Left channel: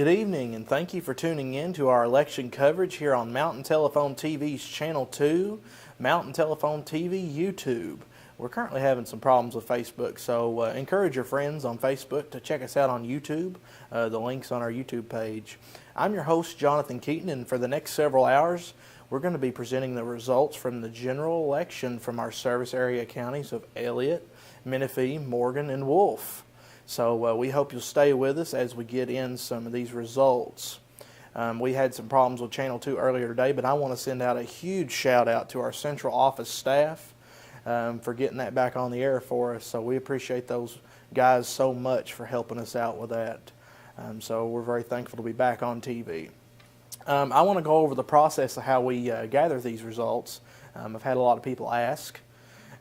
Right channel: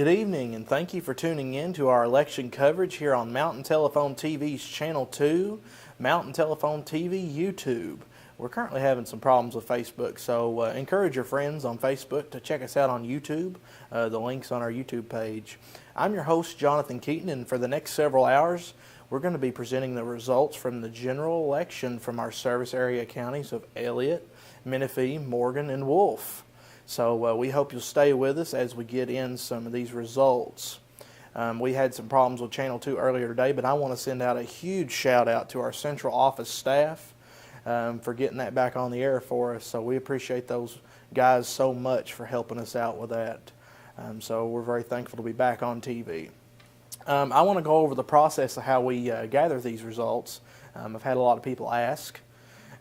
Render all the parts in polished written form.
Good evening, and thank you for tuning in to our election coverage here on Mountain Telephone TV's Channel 2, Mountain Telephone TV YouTube. We're currently having some problems with Facebook, so encourage your friends on Facebook to check us out on YouTube. The link's on our YouTube page. I'm your host, Jonathan Keaton, and for the next several hours, we're going to be presenting the results from the general election from our service area counties of Elliott, Menifee, Morgan, and Wolfe. So we hope you'll stay with us as we get in some of these results. We had some problems with Channel 2 earlier today, but I want to send out a huge shout out to our central office staff for getting that back on the air for us. So we appreciate those guys so much for helping us out with that. So we're very thankful to be back on TV. I want to go over the process of how we gather these results. I've had a lot of people ask,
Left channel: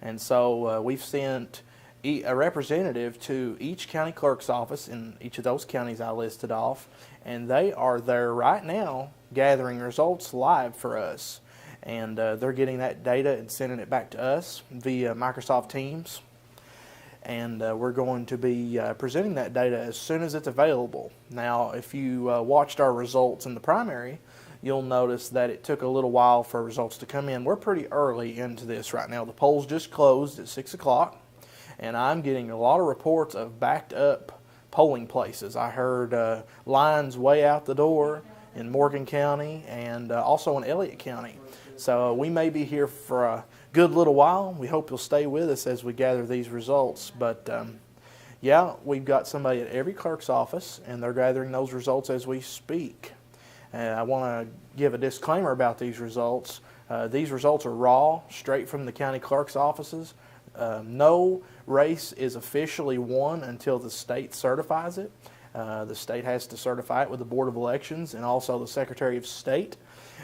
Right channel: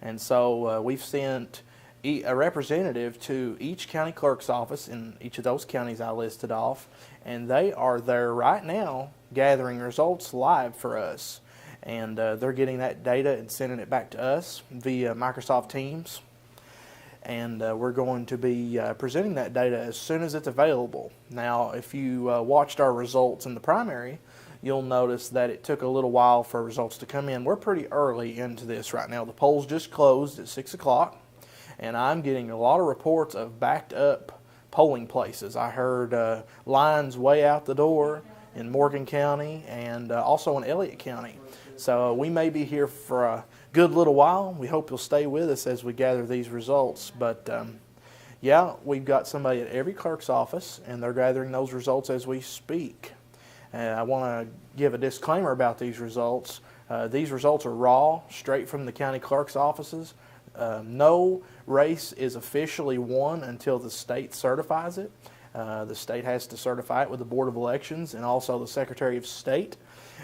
and so we've sent a representative to each county clerk's office in each of those counties I listed off, and they are there right now gathering results live for us. And they're getting that data and sending it back to us via Microsoft Teams. And we're going to be presenting that data as soon as it's available. Now, if you watched our results in the primary, you'll notice that it took a little while for results to come in. We're pretty early into this right now. The polls just closed at 6 o'clock. And I'm getting a lot of reports of backed up polling places. I heard lines way out the door in Morgan County and also in Elliott County. So we may be here for a good little while. We hope you'll stay with us as we gather these results. But yeah, we've got somebody at every clerk's office, and they're gathering those results as we speak. I want to give a disclaimer about these results. These results are raw, straight from the county clerk's offices. No race is officially won until the state certifies it. The state has to certify it with the Board of Elections and also the Secretary of State.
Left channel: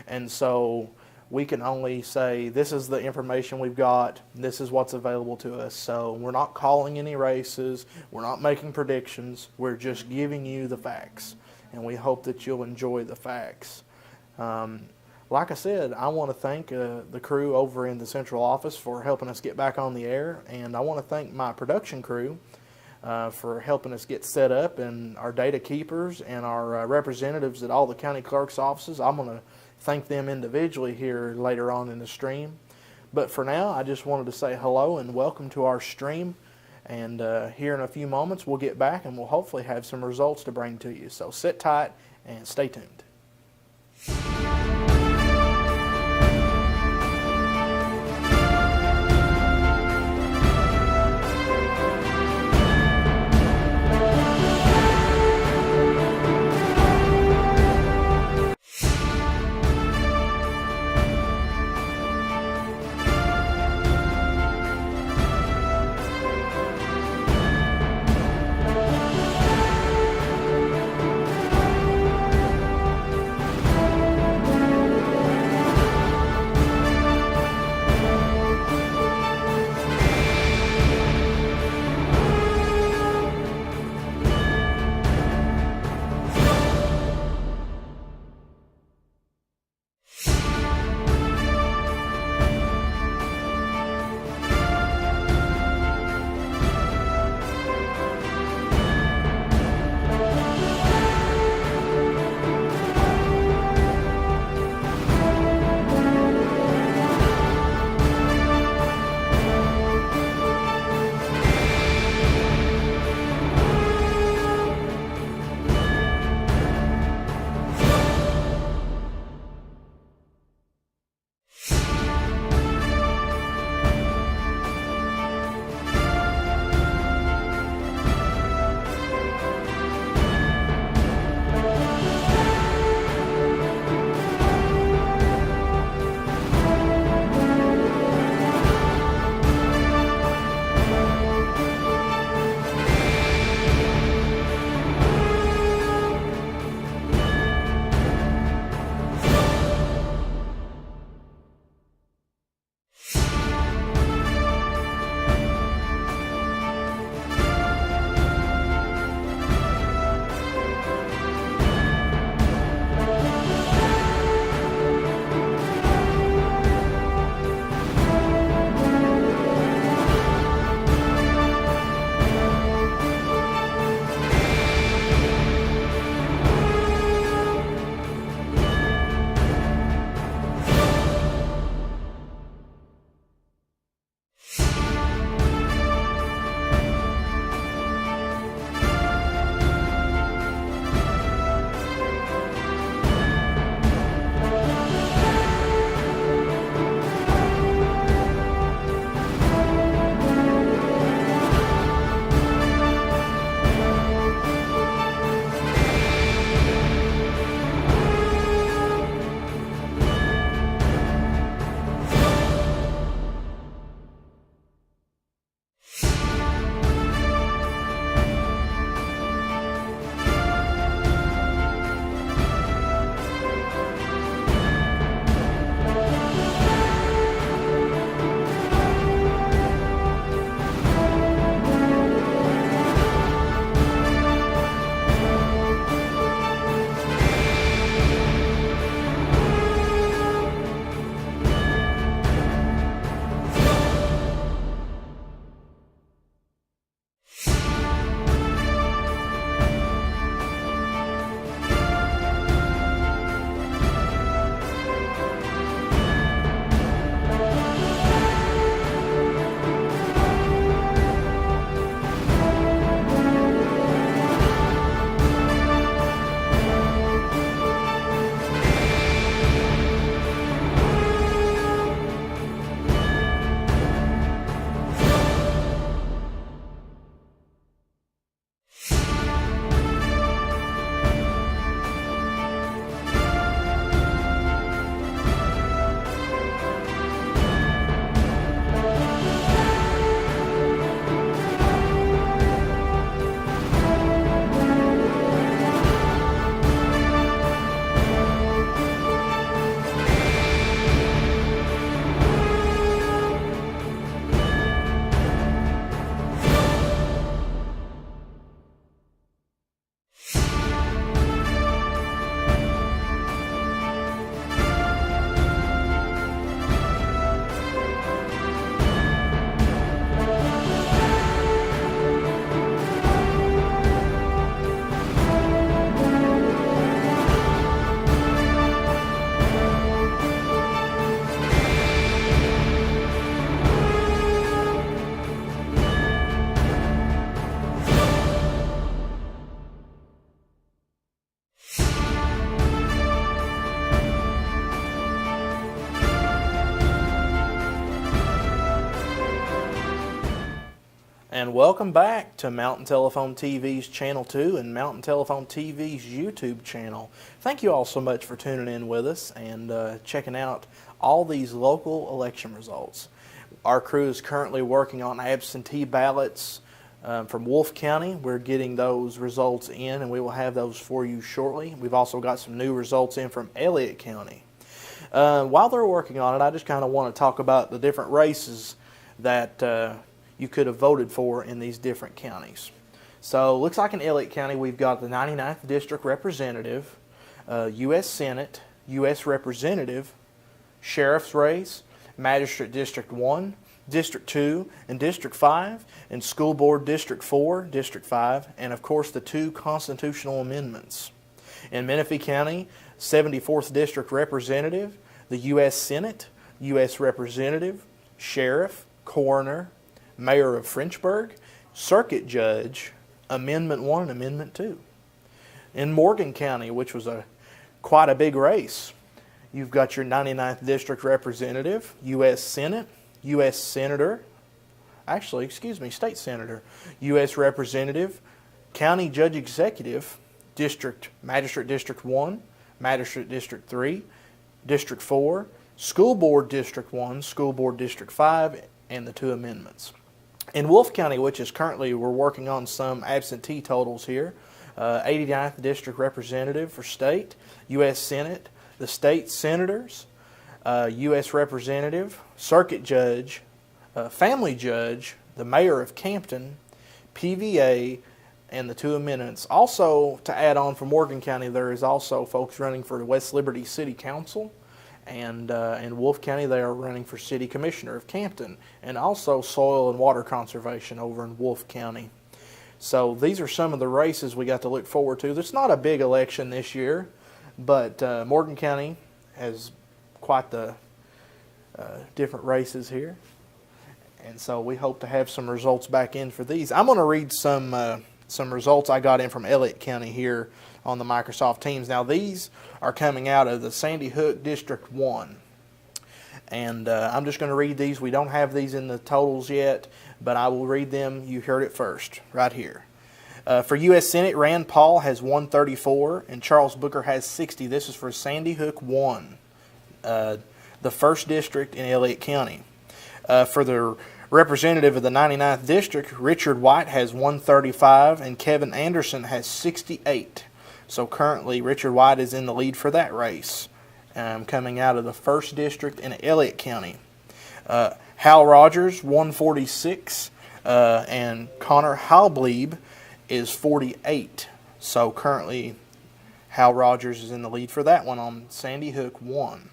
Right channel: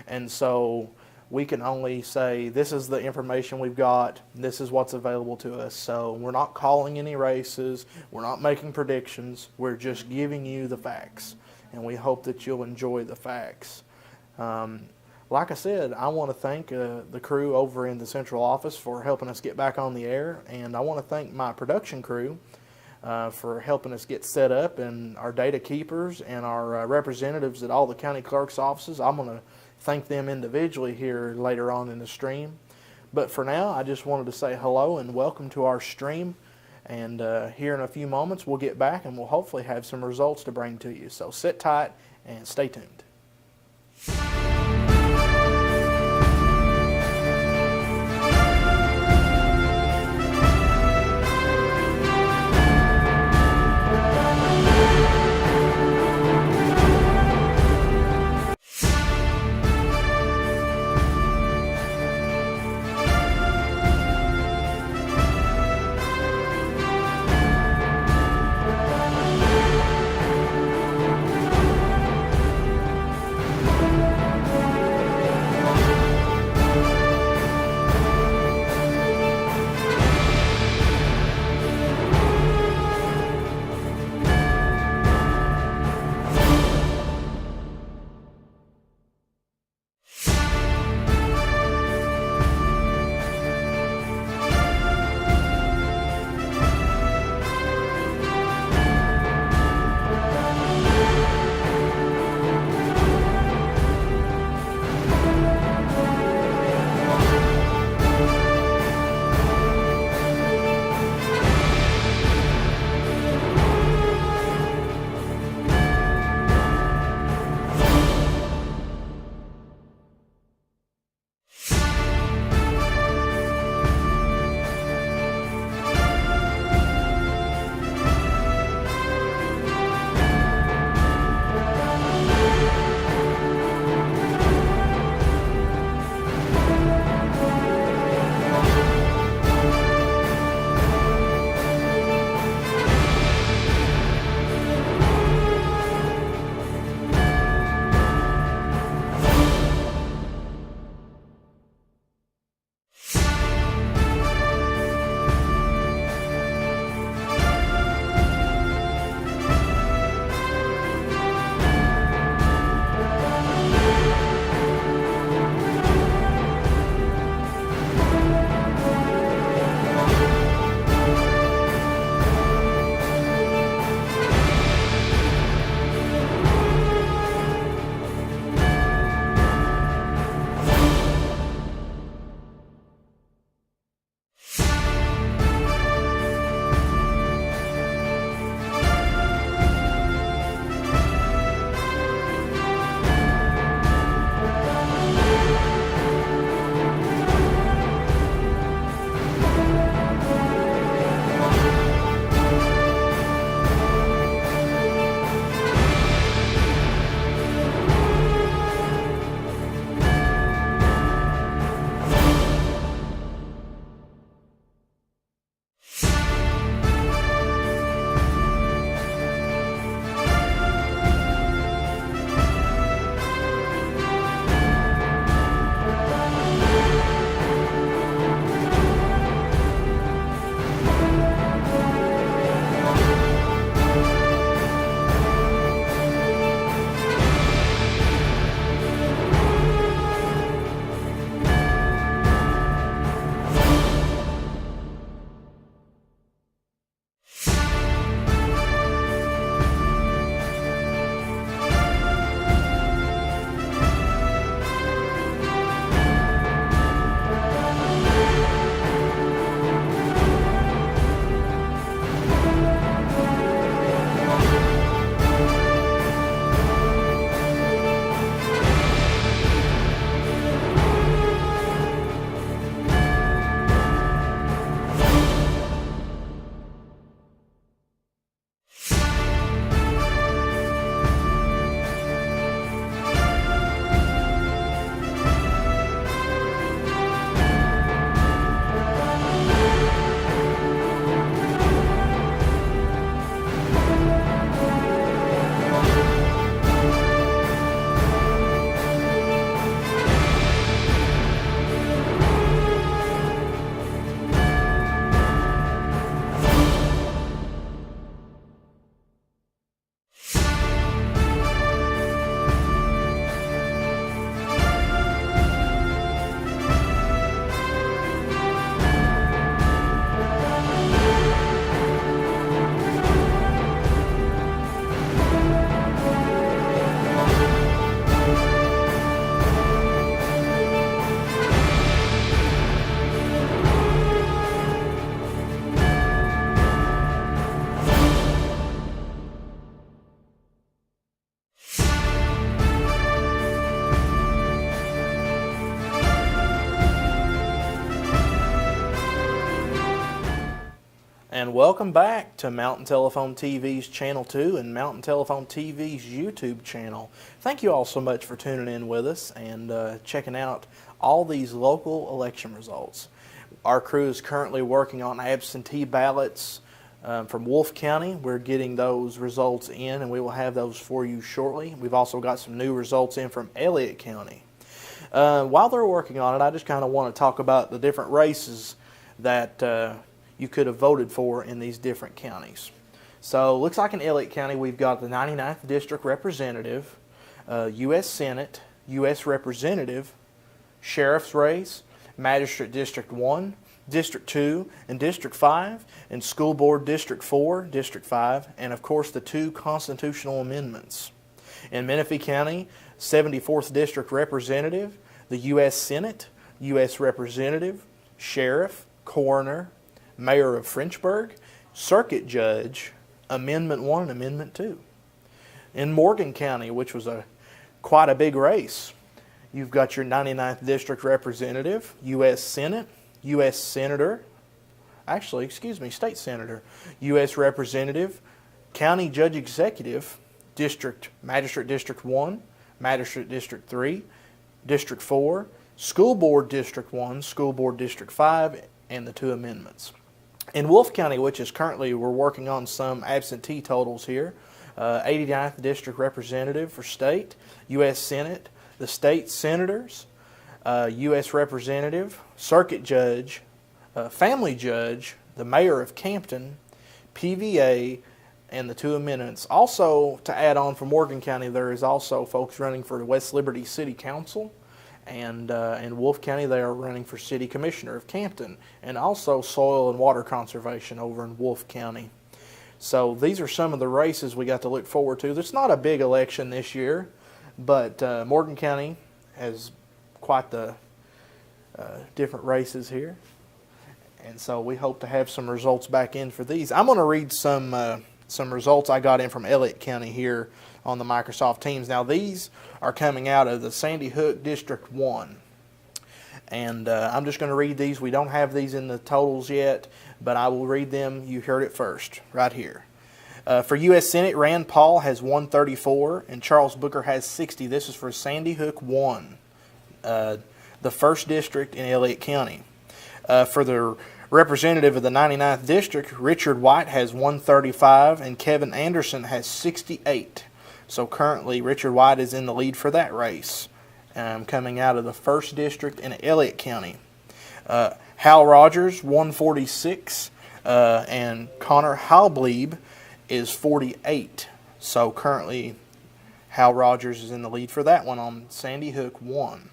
And so we can only say this is the information we've got, this is what's available to us. So we're not calling any races, we're not making predictions, we're just giving you the facts. And we hope that you'll enjoy the facts. Like I said, I want to thank the crew over in the central office for helping us get back on the air, and I want to thank my production crew for helping us get set up, and our data keepers and our representatives at all the county clerk's offices. I'm going to thank them individually here later on in the stream. But for now, I just wanted to say hello and welcome to our stream, and here in a few moments we'll get back and we'll hopefully have some results to bring to you. So sit tight and stay tuned. And welcome back to Mountain Telephone TV's Channel 2 and Mountain Telephone TV's YouTube channel. Thank you all so much for tuning in with us and checking out all these local election results. Our crew is currently working on absentee ballots from Wolfe County. We're getting those results in and we will have those for you shortly. We've also got some new results in from Elliott County. While they're working on it, I just kind of want to talk about the different races that you could have voted for in these different counties. So, looks like in Elliott County we've got the 99th District Representative, U.S. Senate, U.S. Representative, Sheriff's race, Magistrate District 1, District 2, and District 5, and School Board District 4, District 5, and of course the 2 constitutional amendments. In Menifee County, 74th District Representative, the U.S. Senate, U.S. Representative, Sheriff, Coroner, Mayor of Frenchburg, Circuit Judge, Amendment 1 and Amendment 2. In Morgan County, which was quite a big race, you've got your 99th District Representative, U.S. Senate, U.S. Senator, State Senator, U.S. Representative, County Judge Executive, Magistrate District 1, Magistrate District 3, District 4, School Board District 1, School Board District 5, and the 2 amendments. In Wolfe County, which is currently, we're working on some absentee totals here, 89th District Representative for State, U.S. Senate, the State Senators, U.S. Representative, Circuit Judge, Family Judge, the Mayor of Campton, PVA, and the 2 amendments. Also, to add on for Morgan County, there is also folks running for West Liberty City Council. And in Wolfe County, they are running for City Commissioner of Campton, and also Soil and Water Conservation over in Wolfe County. So these are some of the races we got to look forward to. It's not a big election this year, but Morgan County has quite the different races here. And so we hope to have some results back in for these. I'm going to read some results I got in from Elliott County here on the Microsoft Teams. Now these are coming out of the Sandy Hook District 1. And I'm just going to read these. We don't have these in the totals yet, but I will read them. You heard it first, right here. For U.S. Senate, Rand Paul has 134 and Charles Booker has 60. This is for Sandy Hook 1, the 1st District in Elliott County. For the representative of the 99th District, Richard White has 135 and Kevin Anderson has 68. So currently, Richard White is in the lead for that race, coming out of the 1st District in Elliott County. Hal Rogers, 146, and Connor Halblieb is 48. So currently, Hal Rogers is in the lead for that one on Sandy Hook 1.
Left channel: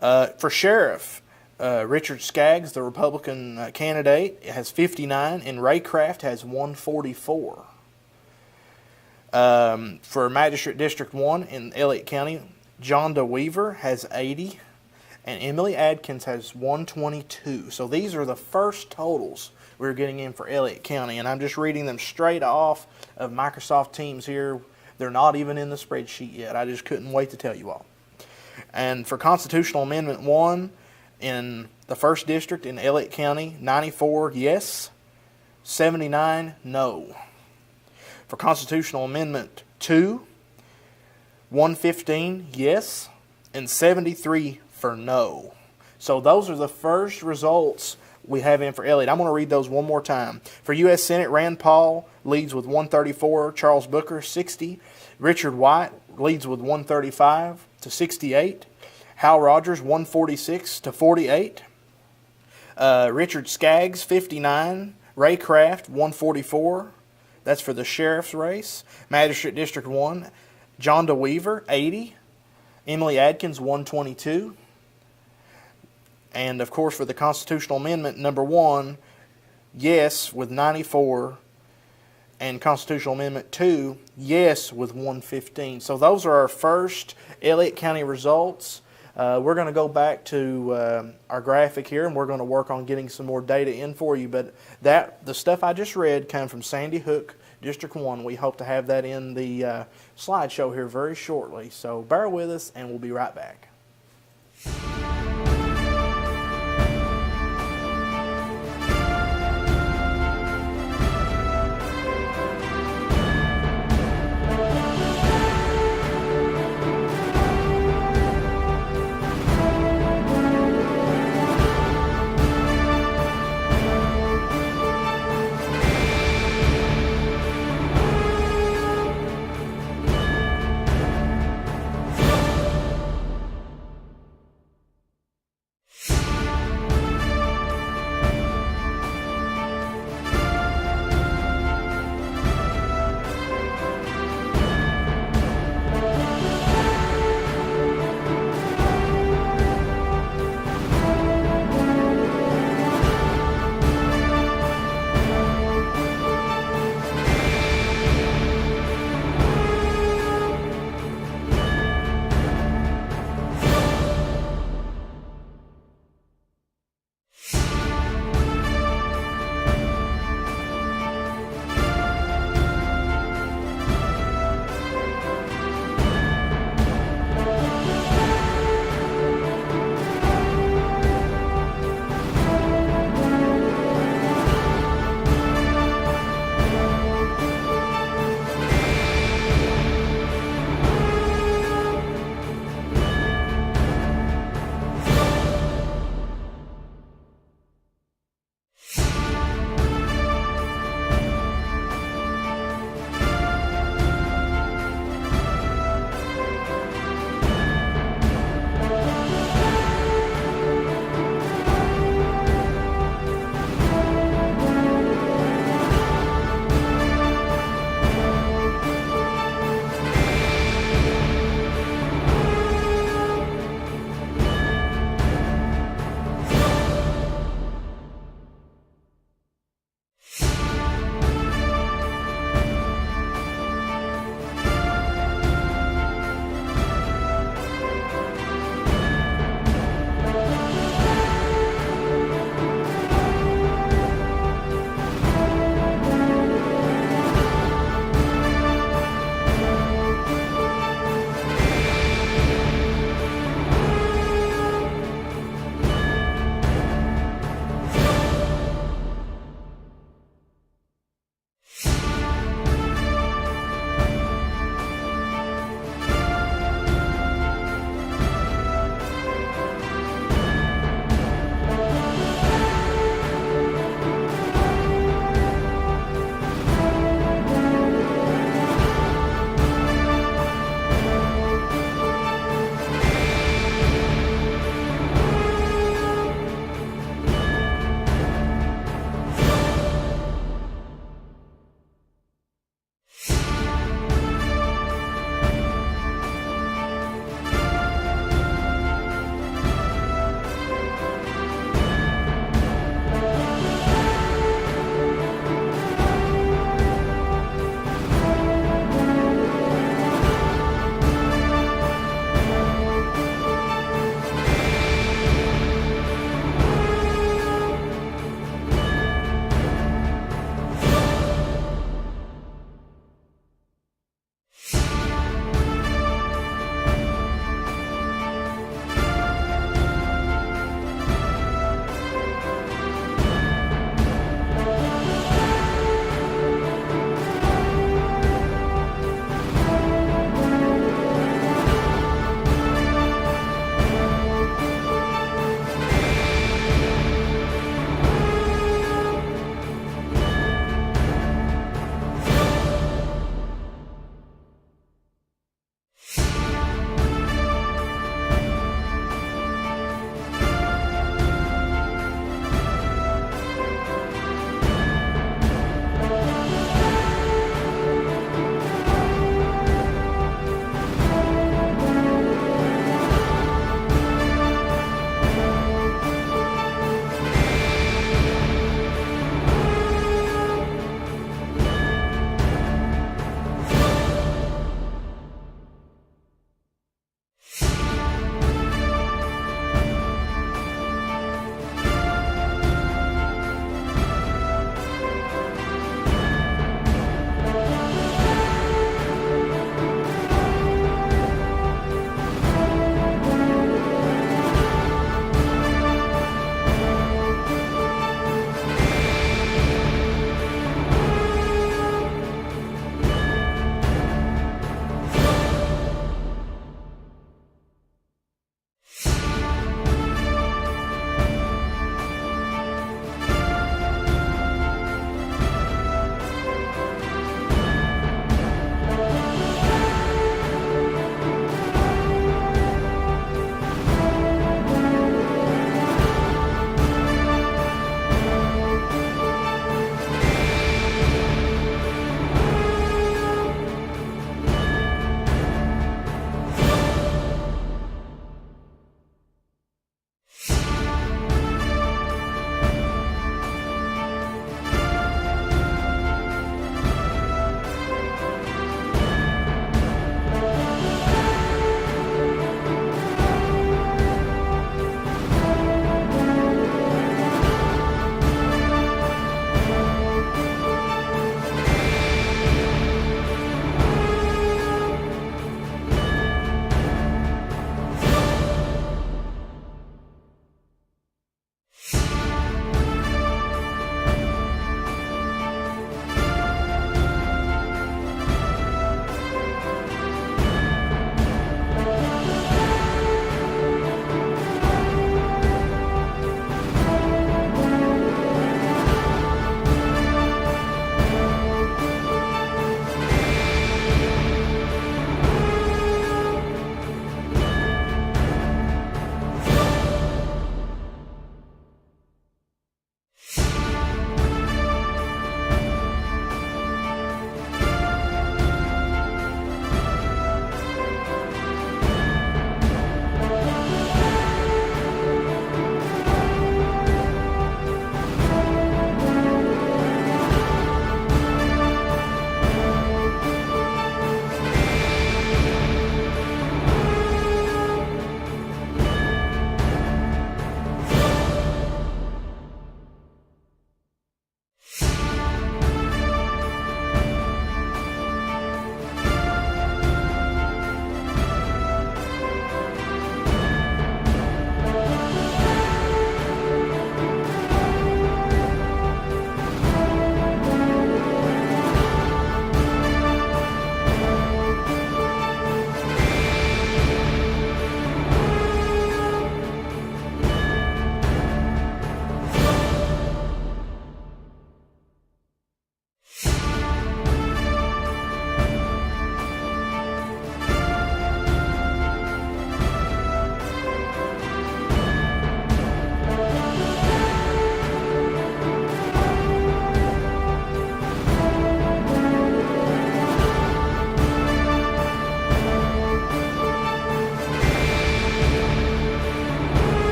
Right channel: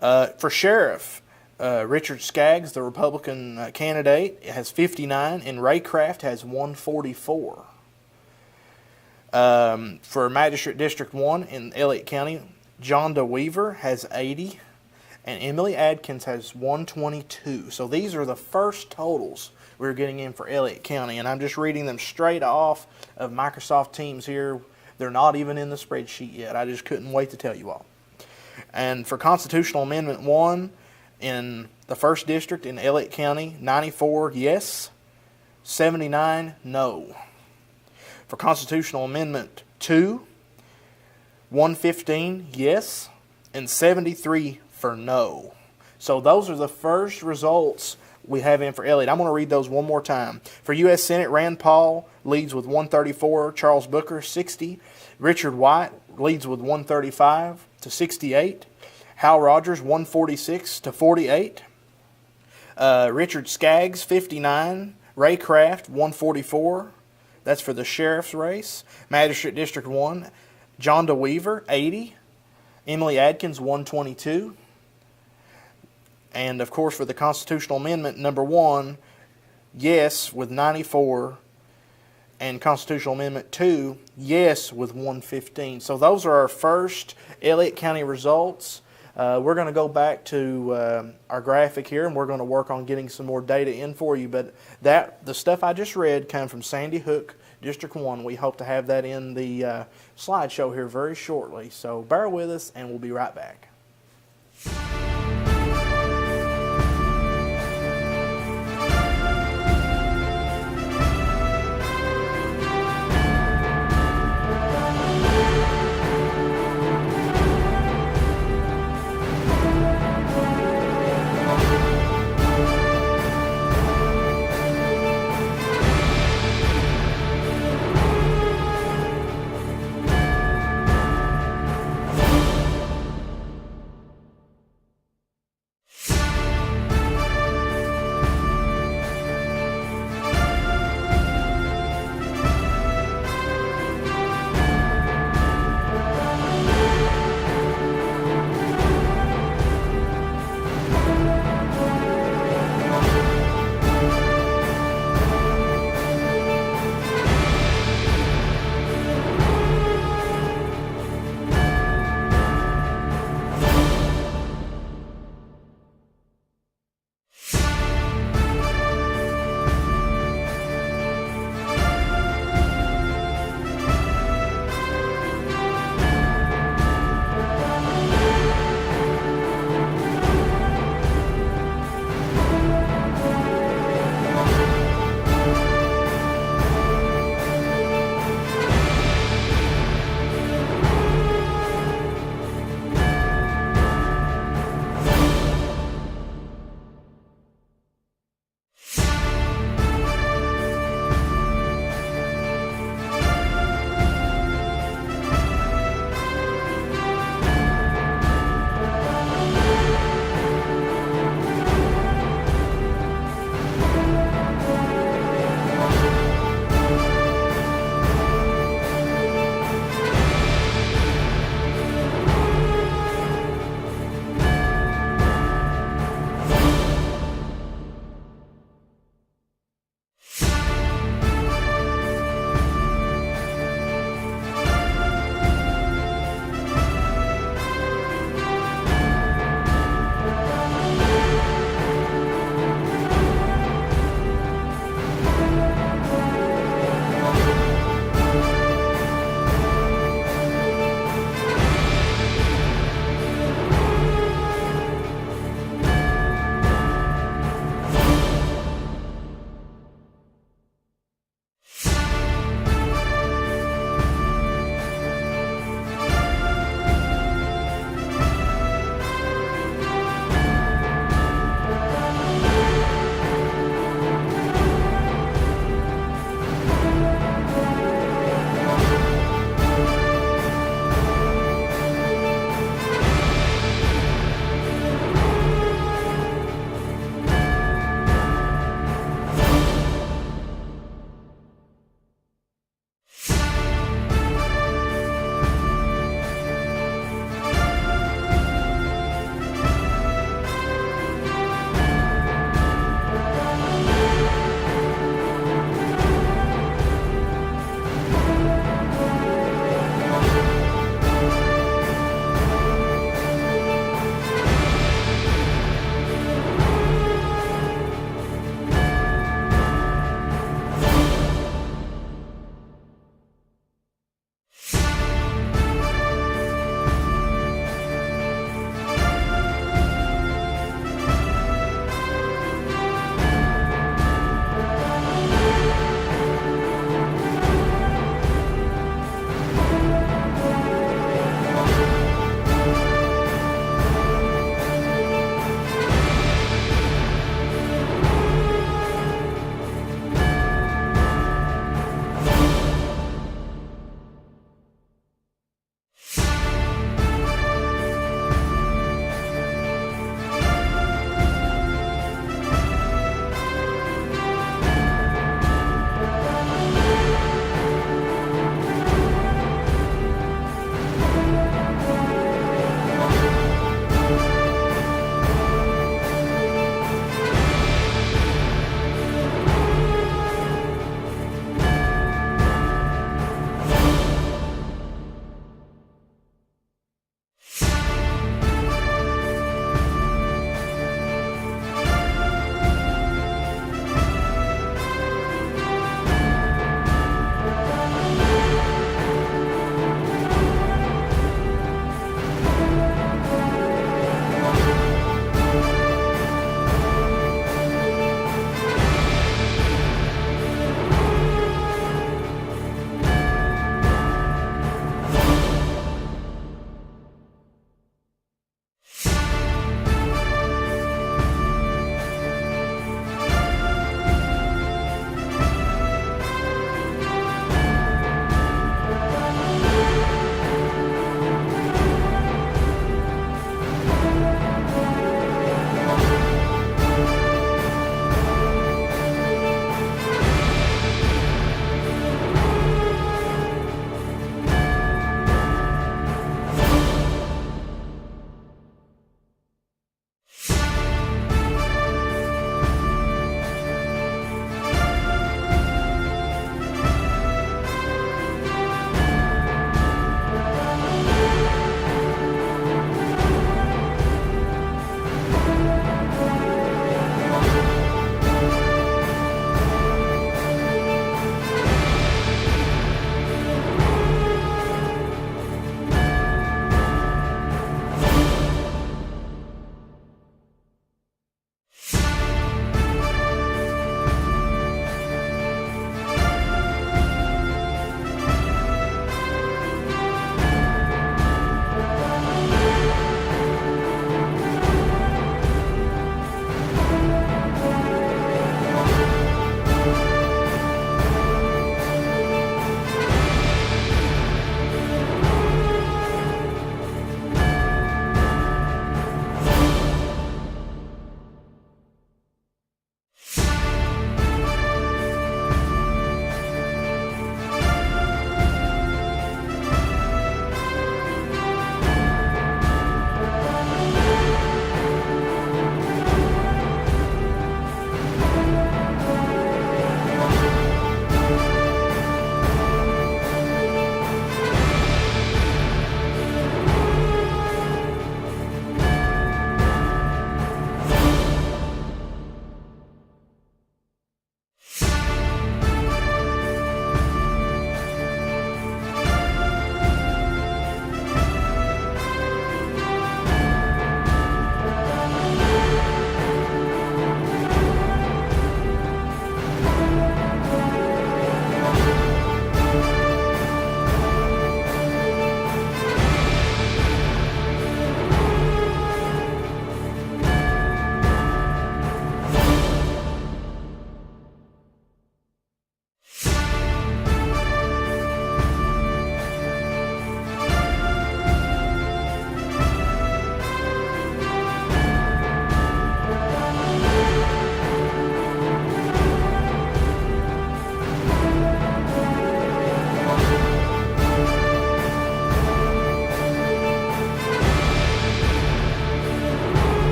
For Sheriff, Richard Skaggs, the Republican candidate, has 59, and Ray Craft has 144. For Magistrate District 1 in Elliott County, John DeWeaver has 80, and Emily Adkins has 122. So these are the first totals we're getting in for Elliott County, and I'm just reading them straight off of Microsoft Teams here. They're not even in the spreadsheet yet. I just couldn't wait to tell you all. And for Constitutional Amendment 1 in the 1st District in Elliott County, 94 yes, 79 no. For Constitutional Amendment 2, 115 yes, and 73 for no. So those are the first results we have in for Elliott. I'm going to read those one more time. For U.S. Senate, Rand Paul leads with 134, Charles Booker 60, Richard White leads with 135 to 68, Hal Rogers 146 to 48, Richard Skaggs 59, Ray Craft 144. That's for the sheriff's race. Magistrate District 1, John DeWeaver, 80. Emily Adkins, 122. And, of course, for the Constitutional Amendment, number 1, yes, with 94. And Constitutional Amendment 2, yes, with 115. So those are our first Elliott County results. We're going to go back to our graphic here, and we're going to work on getting some more data in for you. But the stuff I just read came from Sandy Hook, District 1. We hope to have that in the slideshow here very shortly. So bear with us, and we'll be right back.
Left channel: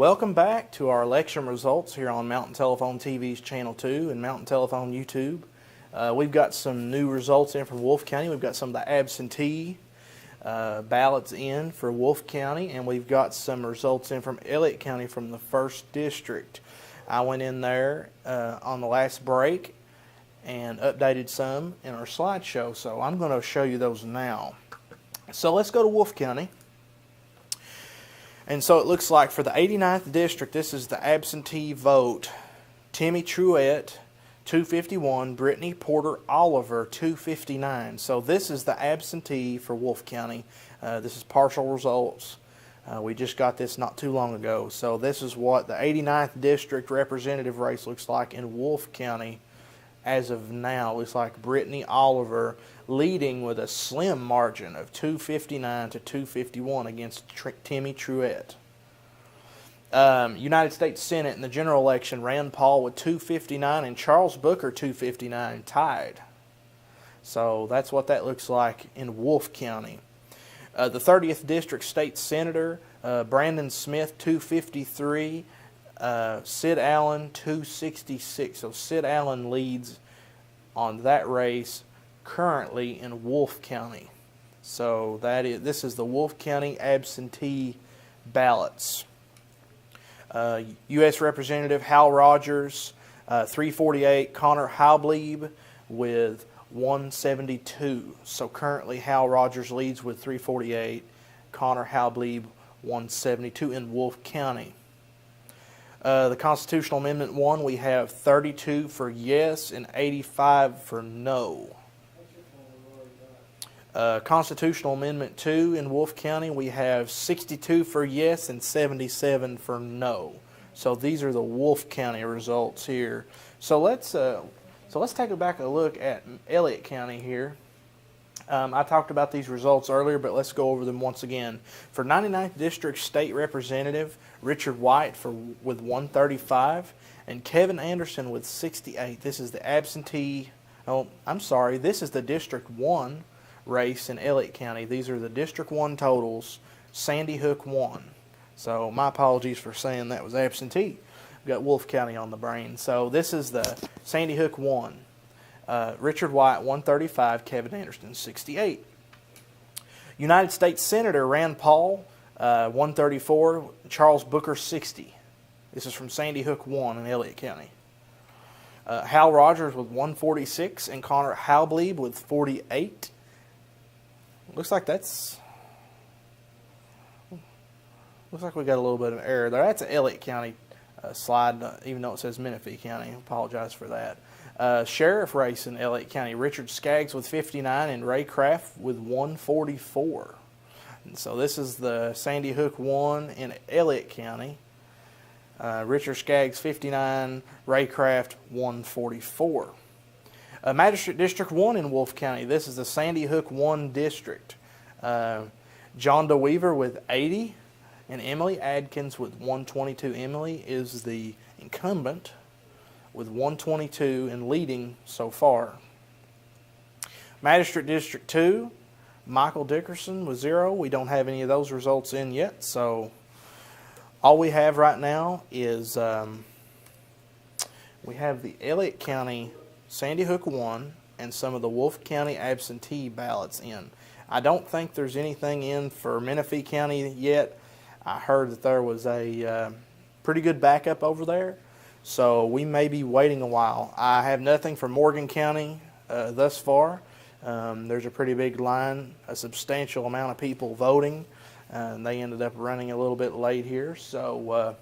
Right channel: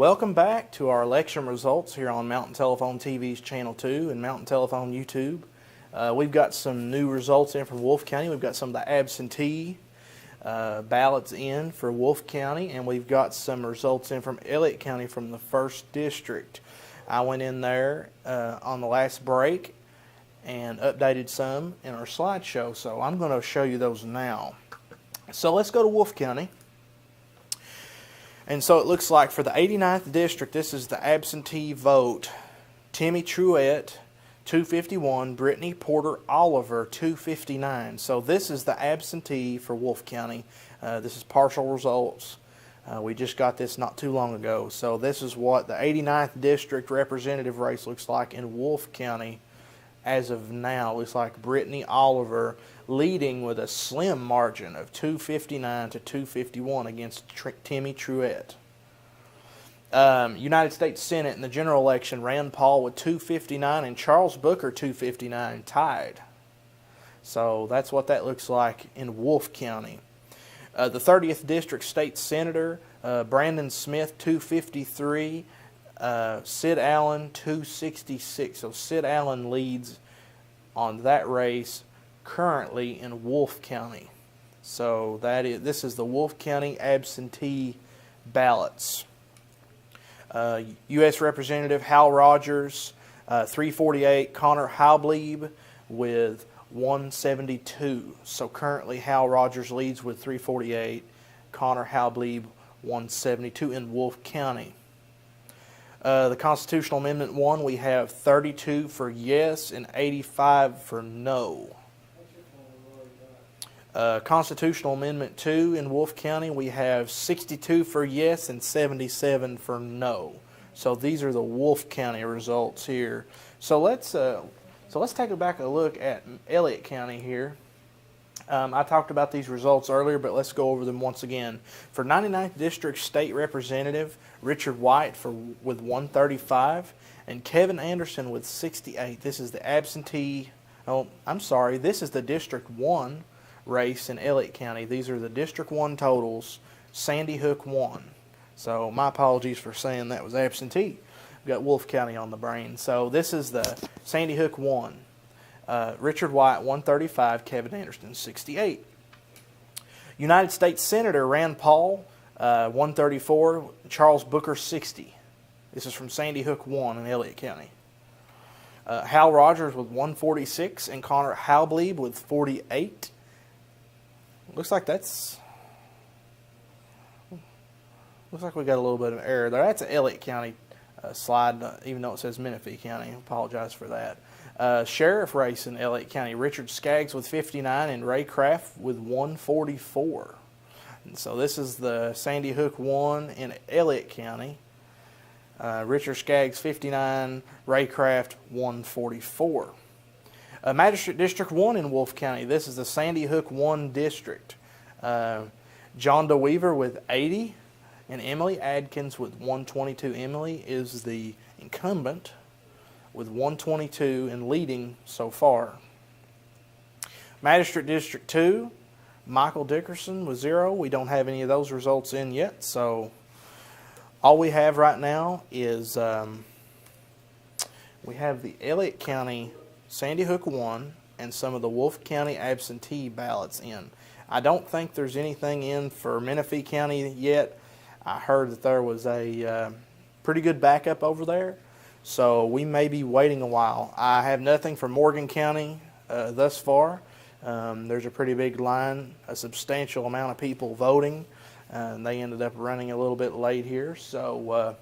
Welcome back to our election results here on Mountain Telephone TV's Channel 2 and Mountain Telephone YouTube. We've got some new results in from Wolfe County. We've got some of the absentee ballots in for Wolfe County, and we've got some results in from Elliott County from the 1st District. I went in there on the last break and updated some in our slideshow, so I'm going to show you those now. So let's go to Wolfe County. And so it looks like for the 89th District, this is the absentee vote. Timmy Truett, 251. Brittany Porter Oliver, 259. So this is the absentee for Wolfe County. This is partial results. We just got this not too long ago. So this is what the 89th District representative race looks like in Wolfe County as of now. It looks like Brittany Oliver leading with a slim margin of 259 to 251 against Timmy Truett. United States Senate in the general election, Rand Paul with 259 and Charles Booker 259 tied. So that's what that looks like in Wolfe County. The 30th District State Senator, Brandon Smith 253, Sid Allen 266. So Sid Allen leads on that race currently in Wolfe County. So this is the Wolfe County absentee ballots. U.S. Representative Hal Rogers, 348. Connor Halblieb with 172. So currently Hal Rogers leads with 348. Connor Halblieb 172 in Wolfe County. The Constitutional Amendment 1, we have 32 for yes and 85 for no. Constitutional Amendment 2 in Wolfe County, we have 62 for yes and 77 for no. So these are the Wolfe County results here. So let's take a look at Elliott County here. I talked about these results earlier, but let's go over them once again. For 99th District State Representative, Richard White with 135 and Kevin Anderson with 68. This is the absentee. Oh, I'm sorry. This is the District 1 race in Elliott County. These are the District 1 totals. Sandy Hook won. So my apologies for saying that was absentee. We've got Wolfe County on the brain. So this is the Sandy Hook 1. Richard White 135, Kevin Anderson 68. United States Senator Rand Paul 134, Charles Booker 60. This is from Sandy Hook 1 in Elliott County. Hal Rogers with 146 and Connor Halblieb with 48. Looks like we got a little bit of error there. That's an Elliott County slide, even though it says Menifee County. I apologize for that. Sheriff race in Elliott County, Richard Skaggs with 59 and Ray Craft with 144. And so this is the Sandy Hook 1 in Elliott County. Richard Skaggs 59, Ray Craft 144. Magistrate District 1 in Wolfe County. This is the Sandy Hook 1 District. John DeWeaver with 80 and Emily Adkins with 122. Emily is the incumbent with 122 and leading so far. Magistrate District 2, Michael Dickerson with 0. We don't have any of those results in yet, so all we have right now is we have the Elliott County Sandy Hook 1 and some of the Wolfe County absentee ballots in. I don't think there's anything in for Menifee County yet. I heard that there was a pretty good backup over there, so we may be waiting a while. I have nothing for Morgan County thus far. There's a pretty big line, a substantial amount of people voting, and they ended up running a little bit late here. So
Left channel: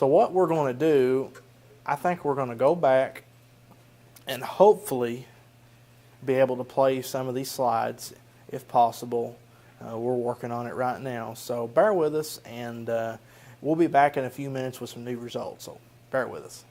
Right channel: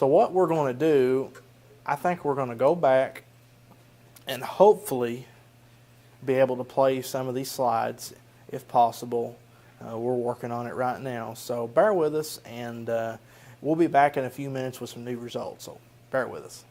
what we're going to do, I think we're going to go back and hopefully be able to play some of these slides if possible. We're working on it right now, so bear with us, and we'll be back in a few minutes with some new results, so bear with us.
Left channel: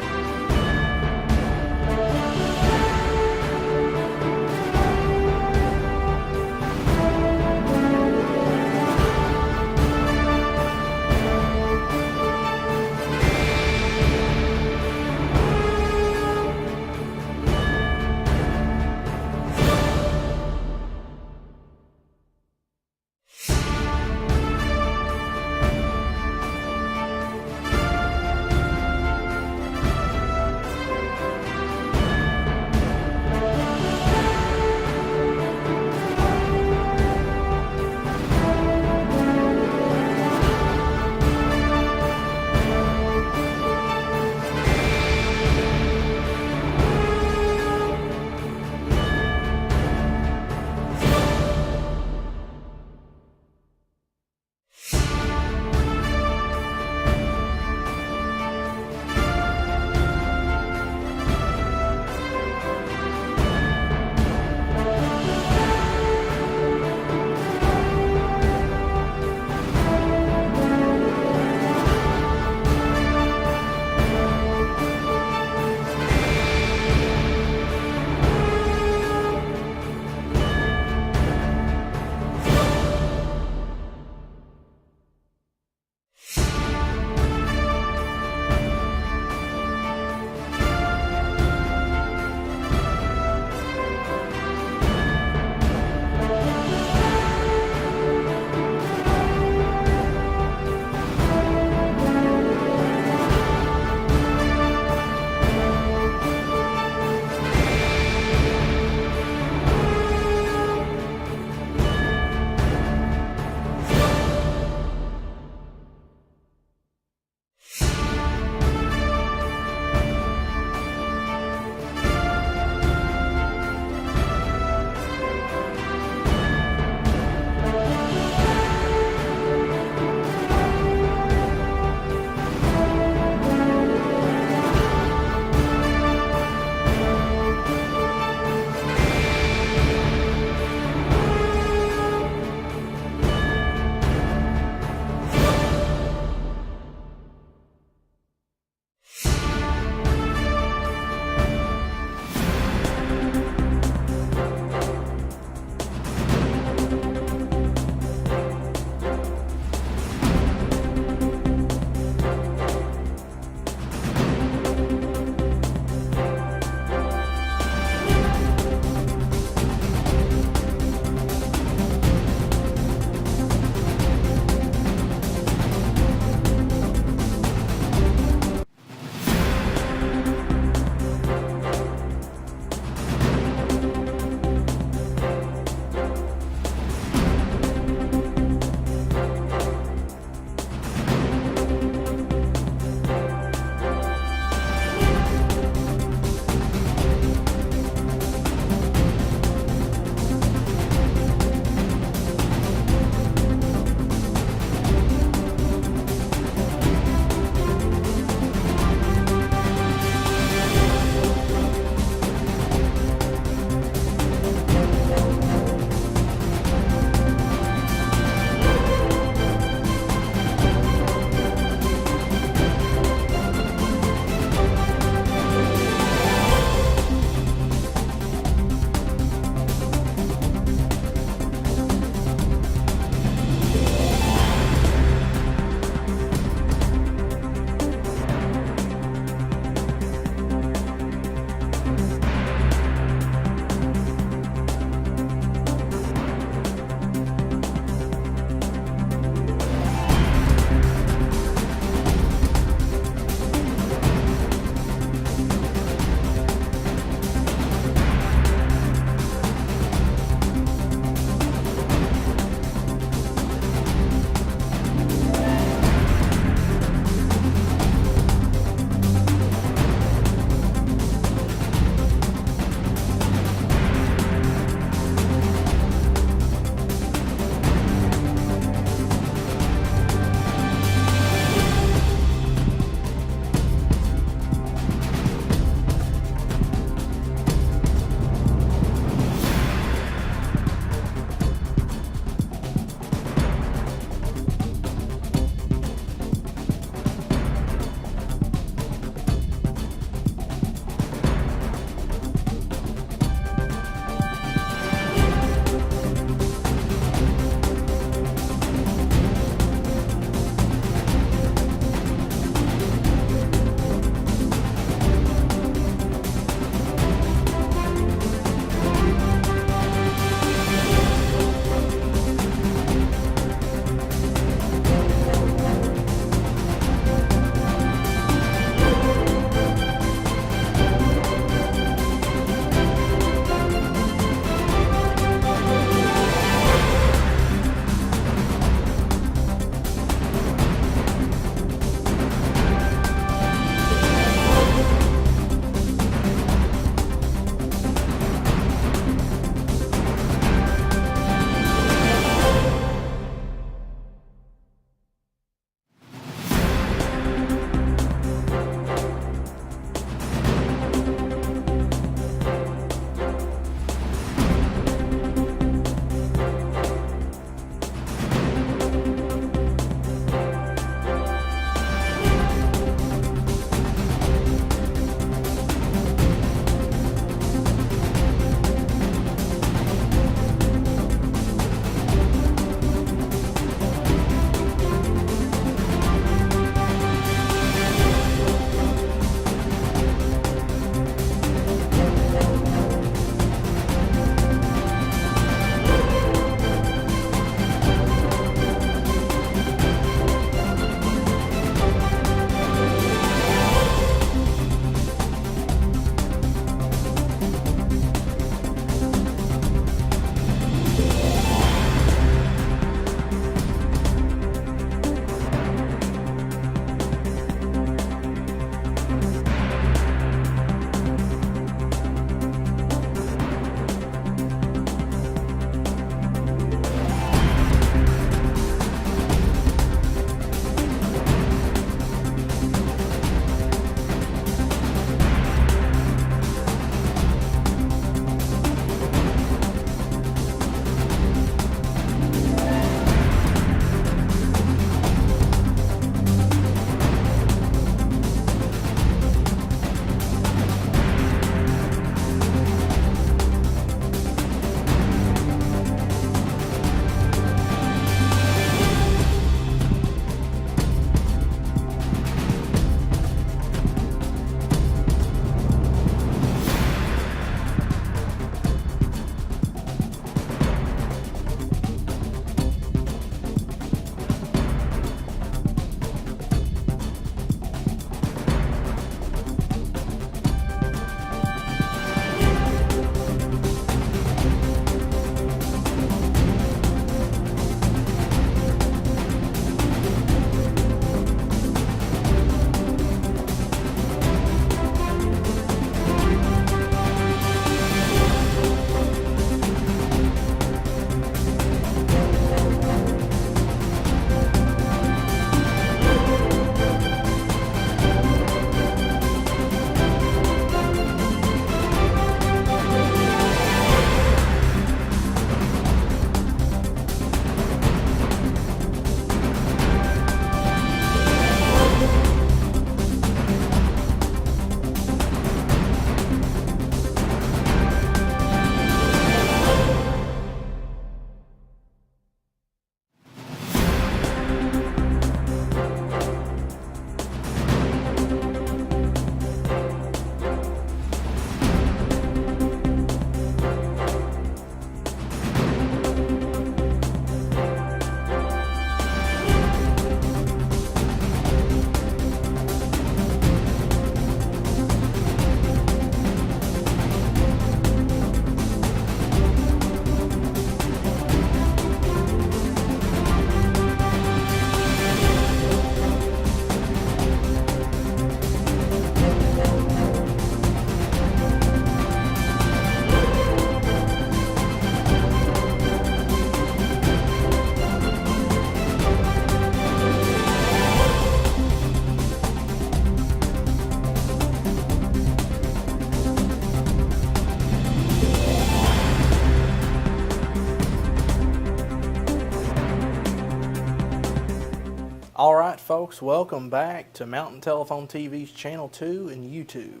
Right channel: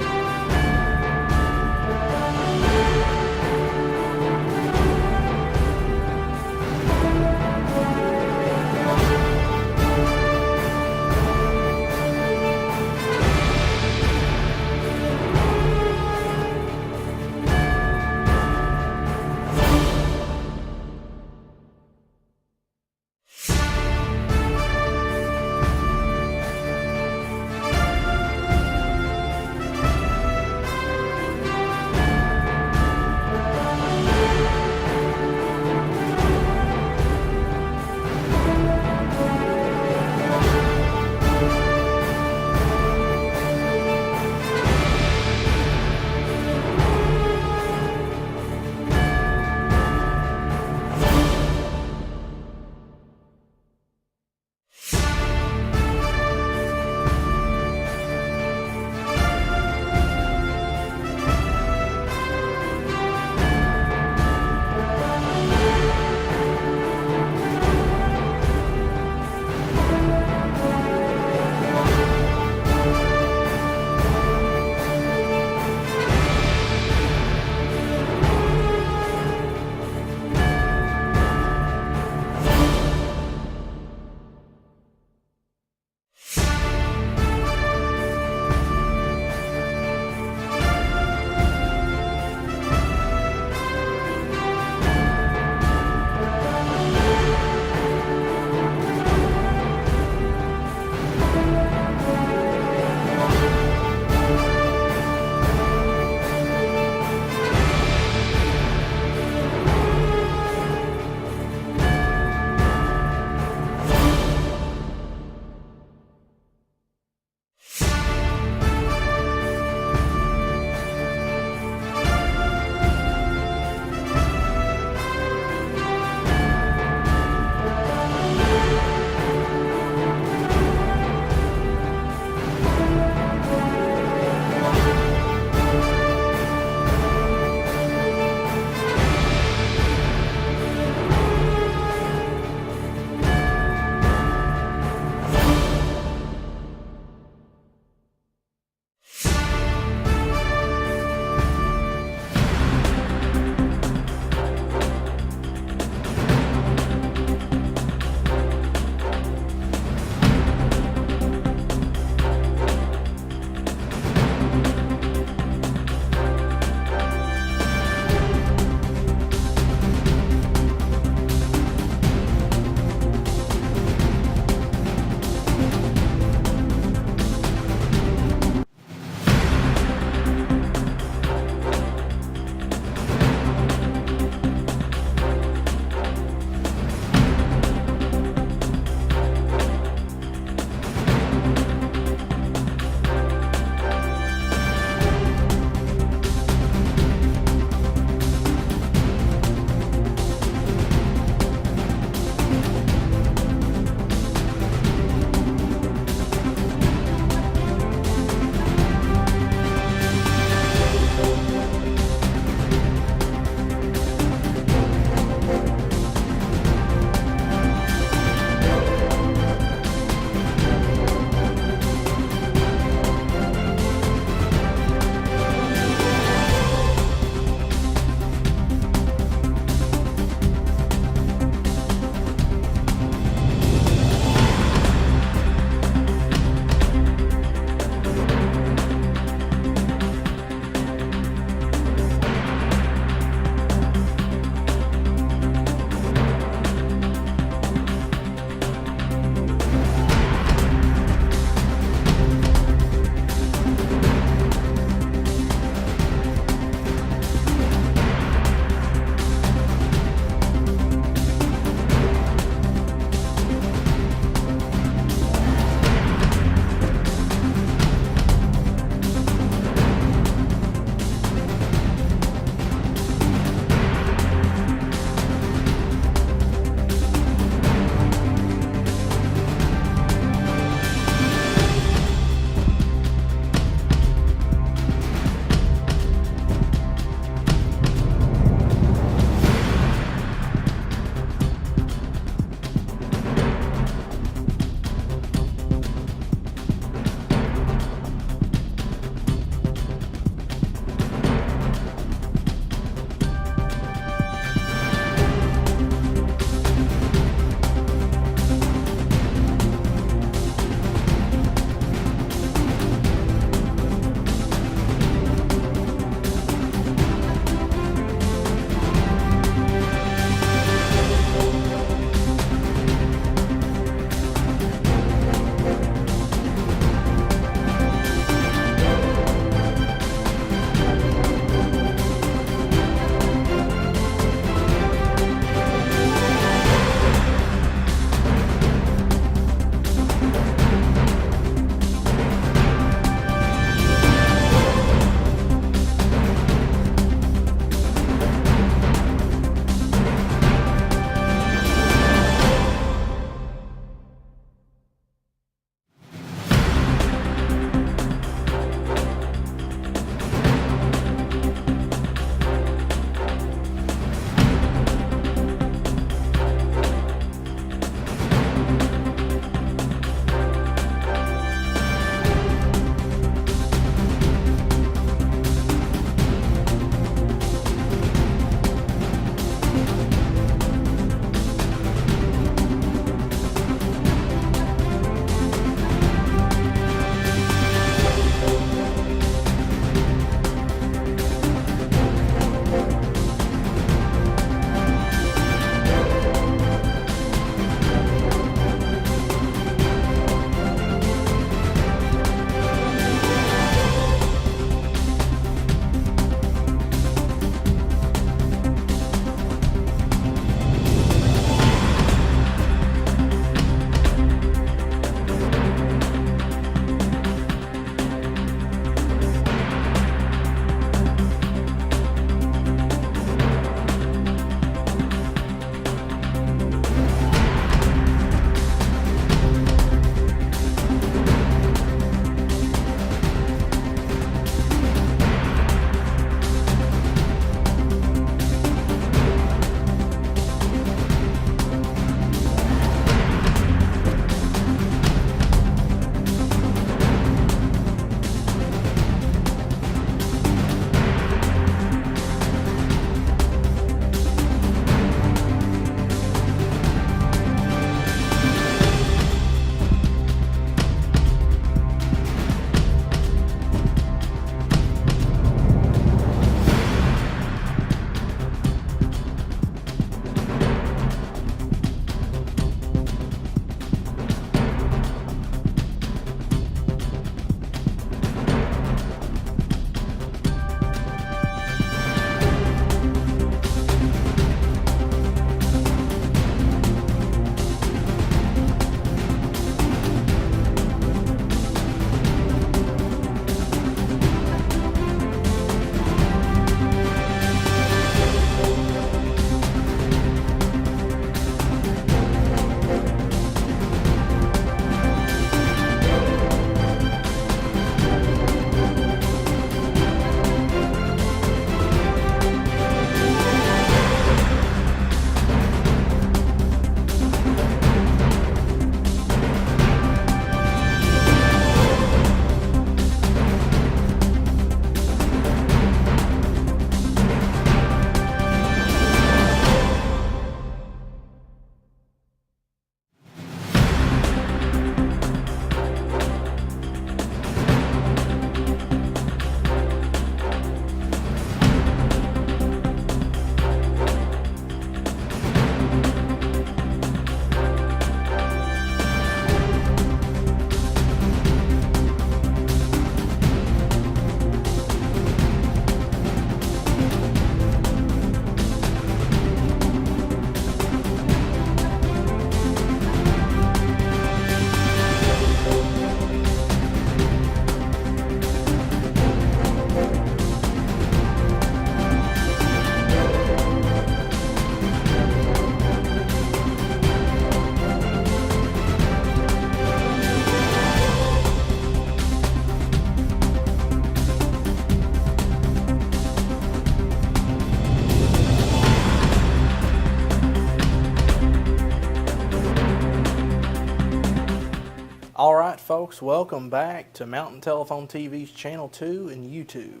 folks, welcome back to Mountain Telephone TV's Channel 2 and YouTube.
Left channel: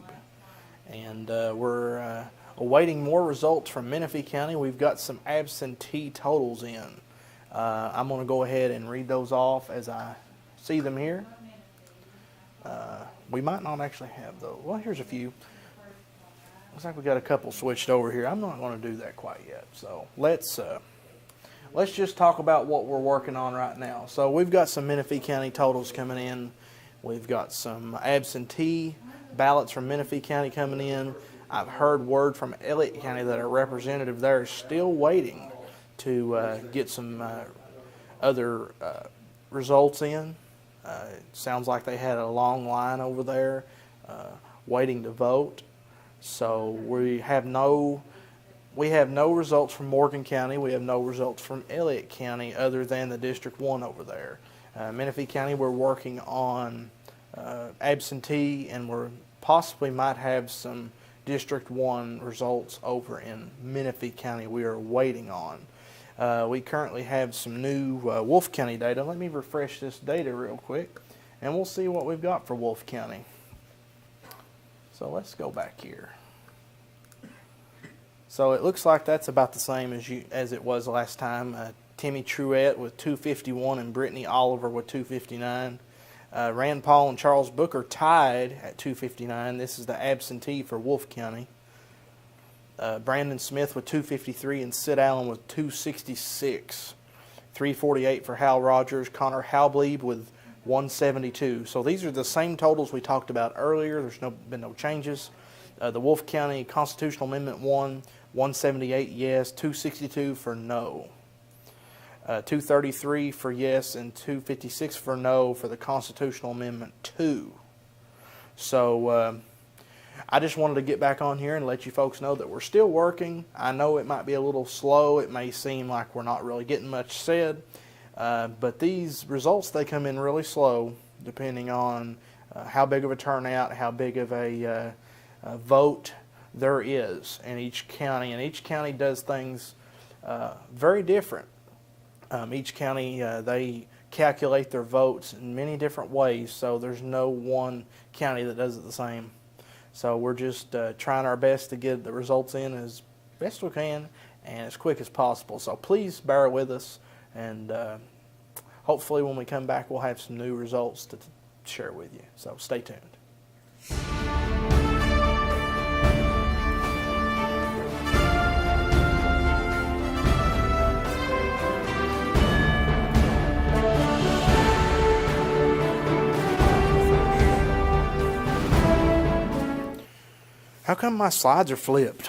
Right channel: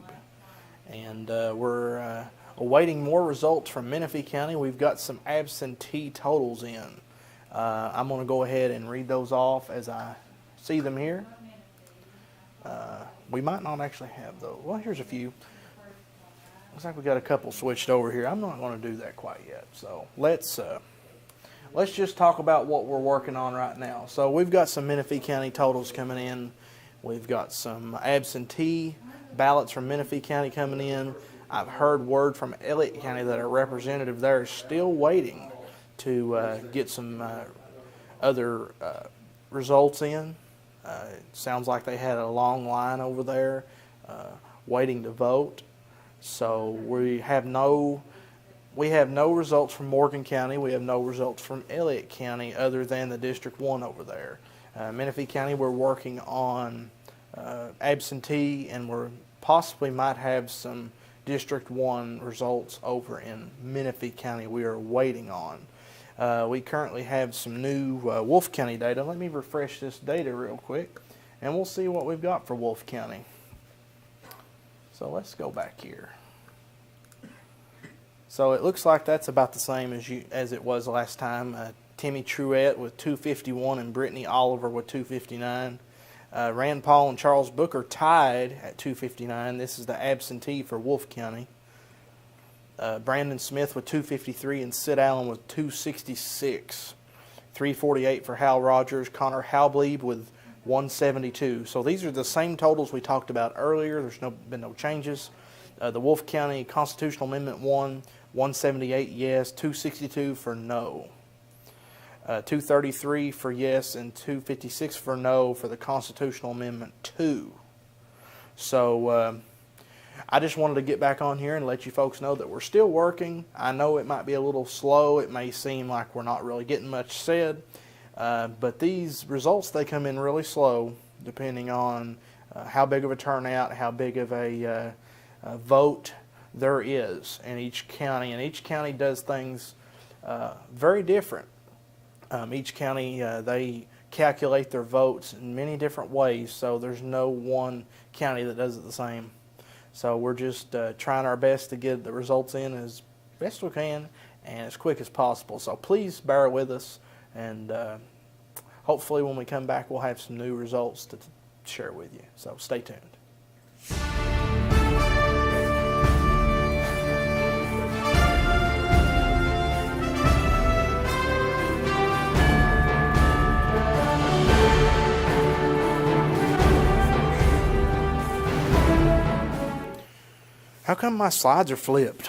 And we're awaiting more results from Menifee County. We've got some absentee totals in. I'm going to go ahead and read those off as I see them here. We might not actually have those. Well, here's a few. Looks like we got a couple switched over here. I'm not going to do that quite yet. So let's just talk about what we're working on right now. So we've got some Menifee County totals coming in. We've got some absentee ballots from Menifee County coming in. I've heard word from Elliott County that our representative there is still waiting to get some other results in. It sounds like they had a long line over there waiting to vote. So we have no results from Morgan County. We have no results from Elliott County other than the District 1 over there. Menifee County, we're working on absentee, and we possibly might have some District 1 results over in Menifee County we are waiting on. We currently have some new Wolfe County data. Let me refresh this data real quick, and we'll see what we've got for Wolfe County. So let's go back here. So it looks like that's about the same as it was last time. Timmy Truett with 251 and Brittany Oliver with 259. Rand Paul and Charles Booker tied at 259. This is the absentee for Wolfe County. Brandon Smith with 253 and Sid Allen with 266. 348 for Hal Rogers. Connor Halblieb with 172. So these are the same totals we talked about earlier. There's been no changes. The Wolfe County Constitutional Amendment 1, 178 yes, 262 for no. 233 for yes and 256 for no for the Constitutional Amendment 2. So I just wanted to get back on here and let you folks know that we're still working. I know it might be a little slow. It may seem like we're not really getting much said. But these results, they come in really slow depending on how big of a turnout, how big of a vote there is in each county. And each county does things very different. Each county, they calculate their votes in many different ways, so there's no one county that does it the same. So we're just trying our best to get the results in as best we can and as quick as possible. So please bear with us, and hopefully when we come back we'll have some new results to share with you. So stay tuned. How come my slides are flipped?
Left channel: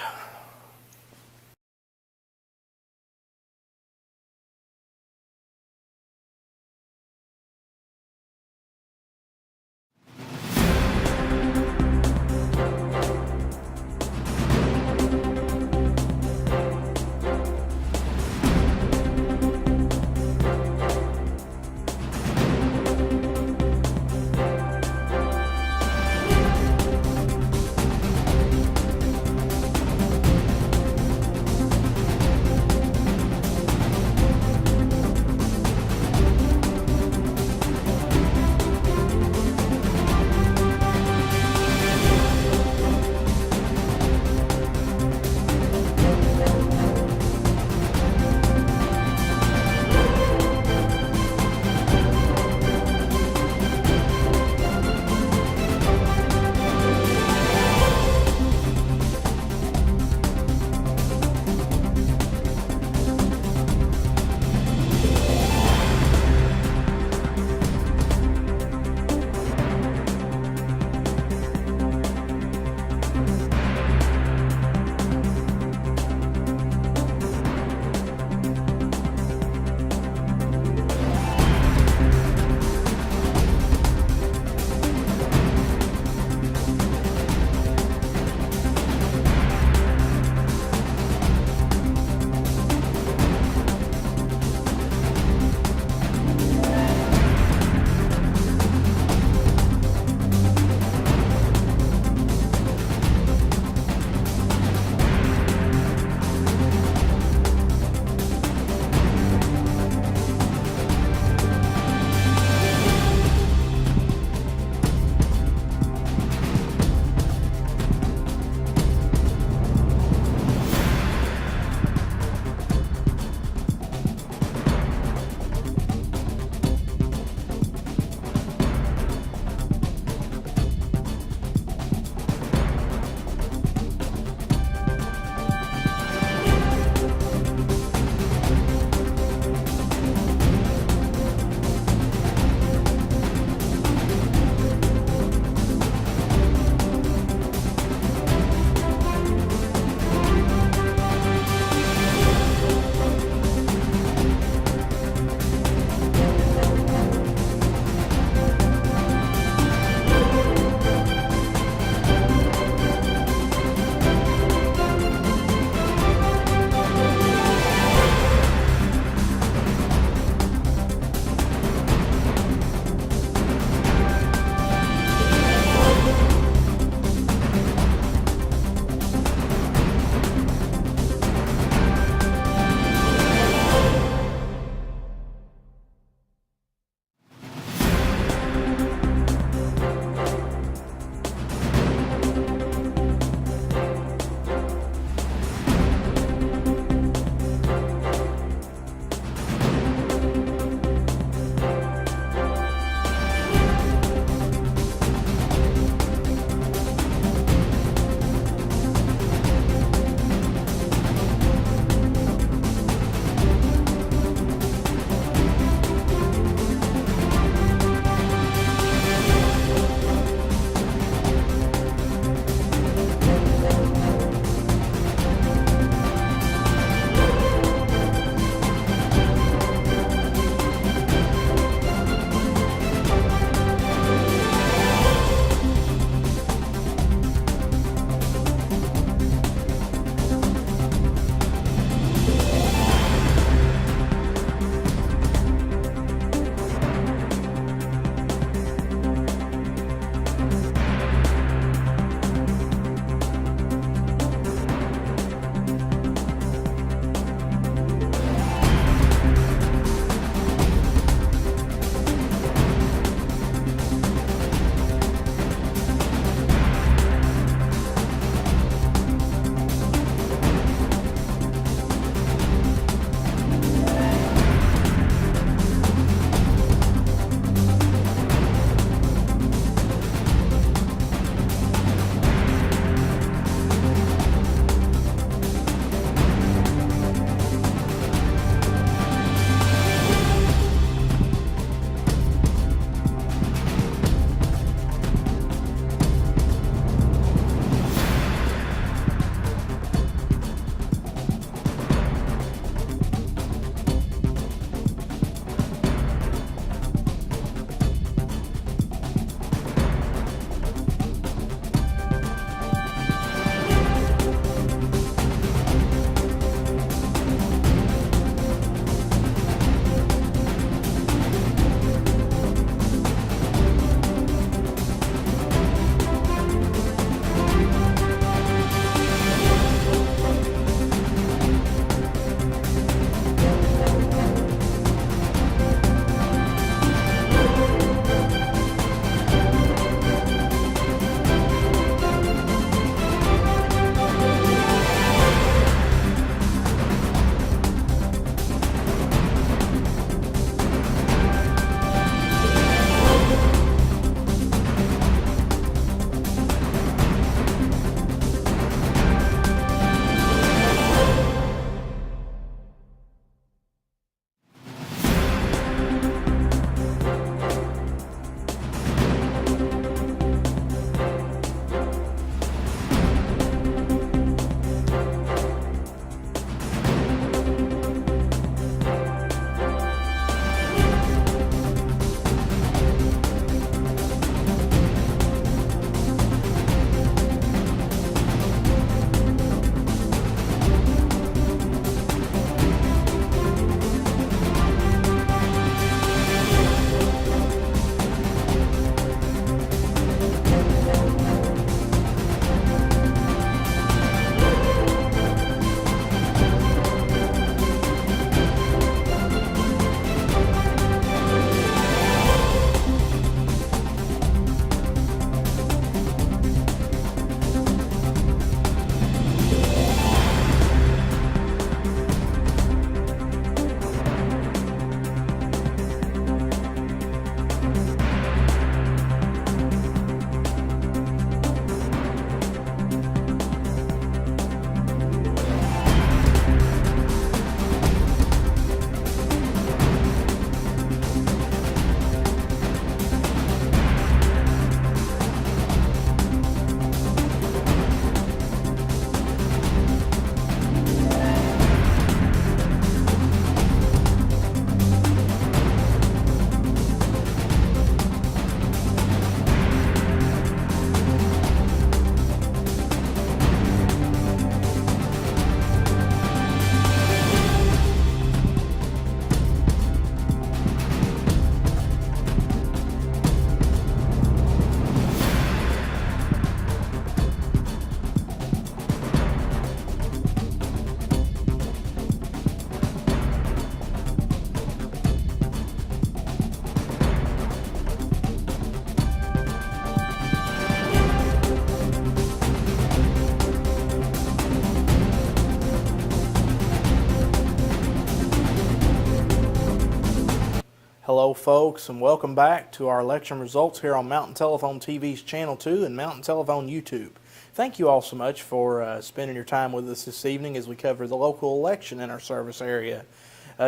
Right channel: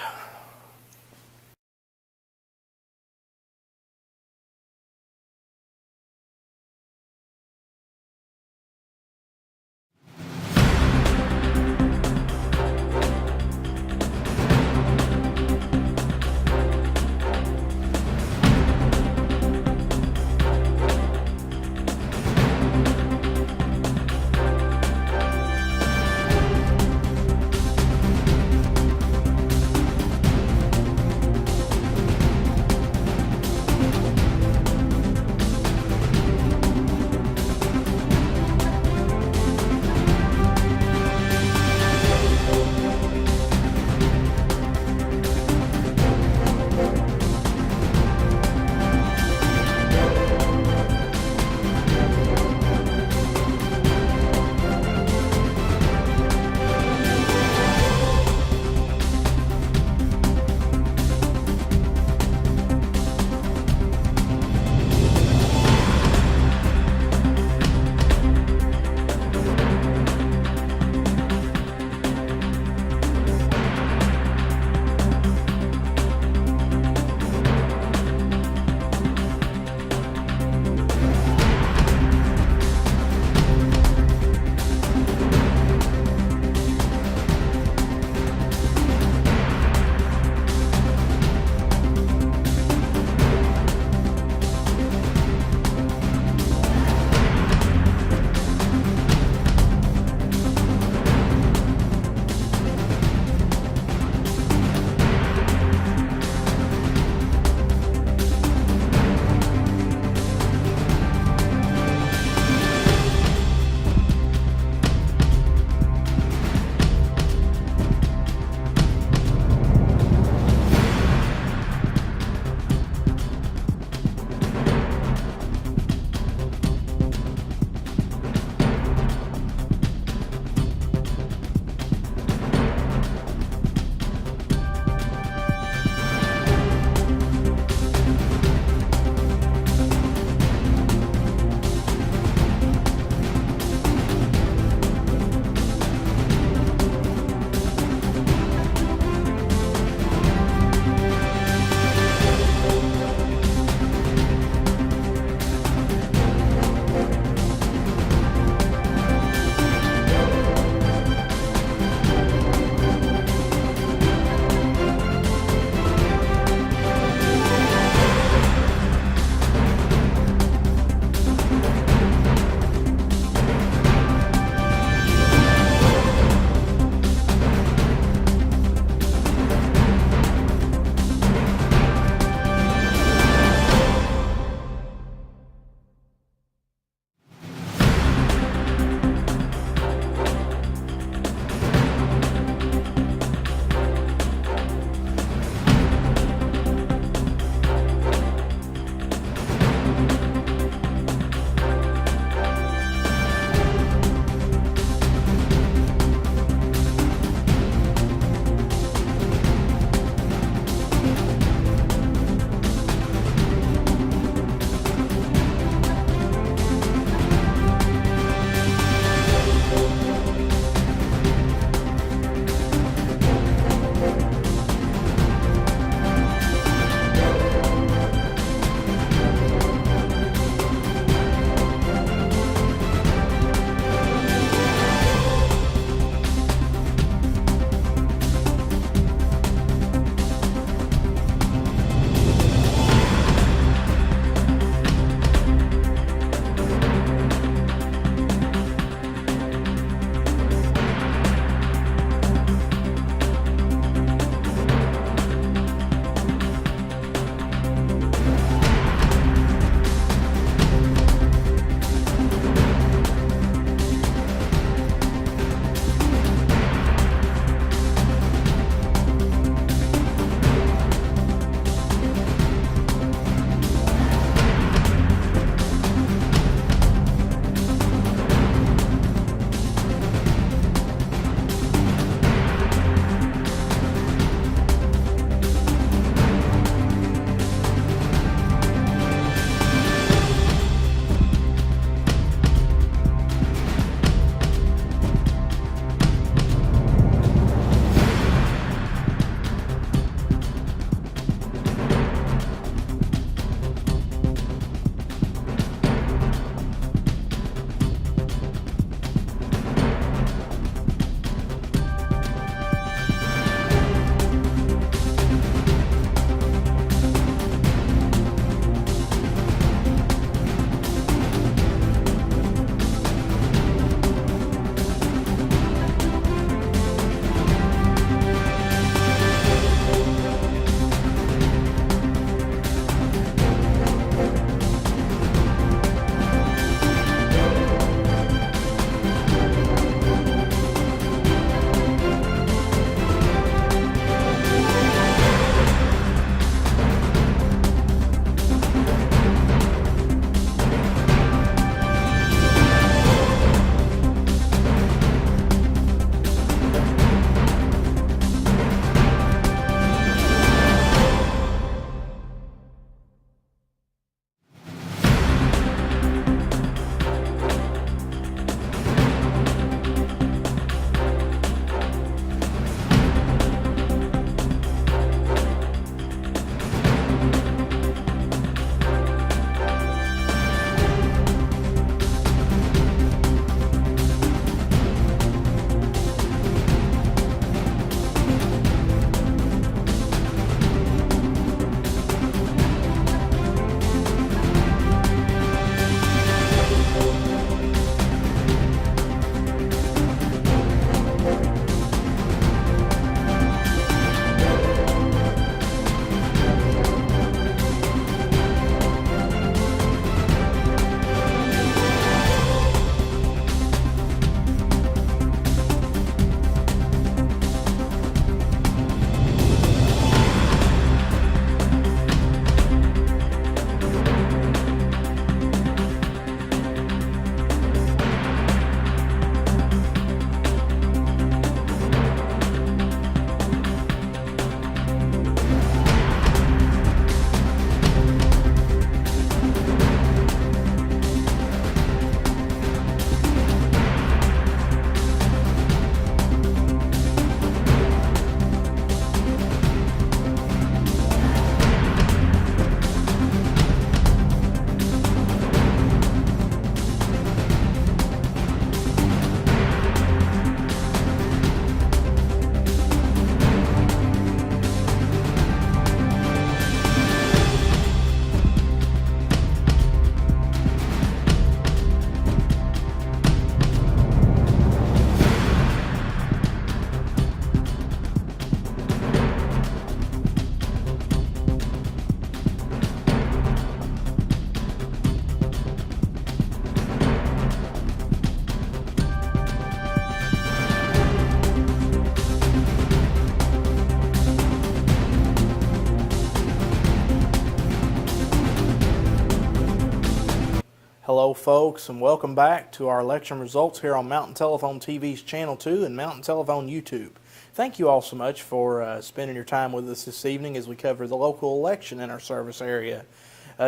Hello folks, and welcome back to our election results here on Mountain Telephone TV's Channel 2 and Mountain Telephone YouTube. Thank you all so much for spending your time with us this evening as we cover the local election in our service area.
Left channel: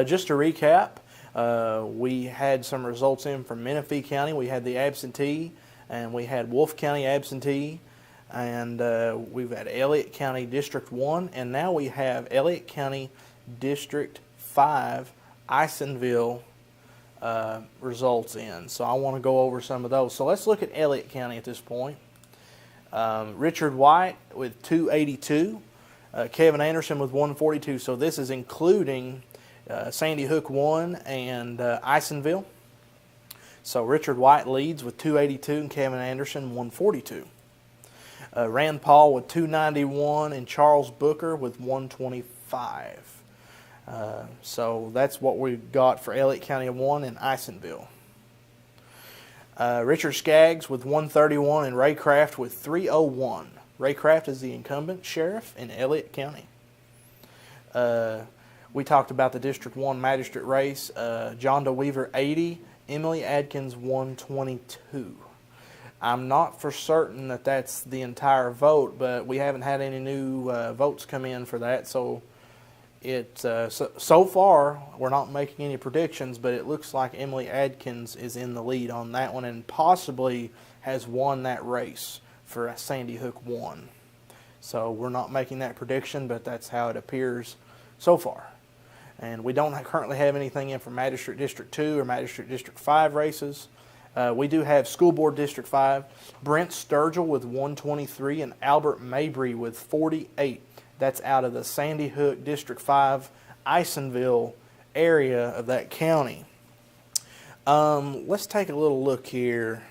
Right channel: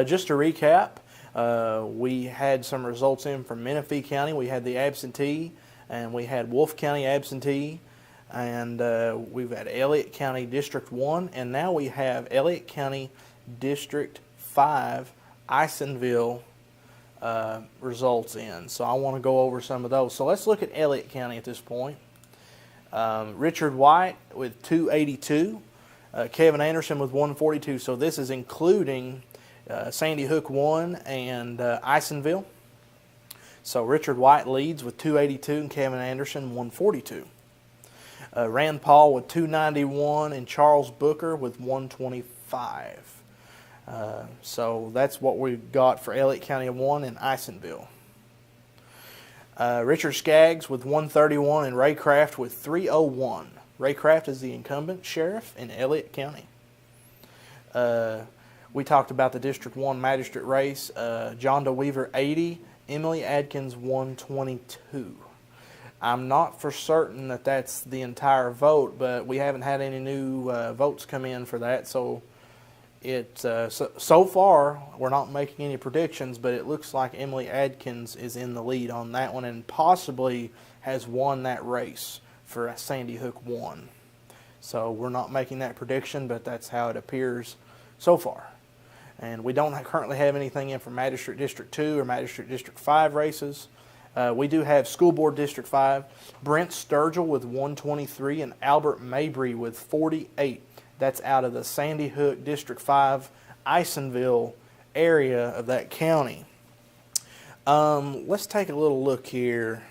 Just to recap, we had some results in from Menifee County. We had the absentee, and we had Wolfe County absentee, and we've had Elliott County District 1, and now we have Elliott County District 5, Isonville results in. So I want to go over some of those. So let's look at Elliott County at this point. Richard White with 282, Kevin Anderson with 142. So this is including Sandy Hook 1 and Isonville. So Richard White leads with 282 and Kevin Anderson 142. Rand Paul with 291 and Charles Booker with 125. So that's what we've got for Elliott County 1 and Isonville. Richard Skaggs with 131 and Ray Craft with 301. Ray Craft is the incumbent sheriff in Elliott County. We talked about the District 1 magistrate race. John DeWeaver 80, Emily Adkins 122. I'm not for certain that that's the entire vote, but we haven't had any new votes come in for that. So so far we're not making any predictions, but it looks like Emily Adkins is in the lead on that one and possibly has won that race for Sandy Hook 1. So we're not making that prediction, but that's how it appears so far. And we don't currently have anything in for Magistrate District 2 or Magistrate District 5 races. We do have School Board District 5, Brent Sturgill with 123 and Albert Mabry with 48. That's out of the Sandy Hook District 5, Isonville area of that county. Let's take a little look here.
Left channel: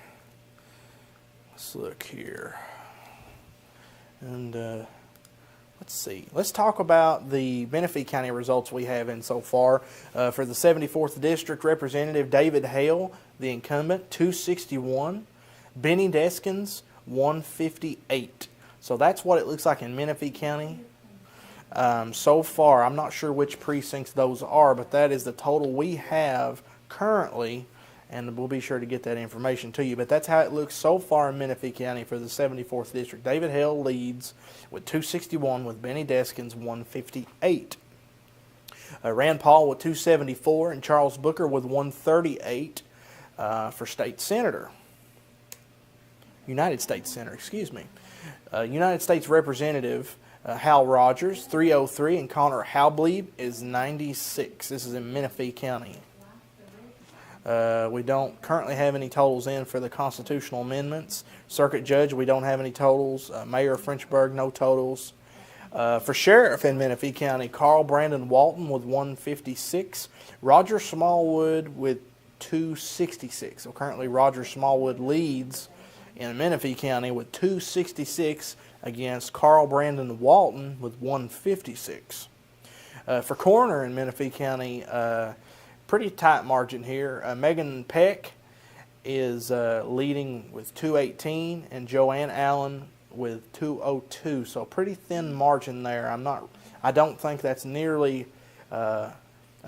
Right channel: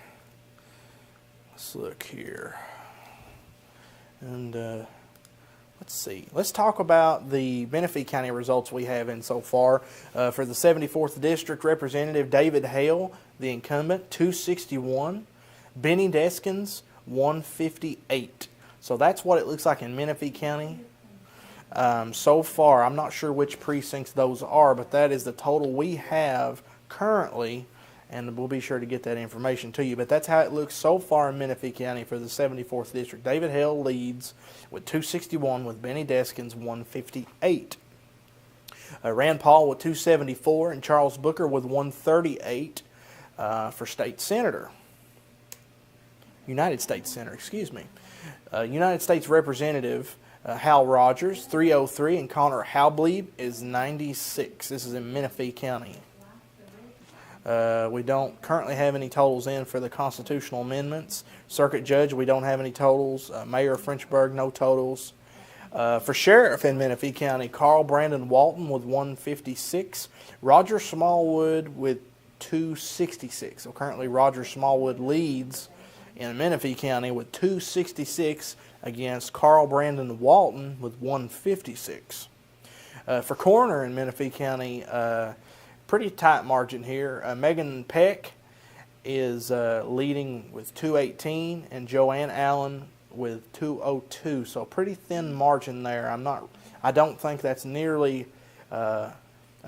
And let's see. Let's talk about the Menifee County results we have in so far. For the 74th District, Representative David Hale, the incumbent, 261. Benny Deskins, 158. So that's what it looks like in Menifee County. So far, I'm not sure which precincts those are, but that is the total we have currently, and we'll be sure to get that information to you. But that's how it looks so far in Menifee County for the 74th District. David Hale leads with 261 with Benny Deskins 158. Rand Paul with 274 and Charles Booker with 138 for State Senator. United States Senator, excuse me. United States Representative Hal Rogers, 303, and Connor Halblieb is 96. This is in Menifee County. We don't currently have any totals in for the constitutional amendments. Circuit Judge, we don't have any totals. Mayor of Frenchburg, no totals. For Sheriff in Menifee County, Carl Brandon Walton with 156. Roger Smallwood with 266. So currently Roger Smallwood leads in Menifee County with 266 against Carl Brandon Walton with 156. For Coroner in Menifee County, pretty tight margin here. Megan Peck is leading with 218 and Joanne Allen with 202. So pretty thin margin there. I don't think that's nearly a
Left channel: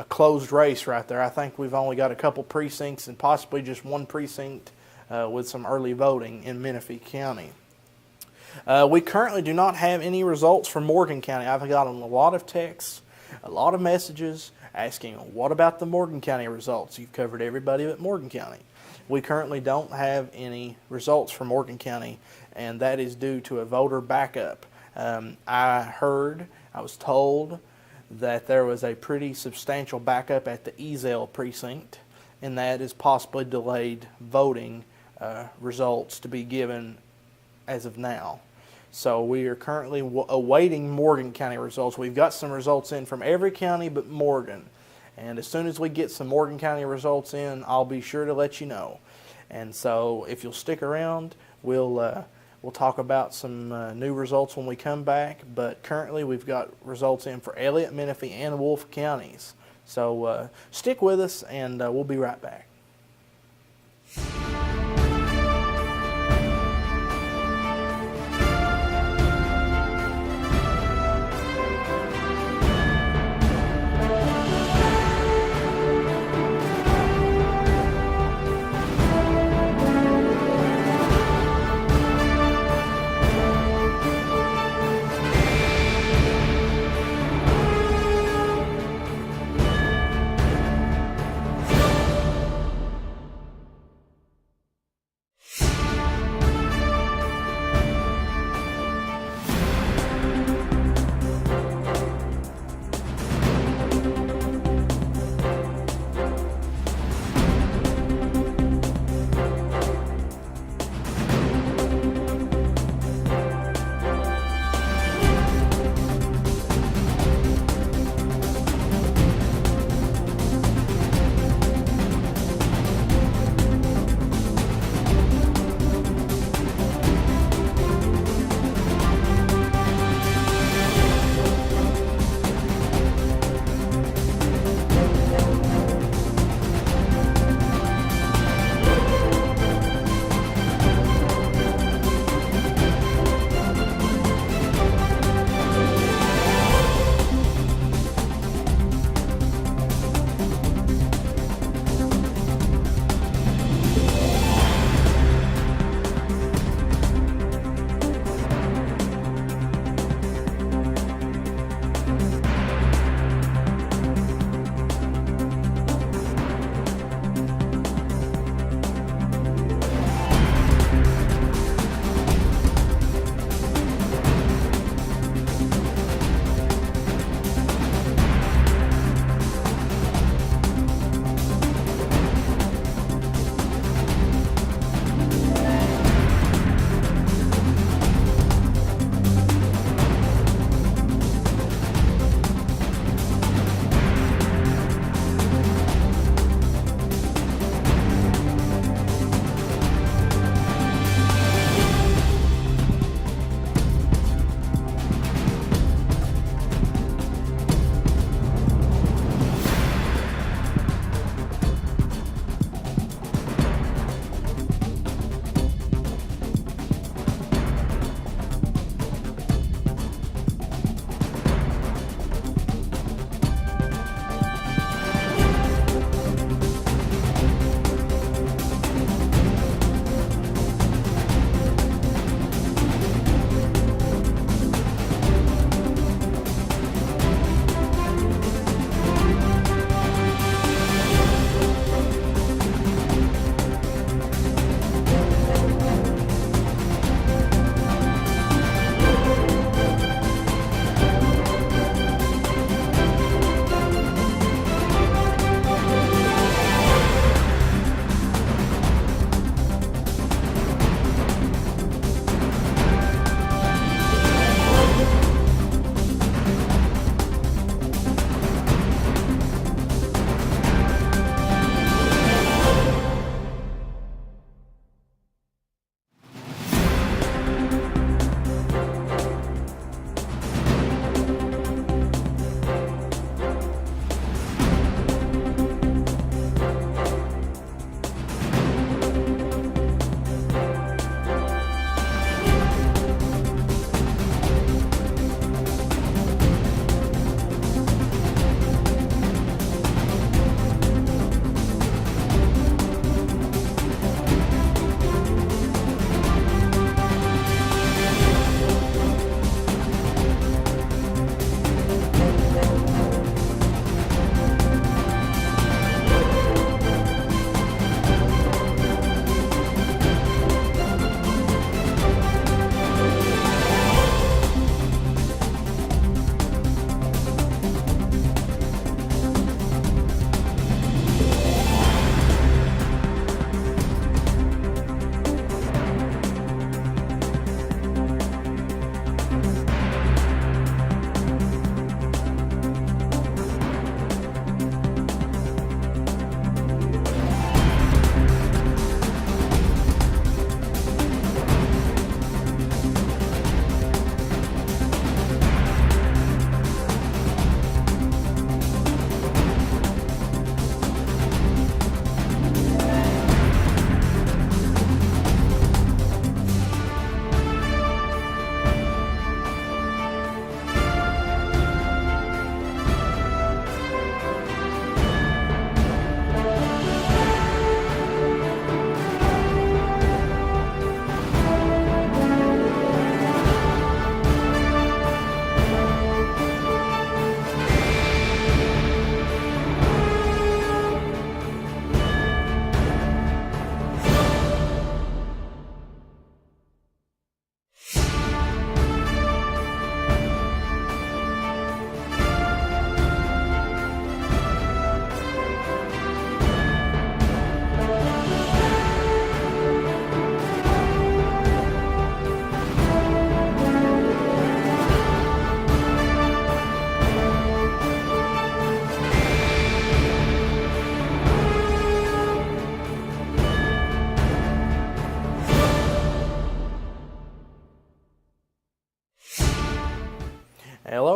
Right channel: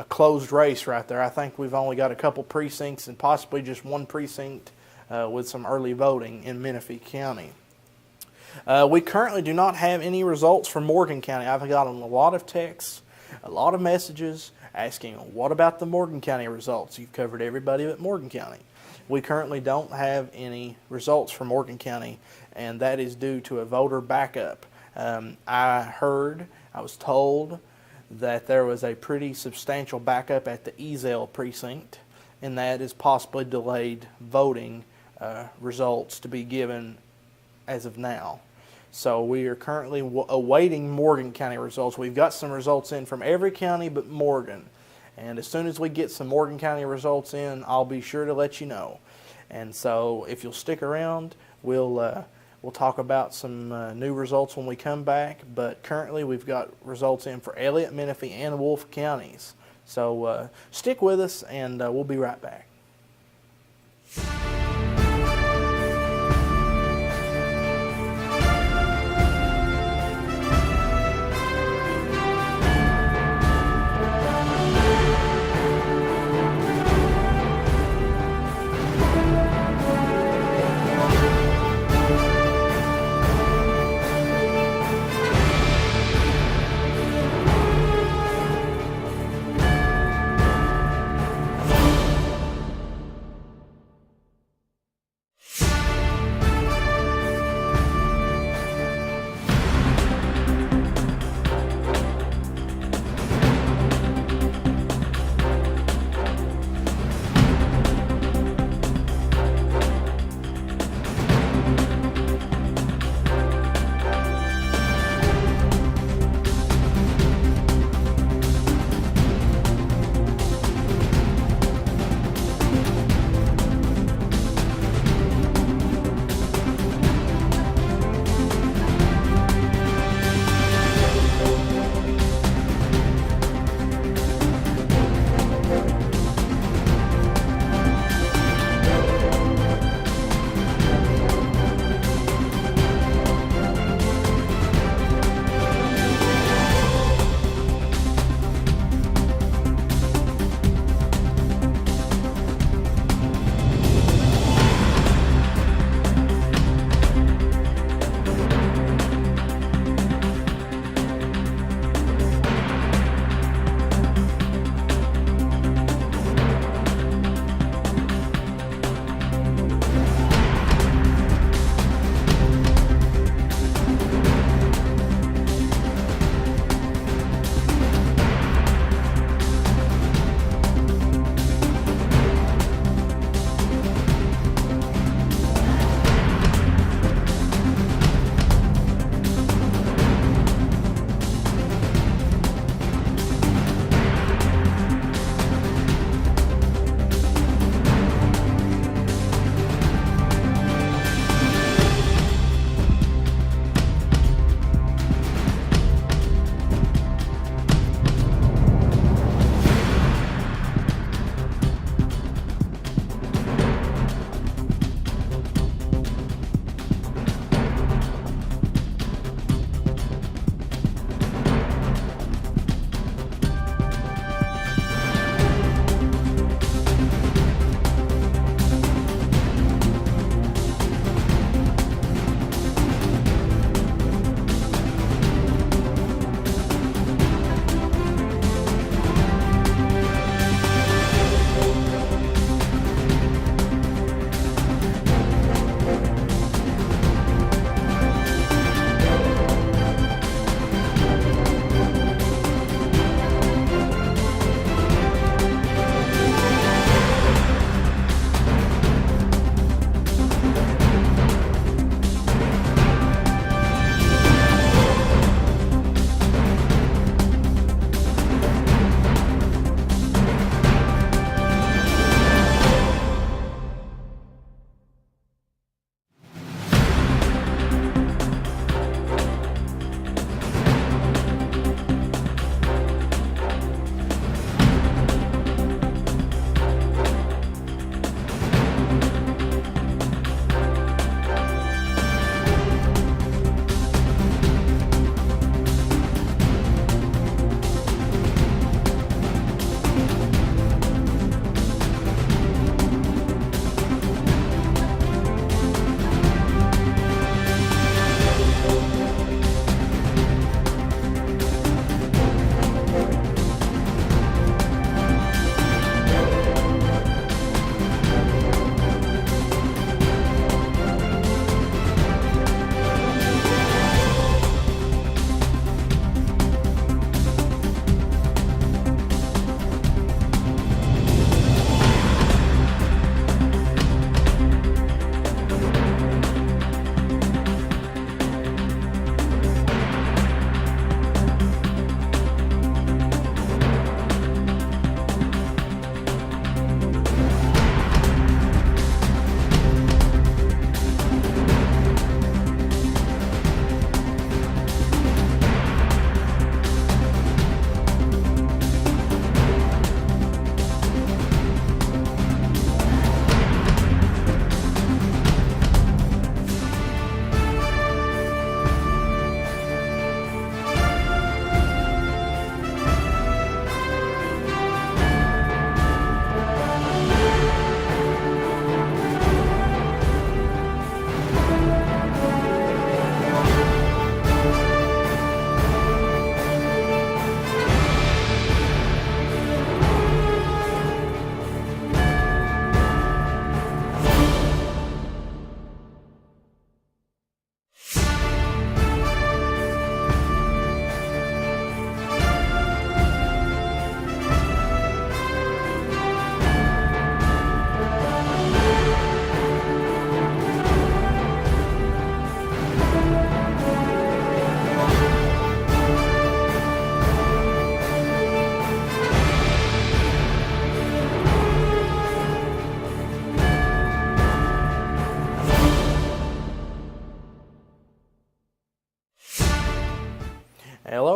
closed race right there. I think we've only got a couple precincts and possibly just one precinct with some early voting in Menifee County. We currently do not have any results from Morgan County. I've gotten a lot of texts, a lot of messages asking, what about the Morgan County results? You've covered everybody but Morgan County. We currently don't have any results from Morgan County, and that is due to a voter backup. I was told that there was a pretty substantial backup at the Ezell precinct, and that is possibly delayed voting results to be given as of now. So we are currently awaiting Morgan County results. We've got some results in from every county but Morgan. And as soon as we get some Morgan County results in, I'll be sure to let you know. And so if you'll stick around, we'll talk about some new results when we come back. But currently we've got results in for Elliott, Menifee, and Wolfe counties. So stick with us, and we'll be right back.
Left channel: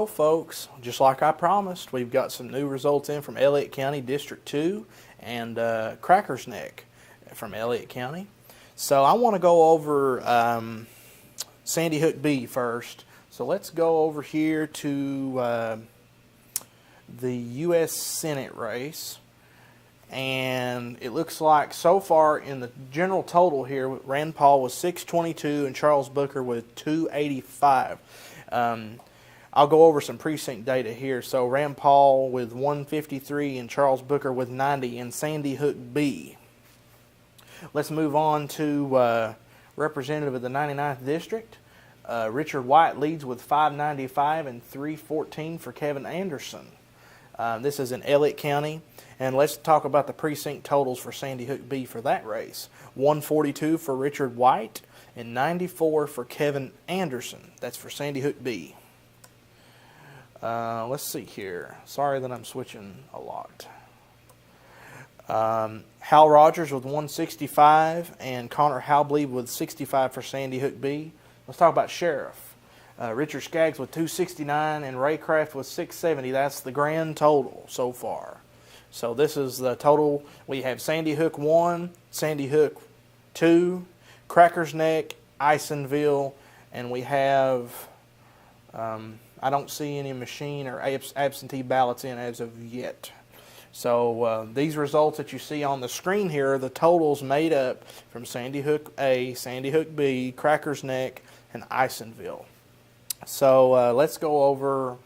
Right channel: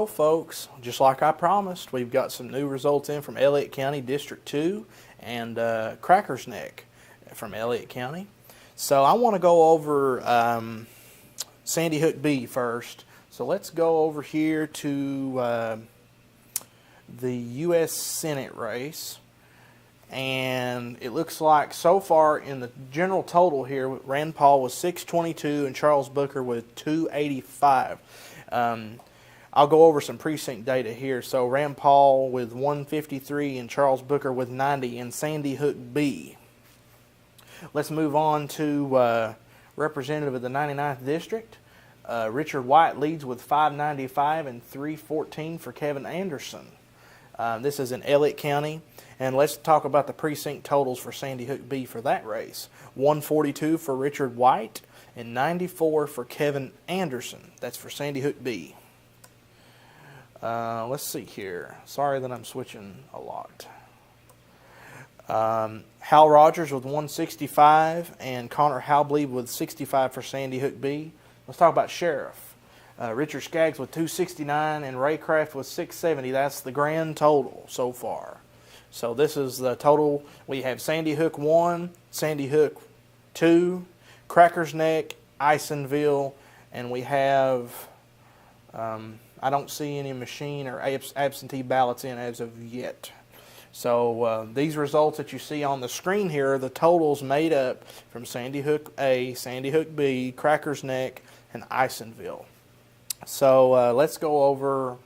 go, folks. Just like I promised, we've got some new results in from Elliott County District 2 and Crackers Neck from Elliott County. So I want to go over Sandy Hook B first. So let's go over here to the U.S. Senate race. And it looks like so far in the general total here, Rand Paul was 622 and Charles Booker with 285. I'll go over some precinct data here. So Rand Paul with 153 and Charles Booker with 90 in Sandy Hook B. Let's move on to representative of the 99th District. Richard White leads with 595 and 314 for Kevin Anderson. This is in Elliott County. And let's talk about the precinct totals for Sandy Hook B for that race. 142 for Richard White and 94 for Kevin Anderson. That's for Sandy Hook B. Let's see here. Sorry that I'm switching a lot. Hal Rogers with 165 and Connor Halbleib with 65 for Sandy Hook B. Let's talk about Sheriff. Richard Skaggs with 269 and Ray Craft with 670. That's the grand total so far. So this is the total. We have Sandy Hook 1, Sandy Hook 2, Crackers Neck, Isonville, and we have, I don't see any machine or absentee ballots in as of yet. So these results that you see on the screen here are the totals made up from Sandy Hook A, Sandy Hook B, Crackers Neck, and Isonville. So let's go over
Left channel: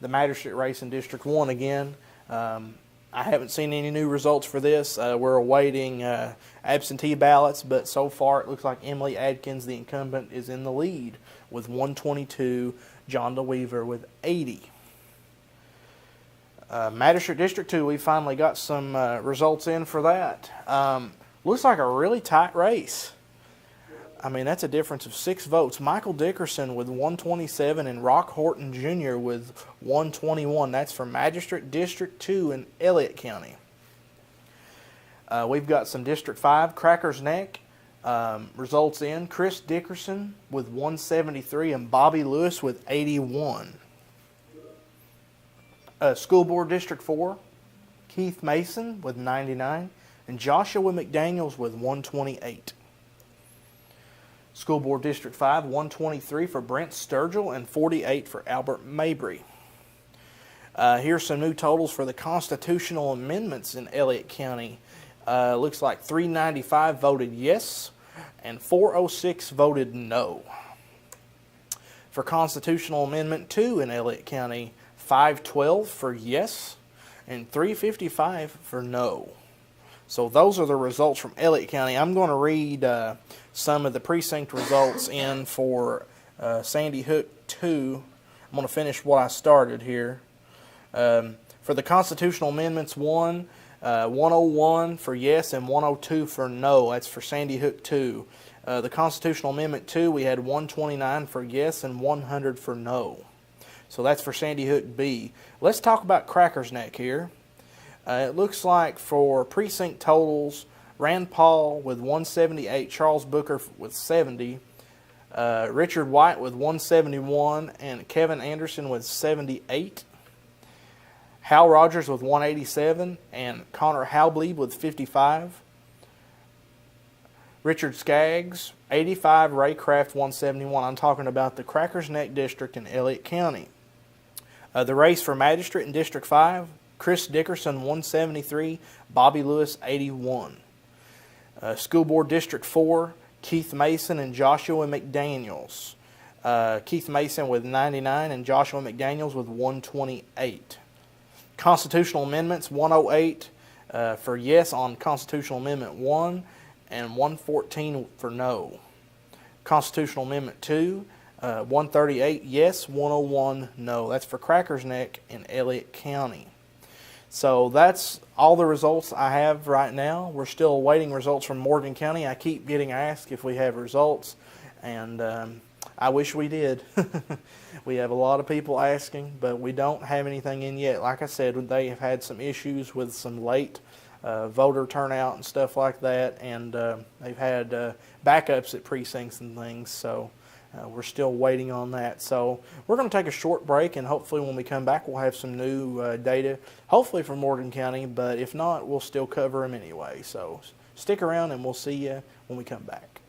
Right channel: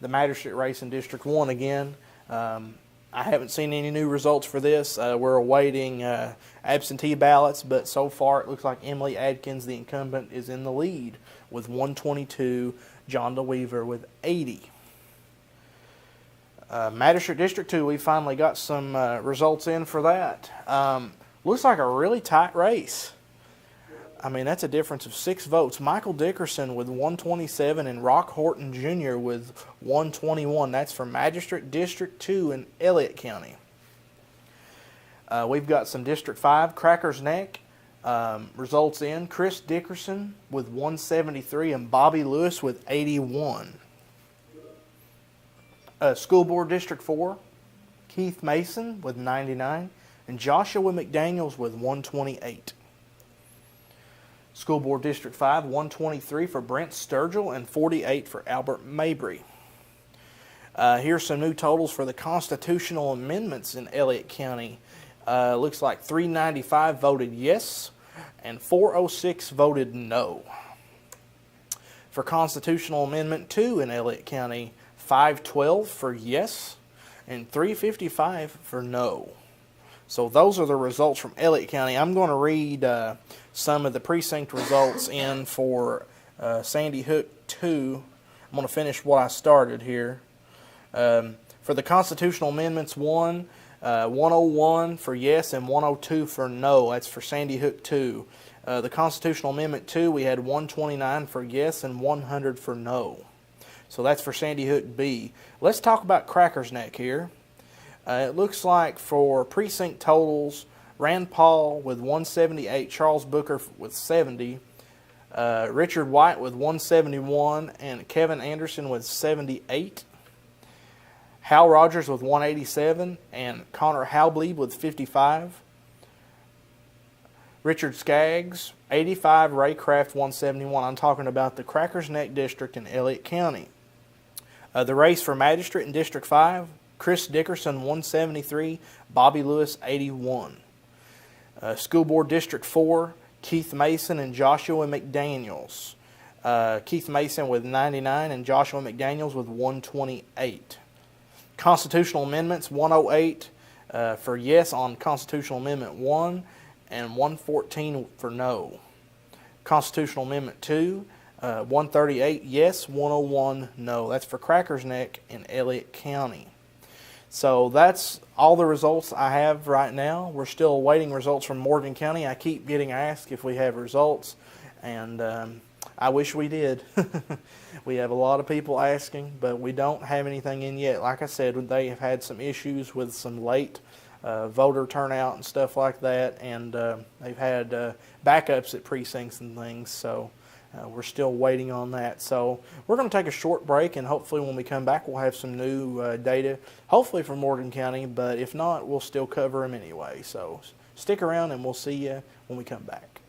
the magistrate race in District 1 again. I haven't seen any new results for this. We're awaiting absentee ballots, but so far it looks like Emily Adkins, the incumbent, is in the lead with 122, John DeWeaver with 80. Magistrate District 2, we finally got some results in for that. Looks like a really tight race. I mean, that's a difference of 6 votes. Michael Dickerson with 127 and Rock Horton Jr. with 121. That's for Magistrate District 2 in Elliott County. We've got some District 5, Crackers Neck. Results in Chris Dickerson with 173 and Bobby Lewis with 81. School Board District 4, Keith Mason with 99 and Joshua McDaniels with 128. School Board District 5, 123 for Brent Sturgill and 48 for Albert Mabry. Here's some new totals for the constitutional amendments in Elliott County. Looks like 395 voted yes and 406 voted no. For Constitutional Amendment 2 in Elliott County, 512 for yes and 355 for no. So those are the results from Elliott County. I'm going to read some of the precinct results in for Sandy Hook 2. I'm going to finish what I started here. For the Constitutional Amendments 1, 101 for yes and 102 for no. That's for Sandy Hook 2. The Constitutional Amendment 2, we had 129 for yes and 100 for no. So that's for Sandy Hook B. Let's talk about Crackers Neck here. It looks like for precinct totals, Rand Paul with 178, Charles Booker with 70, Richard White with 171, and Kevin Anderson with 78. Hal Rogers with 187, and Connor Halbleib with 55. Richard Skaggs, 85, Ray Craft 171. I'm talking about the Crackers Neck District in Elliott County. The race for Magistrate in District 5, Chris Dickerson 173, Bobby Lewis 81. School Board District 4, Keith Mason and Joshua McDaniels. Keith Mason with 99 and Joshua McDaniels with 128. Constitutional Amendments 108 for yes on Constitutional Amendment 1 and 114 for no. Constitutional Amendment 2, 138 yes, 101 no. That's for Crackers Neck in Elliott County. So that's all the results I have right now. We're still awaiting results from Morgan County. I keep getting asked if we have results, and I wish we did. We have a lot of people asking, but we don't have anything in yet. Like I said, they have had some issues with some late voter turnout and stuff like that, and they've had backups at precincts and things. So We're still waiting on that. So we're going to take a short break, and hopefully when we come back we'll have some new data, hopefully from Morgan County, but if not, we'll still cover them anyway. So stick around and we'll see you when we come back.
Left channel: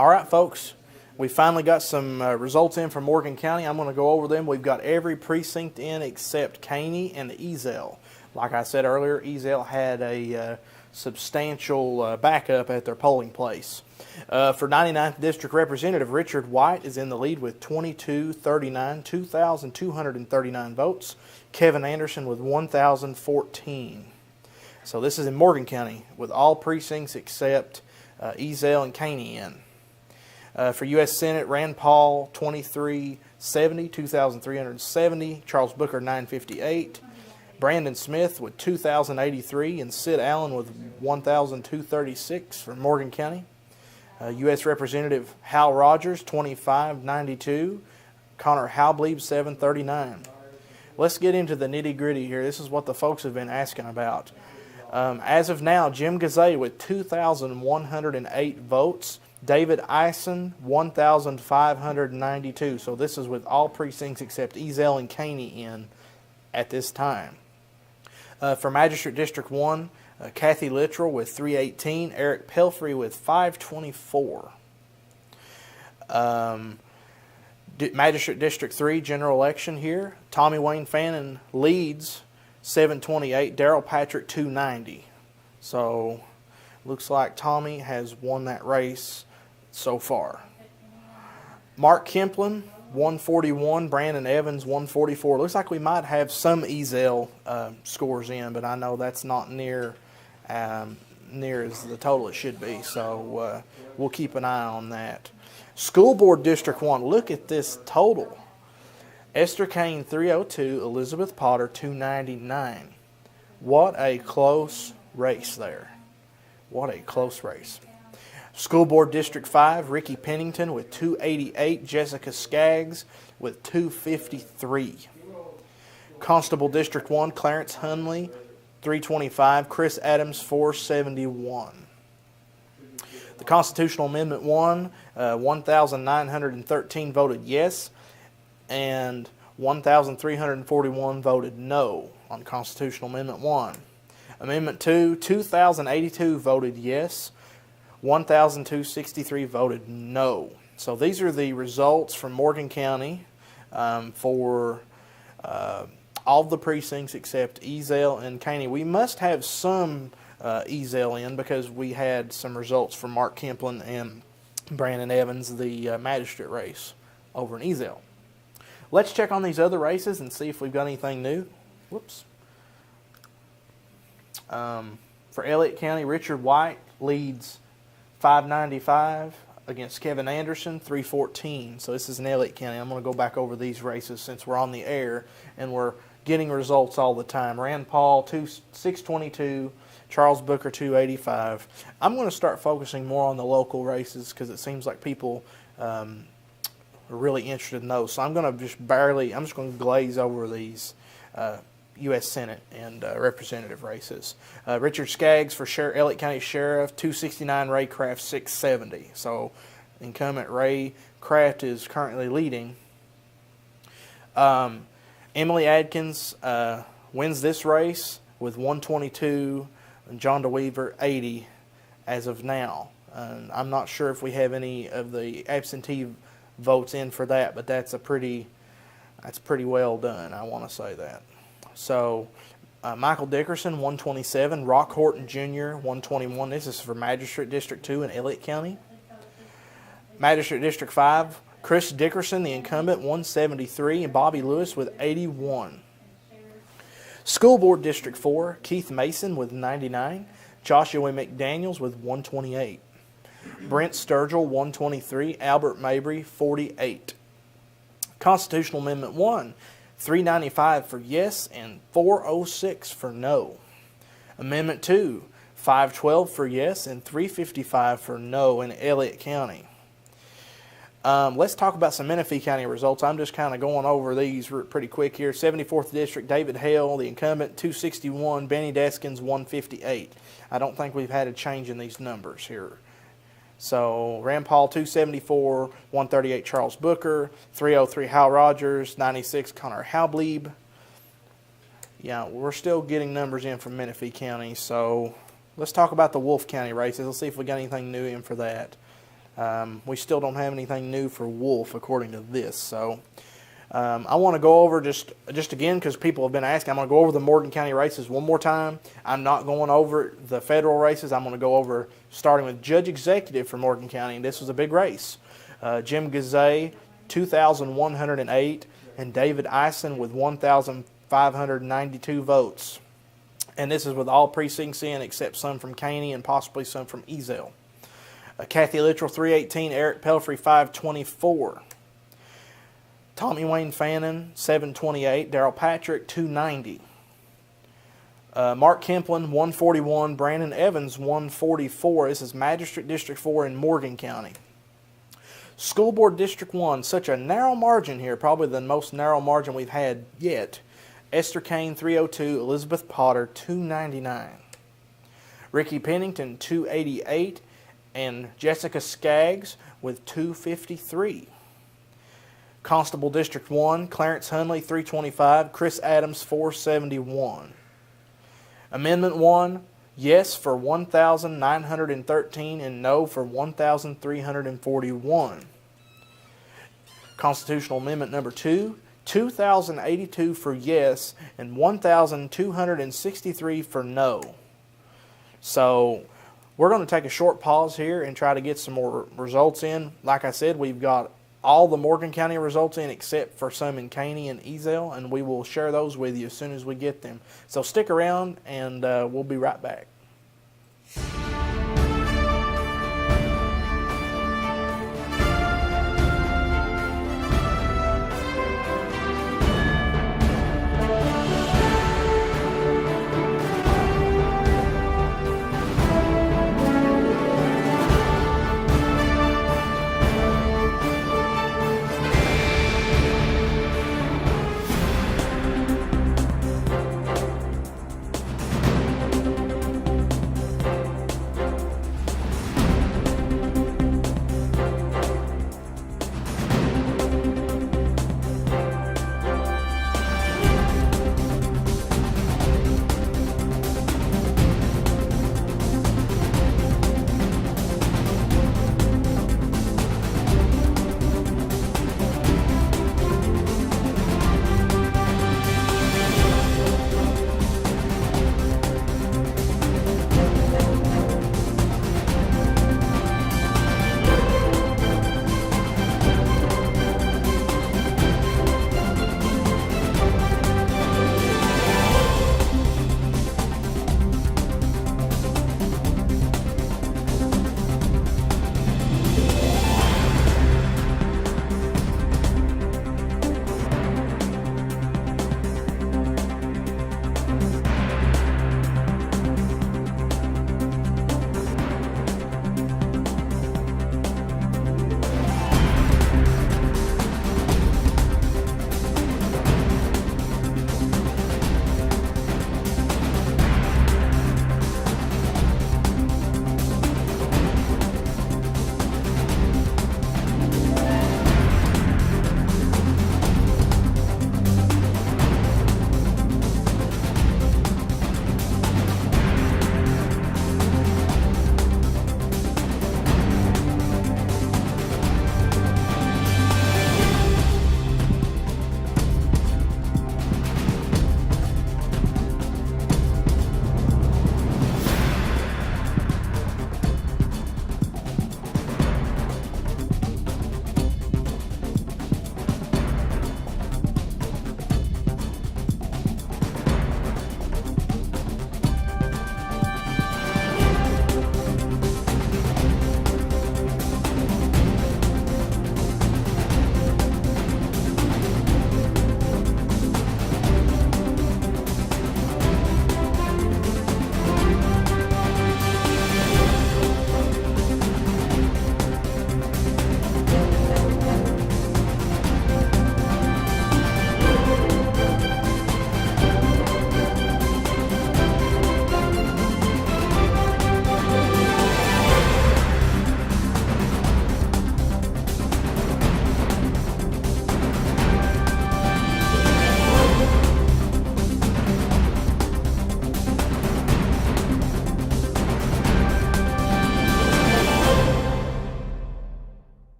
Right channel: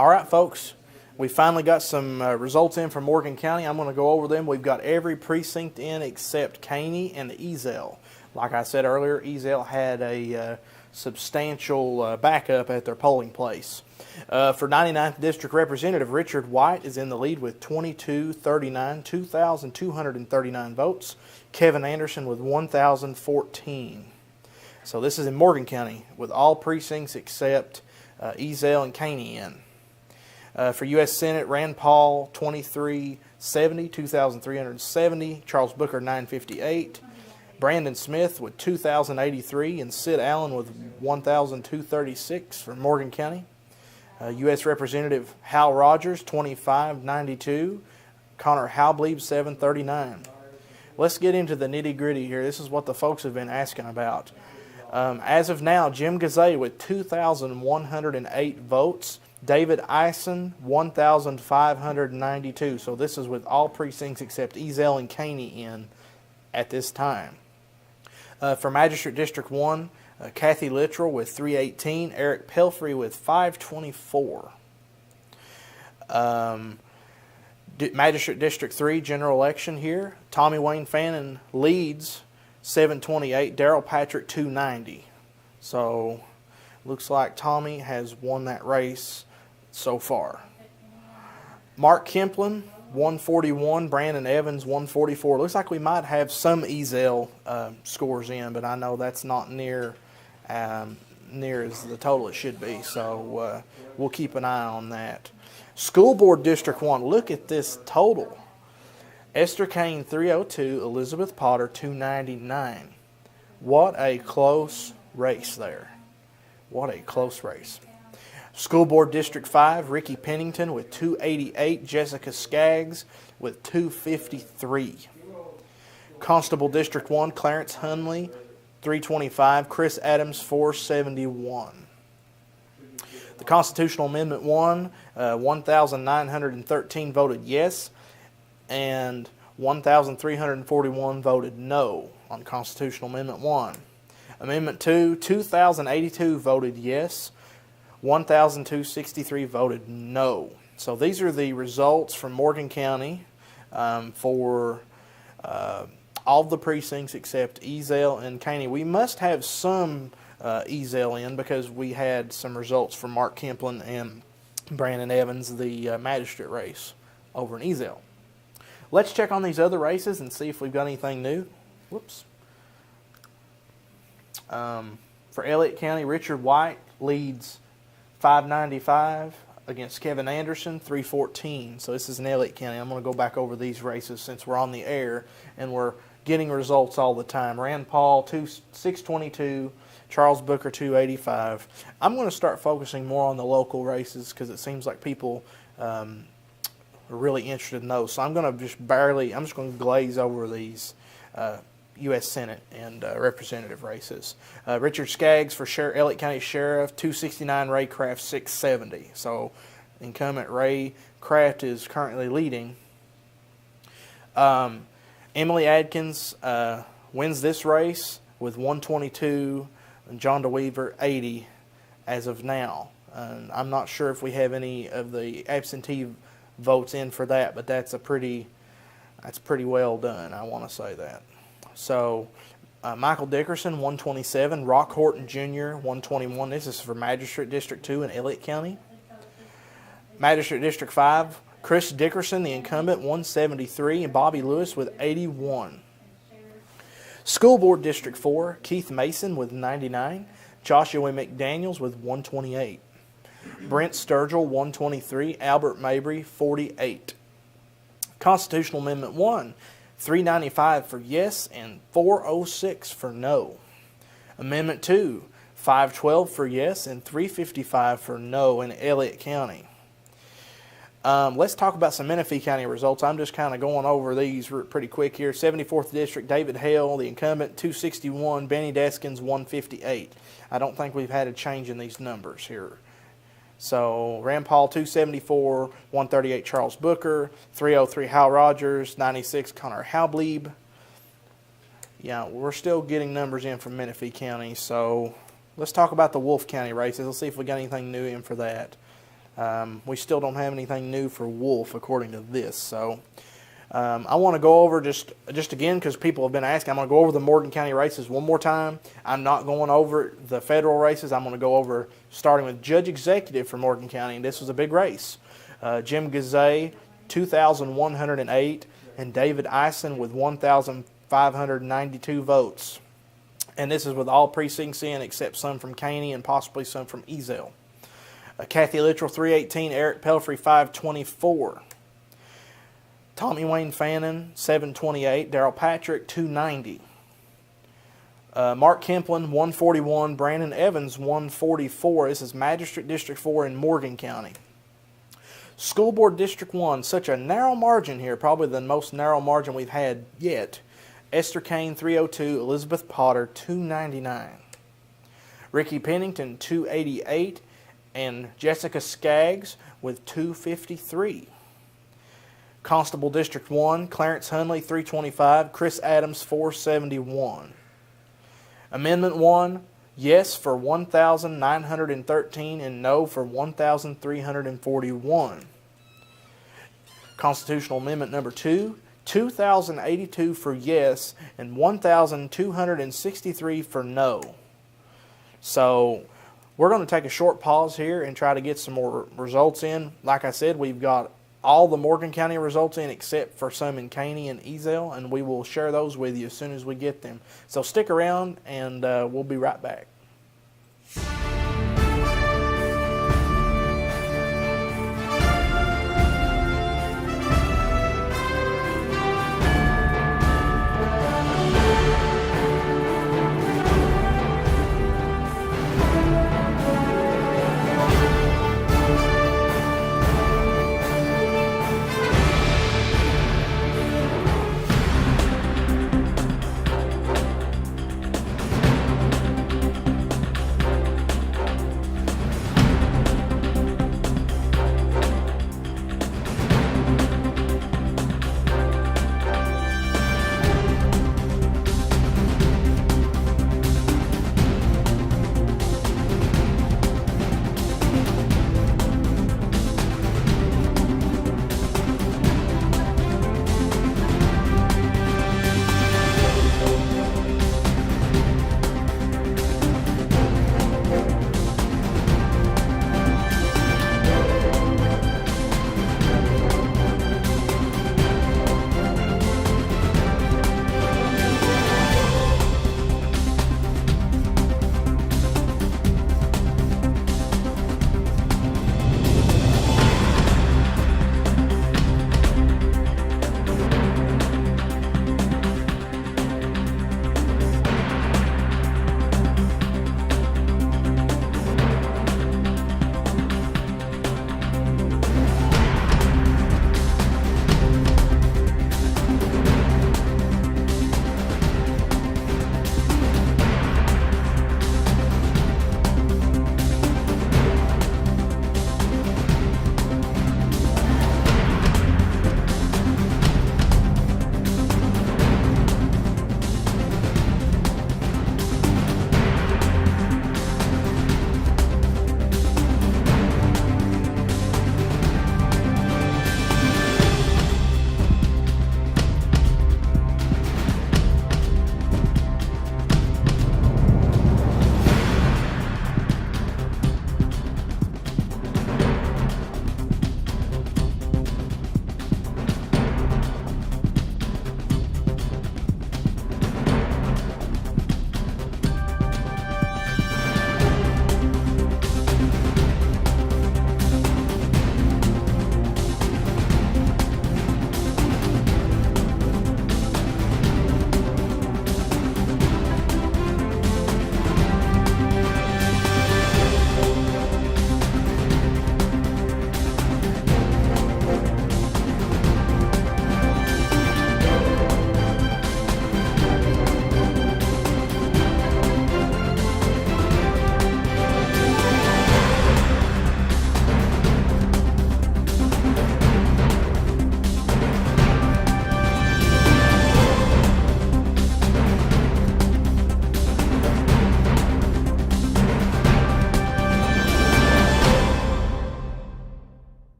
All right, folks, we finally got some results in from Morgan County. I'm going to go over them. We've got every precinct in except Caney and Ezell. Like I said earlier, Ezell had a substantial backup at their polling place. For 99th District Representative, Richard White is in the lead with 2239, 2,239 votes. Kevin Anderson with 1,014. So this is in Morgan County with all precincts except Ezell and Caney in. For U.S. Senate, Rand Paul 2370, 2,370. Charles Booker 958. Brandon Smith with 2,083 and Sid Allen with 1,236 for Morgan County. U.S. Representative Hal Rogers 2592. Connor Halblieb 739. Let's get into the nitty-gritty here. This is what the folks have been asking about. As of now, Jim Gazay with 2,108 votes. David Eisen, 1,592. So this is with all precincts except Ezell and Caney in at this time. For Magistrate District 1, Kathy Littrell with 318. Eric Pelfrey with 524. Magistrate District 3, general election here. Tommy Wayne Fannin leads 728. Darrell Patrick 290. So looks like Tommy has won that race so far. Mark Kemplin 141, Brandon Evans 144. Looks like we might have some Ezell scores in, but I know that's not near as the total it should be. So we'll keep an eye on that. School Board District 1. Look at this total. Esther Kane 302, Elizabeth Potter 299. What a close race there. What a close race. School Board District 5, Ricky Pennington with 288, Jessica Skaggs with 253. Constable District 1, Clarence Hunley 325, Chris Adams 471. The Constitutional Amendment 1, 1,913 voted yes, and 1,341 voted no on Constitutional Amendment 1. Amendment 2, 2,082 voted yes, 1,263 voted no. So these are the results from Morgan County for all the precincts except Ezell and Caney. We must have some Ezell in because we had some results from Mark Kemplin and Brandon Evans, the magistrate race over in Ezell. Let's check on these other races and see if we've got anything new. Whoops. For Elliott County, Richard White leads 595 against Kevin Anderson 314. So this is in Elliott County. I'm going to go back over these races since we're on the air and we're getting results all the time. Rand Paul 622, Charles Booker 285. I'm going to start focusing more on the local races because it seems like people are really interested in those. So I'm going to just going to glaze over these U.S. Senate and representative races. Richard Skaggs for Elliott County Sheriff, 269, Ray Kraft 670. So incumbent Ray Kraft is currently leading. Emily Adkins wins this race with 122, and John DeWeaver 80 as of now. I'm not sure if we have any of the absentee votes in for that, but that's pretty well done. I want to say that. So, Michael Dickerson, 127. Rock Horton Jr., 121. This is for Magistrate District 2 in Elliott County. Magistrate District 5, Chris Dickerson, the incumbent, 173. And Bobby Lewis with 81. School Board District 4, Keith Mason with 99. Joshua McDaniels with 128. Brent Sturgill, 123. Albert Mabry, 48. Constitutional Amendment 1, 395 for yes and 406 for no. Amendment 2, 512 for yes and 355 for no in Elliott County. Let's talk about some Menifee County results. I'm just kind of going over these pretty quick here. 74th District, David Hale, the incumbent, 261. Benny Deskins, 158. I don't think we've had a change in these numbers here. So, Rand Paul, 274, 138, Charles Booker, 303, Hal Rogers, 96, Connor Halblieb. Yeah, we're still getting numbers in from Menifee County, so let's talk about the Wolfe County races. Let's see if we got anything new in for that. We still don't have anything new for Wolfe according to this. So I want to go over just again, because people have been asking, I'm going to go over the Morgan County races one more time. I'm not going over the federal races. I'm going to go over starting with Judge Executive for Morgan County, and this was a big race. Jim Gazay, 2,108, and David Eisen with 1,592 votes. And this is with all precincts in except some from Caney and possibly some from Ezell. Kathy Littrell, 318, Eric Pelfrey, 524. Tommy Wayne Fannin, 728, Darrell Patrick, 290. Mark Kemplin, 141, Brandon Evans, 144. This is Magistrate District 4 in Morgan County. School Board District 1, such a narrow margin here, probably the most narrow margin we've had yet. Esther Kane, 302, Elizabeth Potter, 299. Ricky Pennington, 288, and Jessica Skaggs with 253. Constable District 1, Clarence Hunley, 325, Chris Adams, 471. Amendment 1, yes for 1,913 and no for 1,341. Constitutional Amendment number 2, 2,082 for yes and 1,263 for no. So we're going to take a short pause here and try to get some more results in. Like I said, we've got all the Morgan County results in except for some in Caney and Ezell, and we will share those with you as soon as we get them. So stick around, and we'll be right back.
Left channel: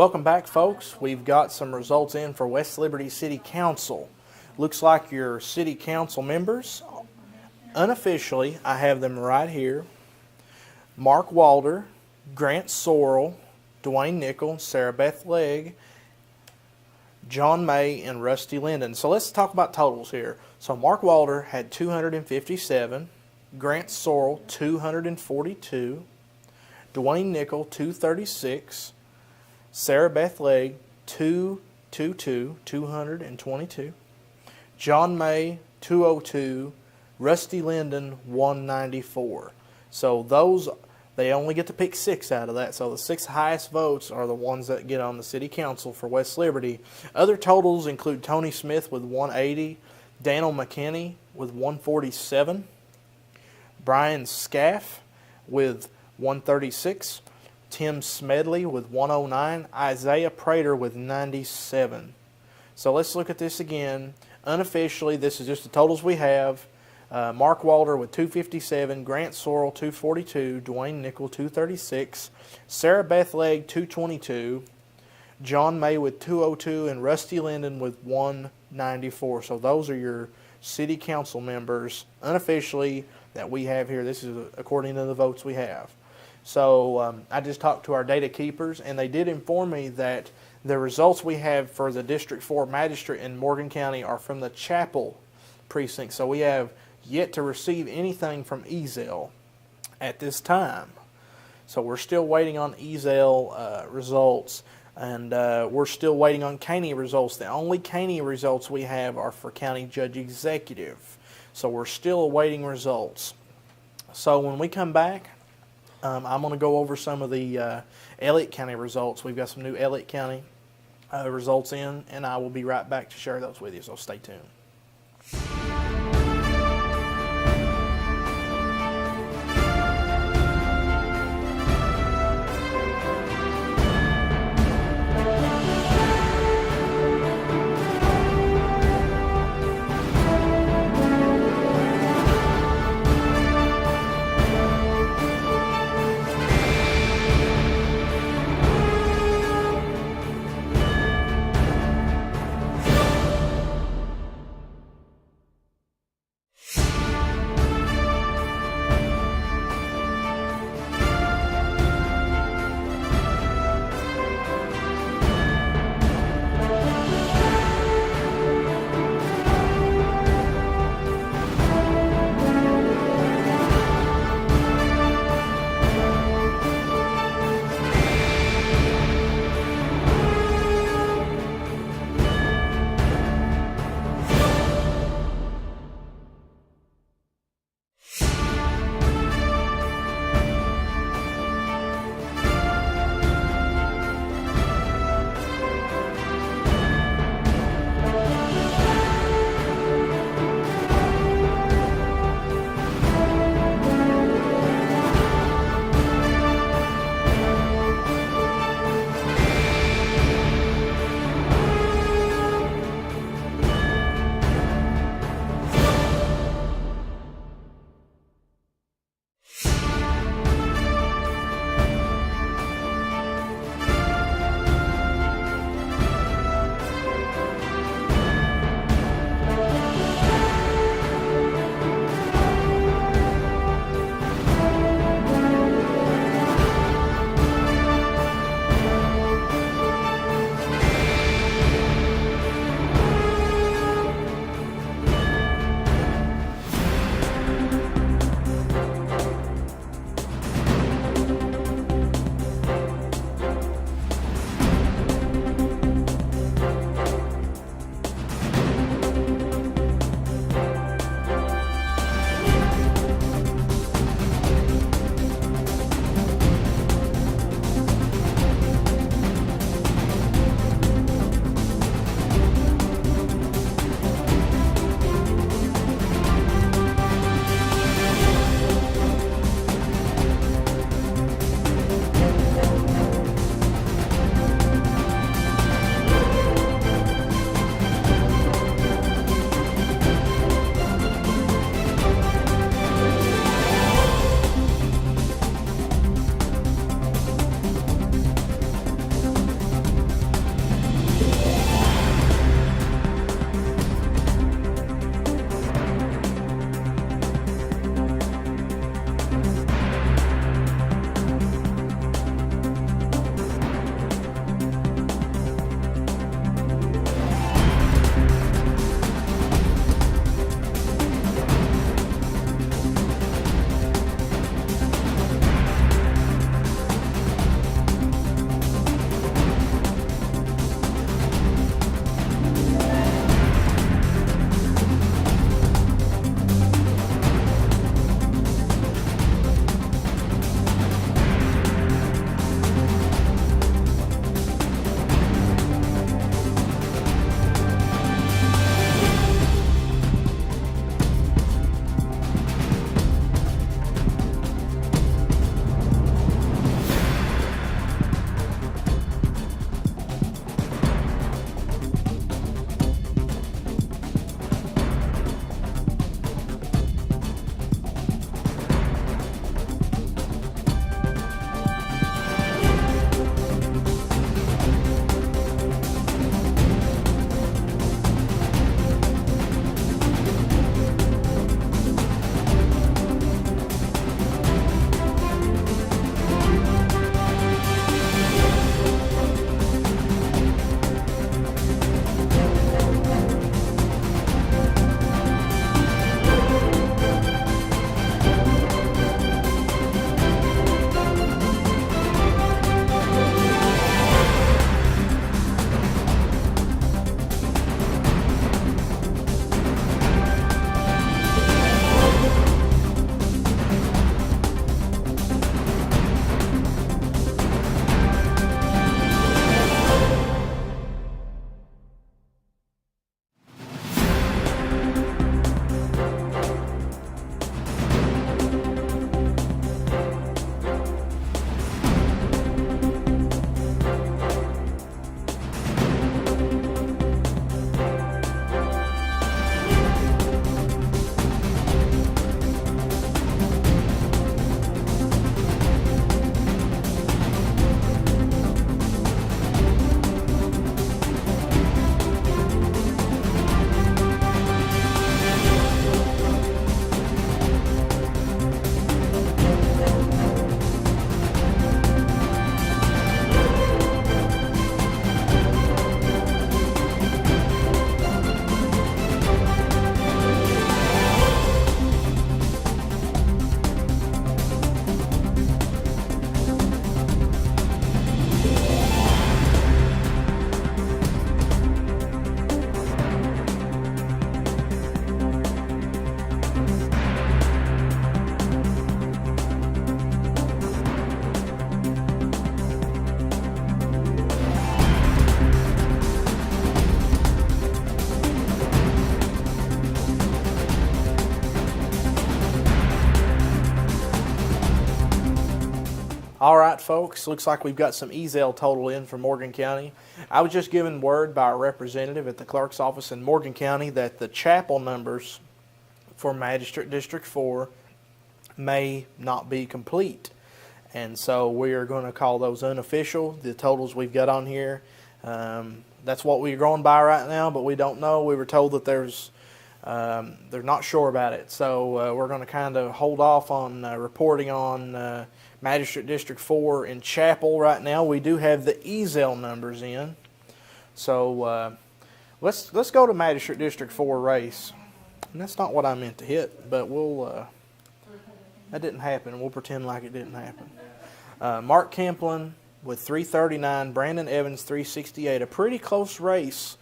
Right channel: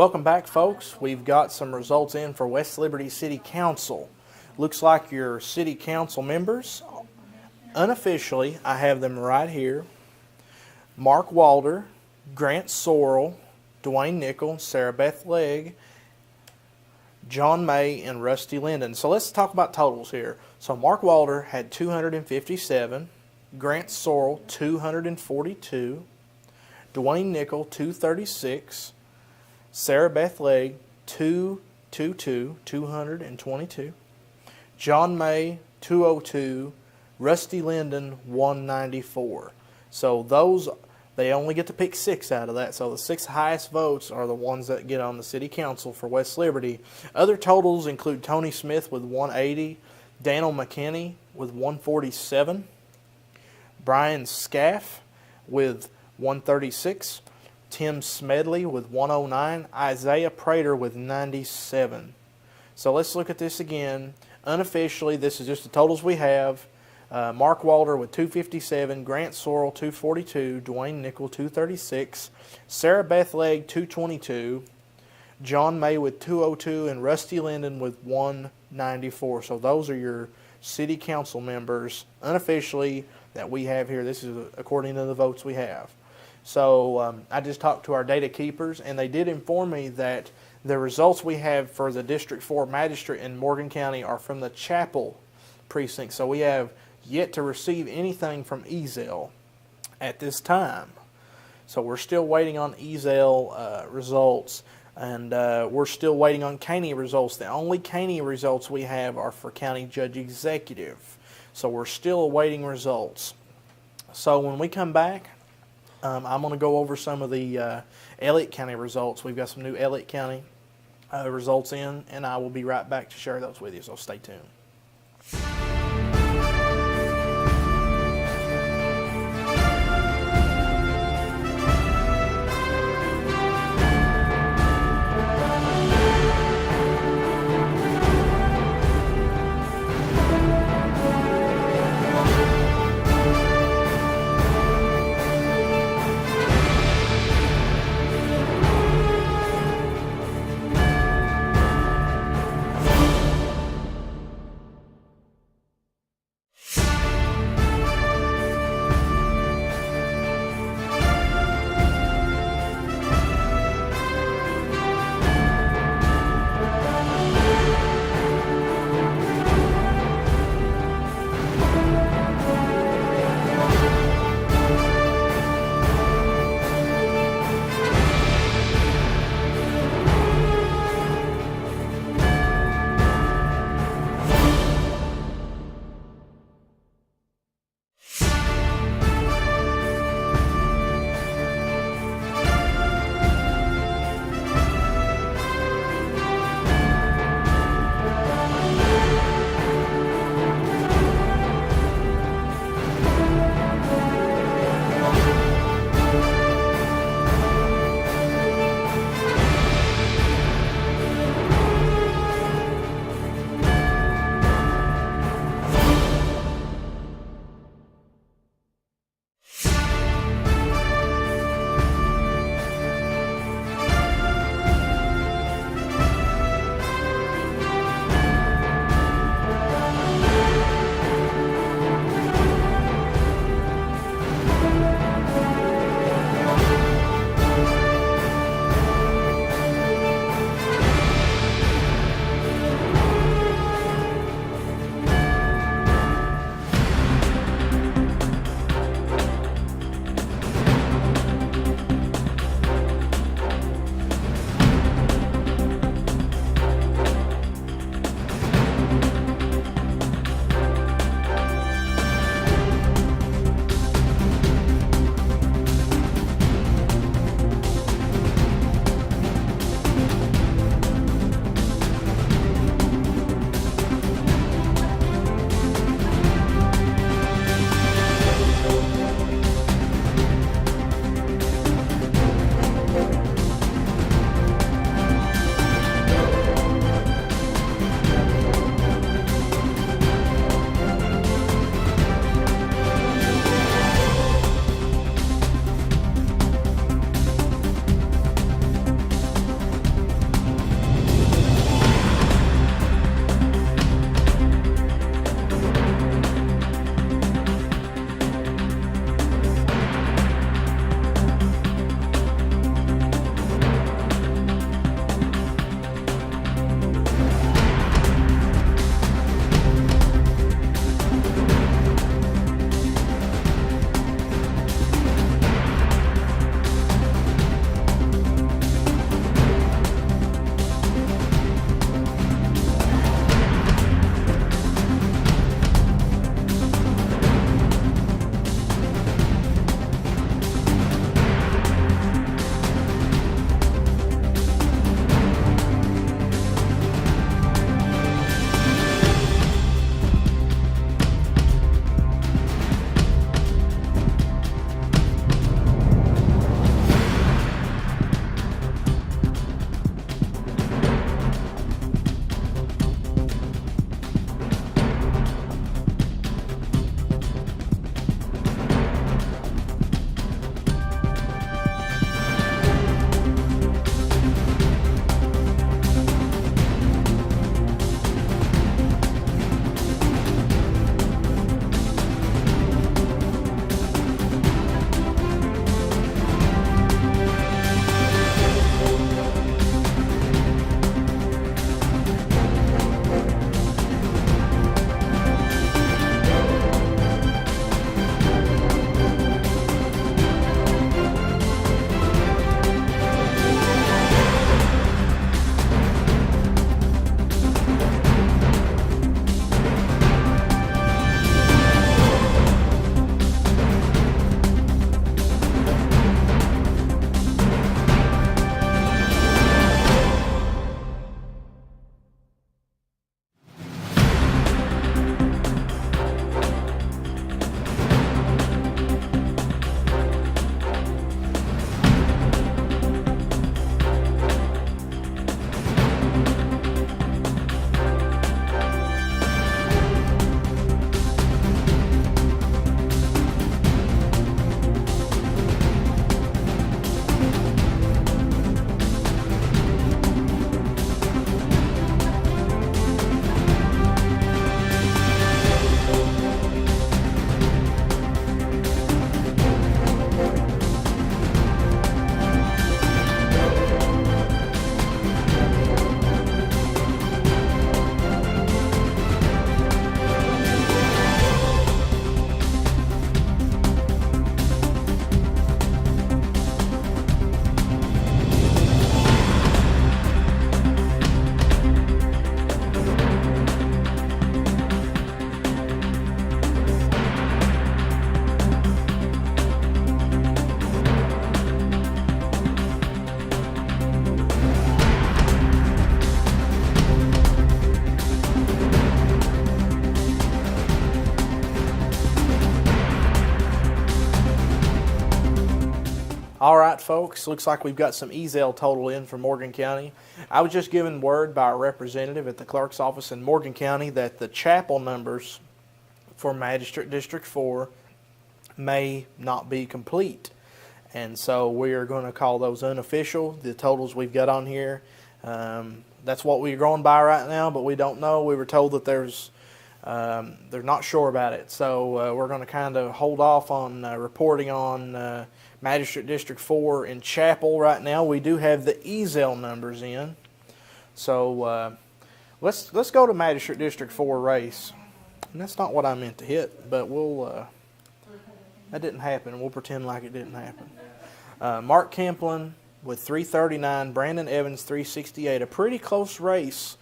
Welcome back, folks. We've got some results in for West Liberty City Council. Looks like your city council members, unofficially, I have them right here. Mark Walder, Grant Sorrell, Dwayne Nickel, Sarah Beth Legg, John May, and Rusty Linden. So let's talk about totals here. So Mark Walder had 257, Grant Sorrell 242, Dwayne Nickel 236, Sarah Beth Legg 222, John May 202, Rusty Linden 194. So those, they only get to pick 6 out of that. So the 6 highest votes are the ones that get on the city council for West Liberty. Other totals include Tony Smith with 180, Daniel McKinney with 147, Brian Scaff with 136, Tim Smedley with 109, Isaiah Prater with 97. So let's look at this again. Unofficially, this is just the totals we have. Mark Walder with 257, Grant Sorrell 242, Dwayne Nickel 236, Sarah Beth Legg 222, John May with 202, and Rusty Linden with 194. So those are your city council members unofficially that we have here. This is according to the votes we have. So I just talked to our data keepers, and they did inform me that the results we have for the District 4 Magistrate in Morgan County are from the Chapel precinct. So we have yet to receive anything from Ezell at this time. So we're still waiting on Ezell results, and we're still waiting on Caney results. The only Caney results we have are for County Judge Executive. So we're still awaiting results. So when we come back, I'm going to go over some of the Elliott County results. We've got some new Elliott County results in, and I will be right back to share those with you, so stay tuned. All right, folks, looks like we've got some Ezel total in for Morgan County. I was just given word by a representative at the clerk's office in Morgan County that the chapel numbers for Magistrate District 4 may not be complete. And so we are going to call those unofficial, the totals we've got on here. That's what we're going by right now, but we don't know. We were told that they're not sure about it. So we're going to kind of hold off on reporting on Magistrate District 4 in Chapel right now. We do have the Ezel numbers in. So let's go to Magistrate District 4 race. And that's not what I meant to hit, but that didn't happen. We'll pretend like it didn't happen. Mark Kemplin with 339, Brandon Evans 368. A pretty close race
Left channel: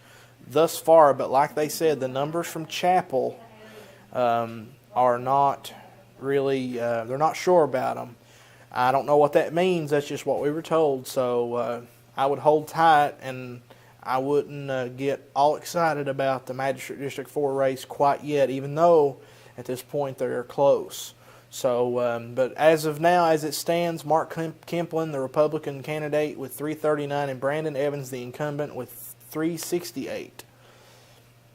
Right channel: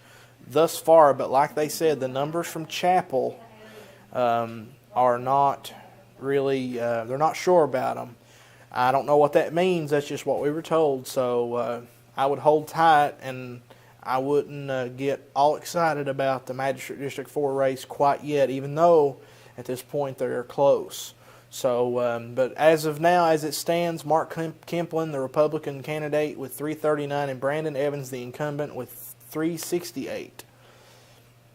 thus far, but like they said, the numbers from Chapel are not really, they're not sure about them. I don't know what that means. That's just what we were told. So I would hold tight, and I wouldn't get all excited about the Magistrate District 4 race quite yet, even though at this point they're close. So, but as of now, as it stands, Mark Kemplin, the Republican candidate, with 339, and Brandon Evans, the incumbent, with 368.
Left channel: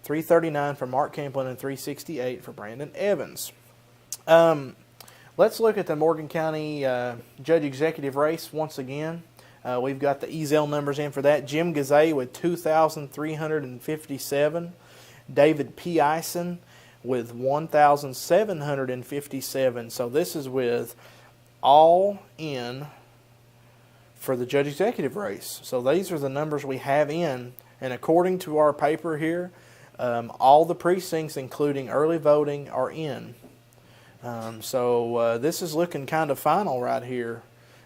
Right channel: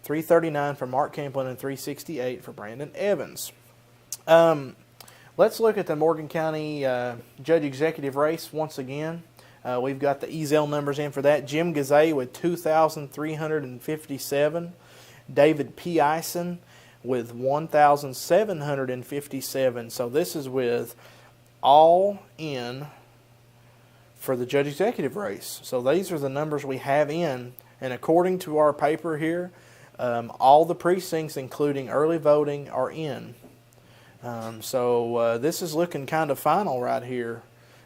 339 for Mark Kemplin and 368 for Brandon Evans. Let's look at the Morgan County Judge Executive race once again. We've got the Ezel numbers in for that. Jim Gazay with 2,357. David P. Ison with 1,757. So this is with all in for the Judge Executive race. So these are the numbers we have in. And according to our paper here, all the precincts, including early voting, are in. So this is looking kind of final right here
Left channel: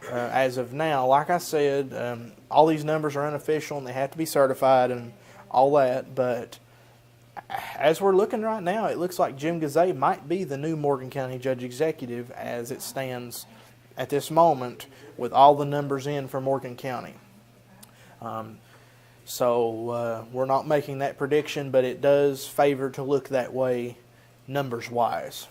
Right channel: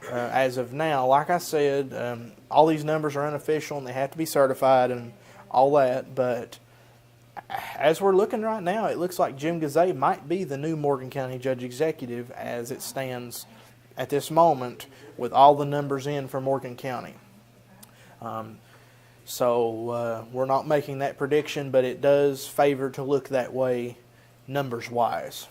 as of now. Like I said, all these numbers are unofficial and they have to be certified and all that. But as we're looking right now, it looks like Jim Gazay might be the new Morgan County Judge Executive as it stands at this moment with all the numbers in for Morgan County. So we're not making that prediction, but it does favor to look that way numbers-wise.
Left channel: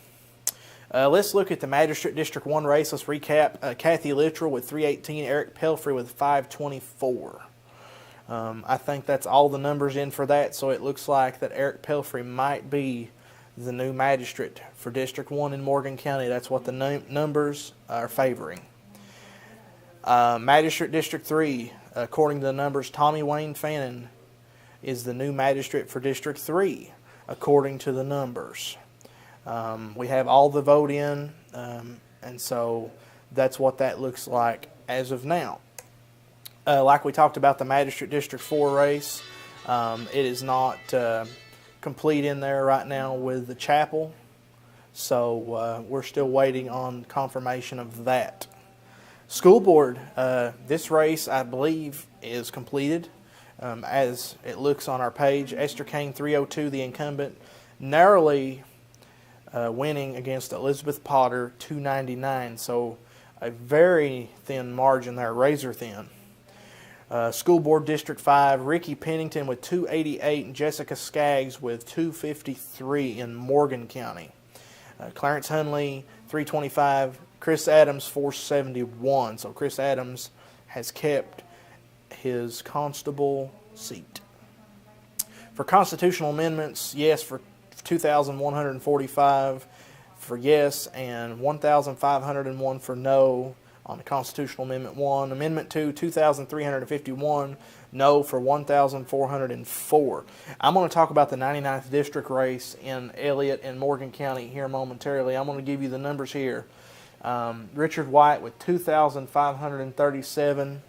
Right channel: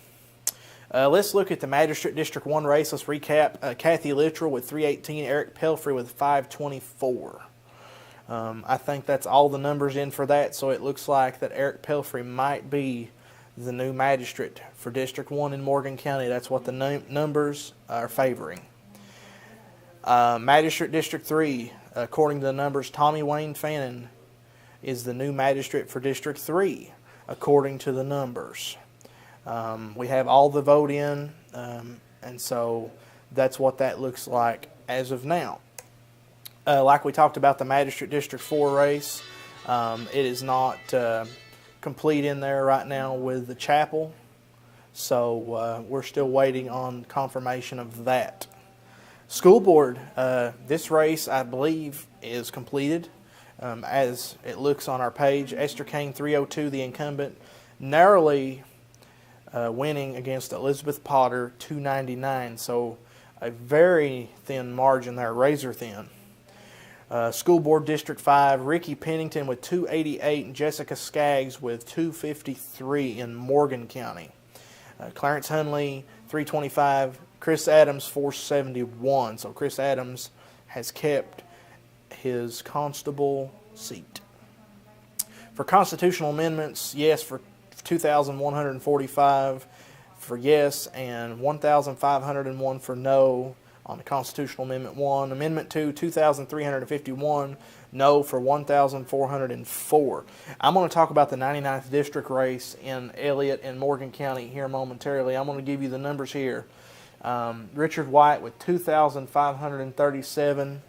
Let's look at the Magistrate District 1 race. Let's recap. Kathy Littrell with 318, Eric Pelfrey with 524. I think that's all the numbers in for that, so it looks like that Eric Pelfrey might be the new magistrate for District 1 in Morgan County. That's what the numbers are favoring. Magistrate District 3, according to the numbers, Tommy Wayne Fannin is the new magistrate for District 3, according to the numbers. We have all the vote in, and so that's what that looks like as of now. Like we talked about the Magistrate District 4 race, it is not complete in there right now with the chapel, so we're still waiting on confirmation of that. School board, this race I believe is completed as it looks on our page. Esther Kane 302, the incumbent, narrowly winning against Elizabeth Potter 299, so a very thin margin there, razor thin. School Board District 5, Ricky Pennington with 288 and Jessica Skaggs with 253 in Morgan County. Clarence Hunley 325, Chris Adams 471. So Chris Adams has kept his constable seat. For constitutional amendments, yes for 2,145 for yes and 1,501 for no on the Constitutional Amendment 1. Amendment 2, 2,351, no for 1,404. I'm going to talk about the 99th District race in Elliott and Morgan County here momentarily. I'm going to give you the numbers here. Richard White with 2,537,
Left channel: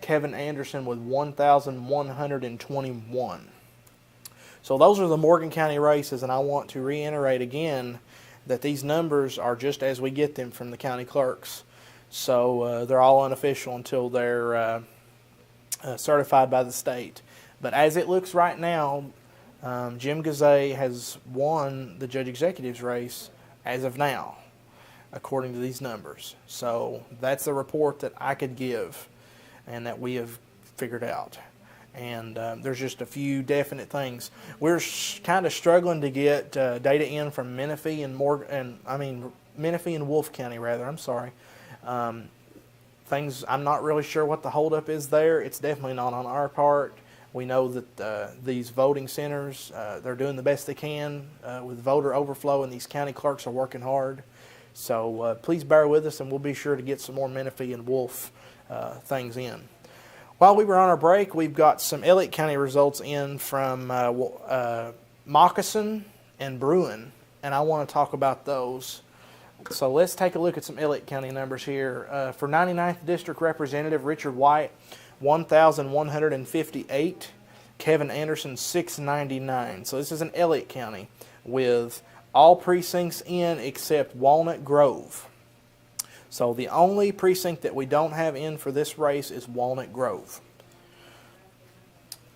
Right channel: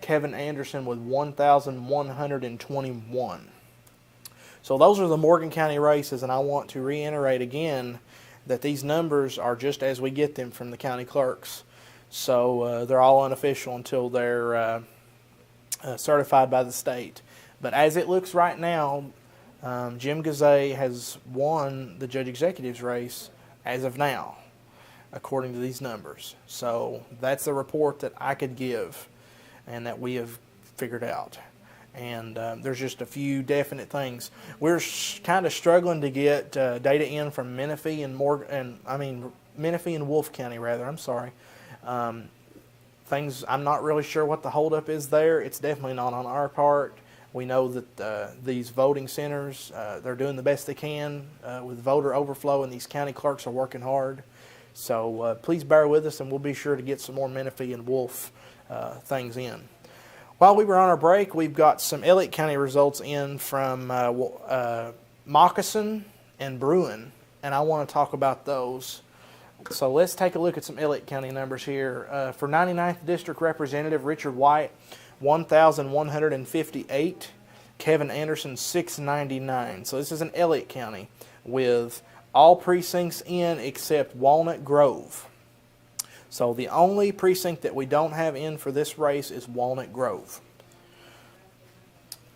Kevin Anderson with 1,121. So those are the Morgan County races, and I want to reiterate again that these numbers are just as we get them from the county clerks. So they're all unofficial until they're certified by the state. But as it looks right now, Jim Gazay has won the Judge Executive's race as of now, according to these numbers. So that's the report that I could give and that we have figured out. And there's just a few definite things. We're kind of struggling to get data in from Menifee and Menifee and Wolfe County, rather. I'm sorry. I'm not really sure what the holdup is there. It's definitely not on our part. We know that these voting centers, they're doing the best they can with voter overflow, and these county clerks are working hard. So please bear with us, and we'll be sure to get some more Menifee and Wolfe things in. While we were on our break, we've got some Elliott County results in from Moccasin and Bruin, and I want to talk about those. So let's take a look at some Elliott County numbers here. For 99th District Representative Richard White, 1,158. Kevin Anderson, 699. So this is in Elliott County with all precincts in except Walnut Grove. So the only precinct that we don't have in for this race is Walnut Grove.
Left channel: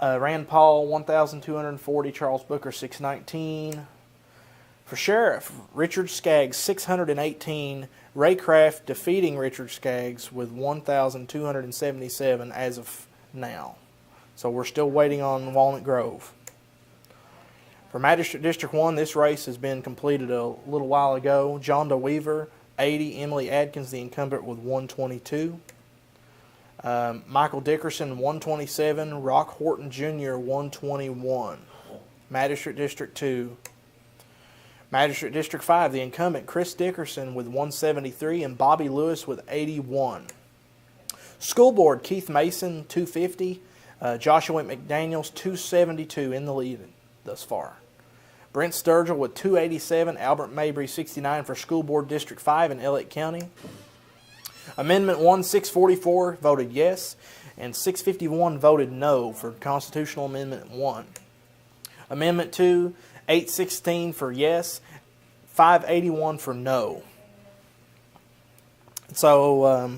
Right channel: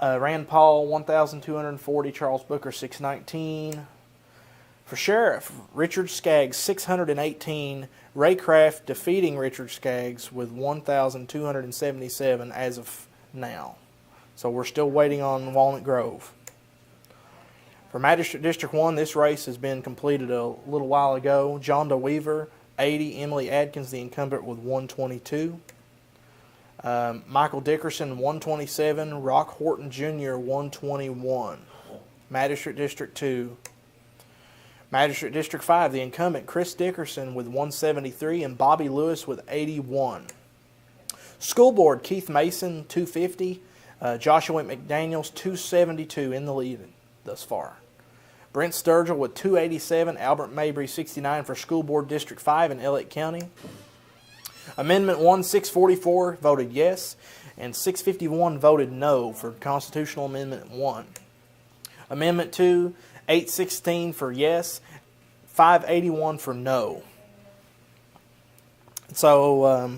Rand Paul, 1,240. Charles Booker, 619. For sheriff, Richard Skaggs, 618. Ray Craft defeating Richard Skaggs with 1,277 as of now. So we're still waiting on Walnut Grove. For Magistrate District 1, this race has been completed a little while ago. John DeWeaver, 80. Emily Adkins, the incumbent, with 122. Michael Dickerson, 127. Rock Horton Jr., 121. Magistrate District 2. Magistrate District 5, the incumbent, Chris Dickerson, with 173, and Bobby Lewis with 81. School Board, Keith Mason, 250. Joshua McDaniels, 272 in the lead thus far. Brent Sturgill with 287. Albert Mabry, 69 for School Board District 5 in Elliott County. Amendment 1, 644 voted yes, and 651 voted no for Constitutional Amendment 1. Amendment 2, 816 for yes, 581 for no. So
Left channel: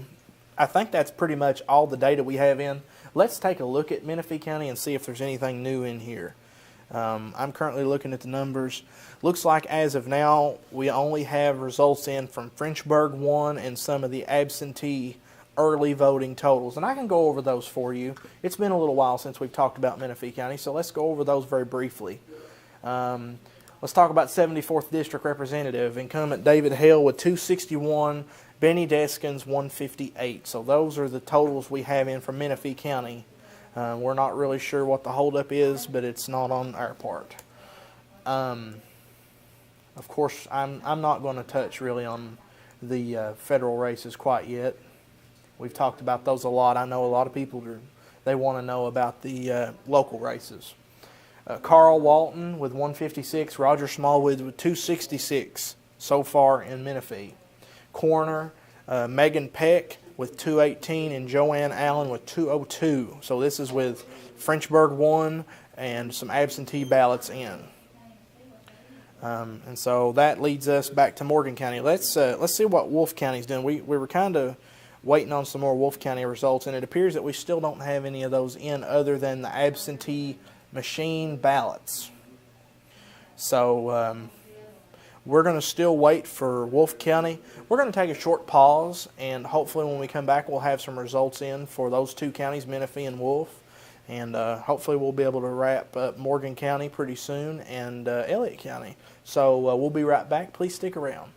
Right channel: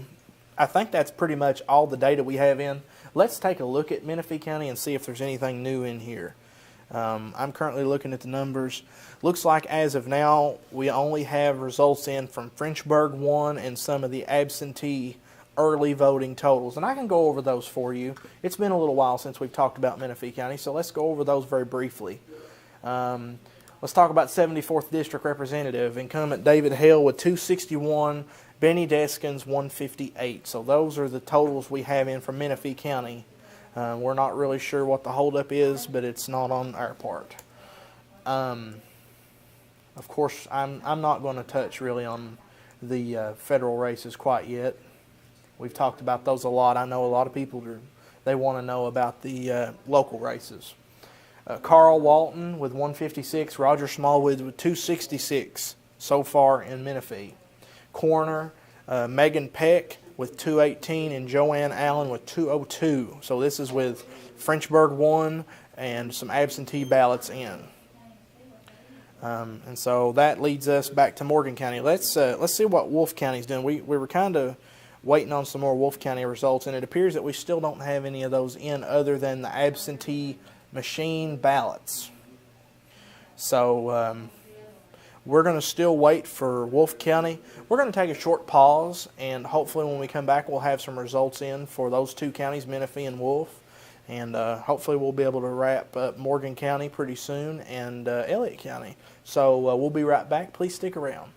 I think that's pretty much all the data we have in. Let's take a look at Menifee County and see if there's anything new in here. I'm currently looking at the numbers. Looks like as of now we only have results in from Frenchburg 1 and some of the absentee early voting totals. And I can go over those for you. It's been a little while since we've talked about Menifee County, so let's go over those very briefly. Let's talk about 74th District Representative. Incumbent David Hale with 261, Benny Deskins 158. So those are the totals we have in from Menifee County. We're not really sure what the holdup is, but it's not on our part. Of course, I'm not going to touch really on the federal races quite yet. We've talked about those a lot. I know a lot of people they want to know about the local races. Carl Walton with 156, Roger Smallwood with 266 so far in Menifee. Coroner Megan Peck with 218 and Joanne Allen with 202. So this is with Frenchburg 1 and some absentee ballots in. And so that leads us back to Morgan County. Let's see what Wolfe County's doing. We were kind of waiting on some more Wolfe County results, and it appears that we still don't have any of those in other than the absentee machine ballots. So we're going to still wait for Wolfe County. We're going to take a short pause, and hopefully when we come back we'll have some results in for those two counties, Menifee and Wolfe. And hopefully we'll be able to wrap up Morgan County pretty soon and Elliott County. So we'll be right back. Please stick around.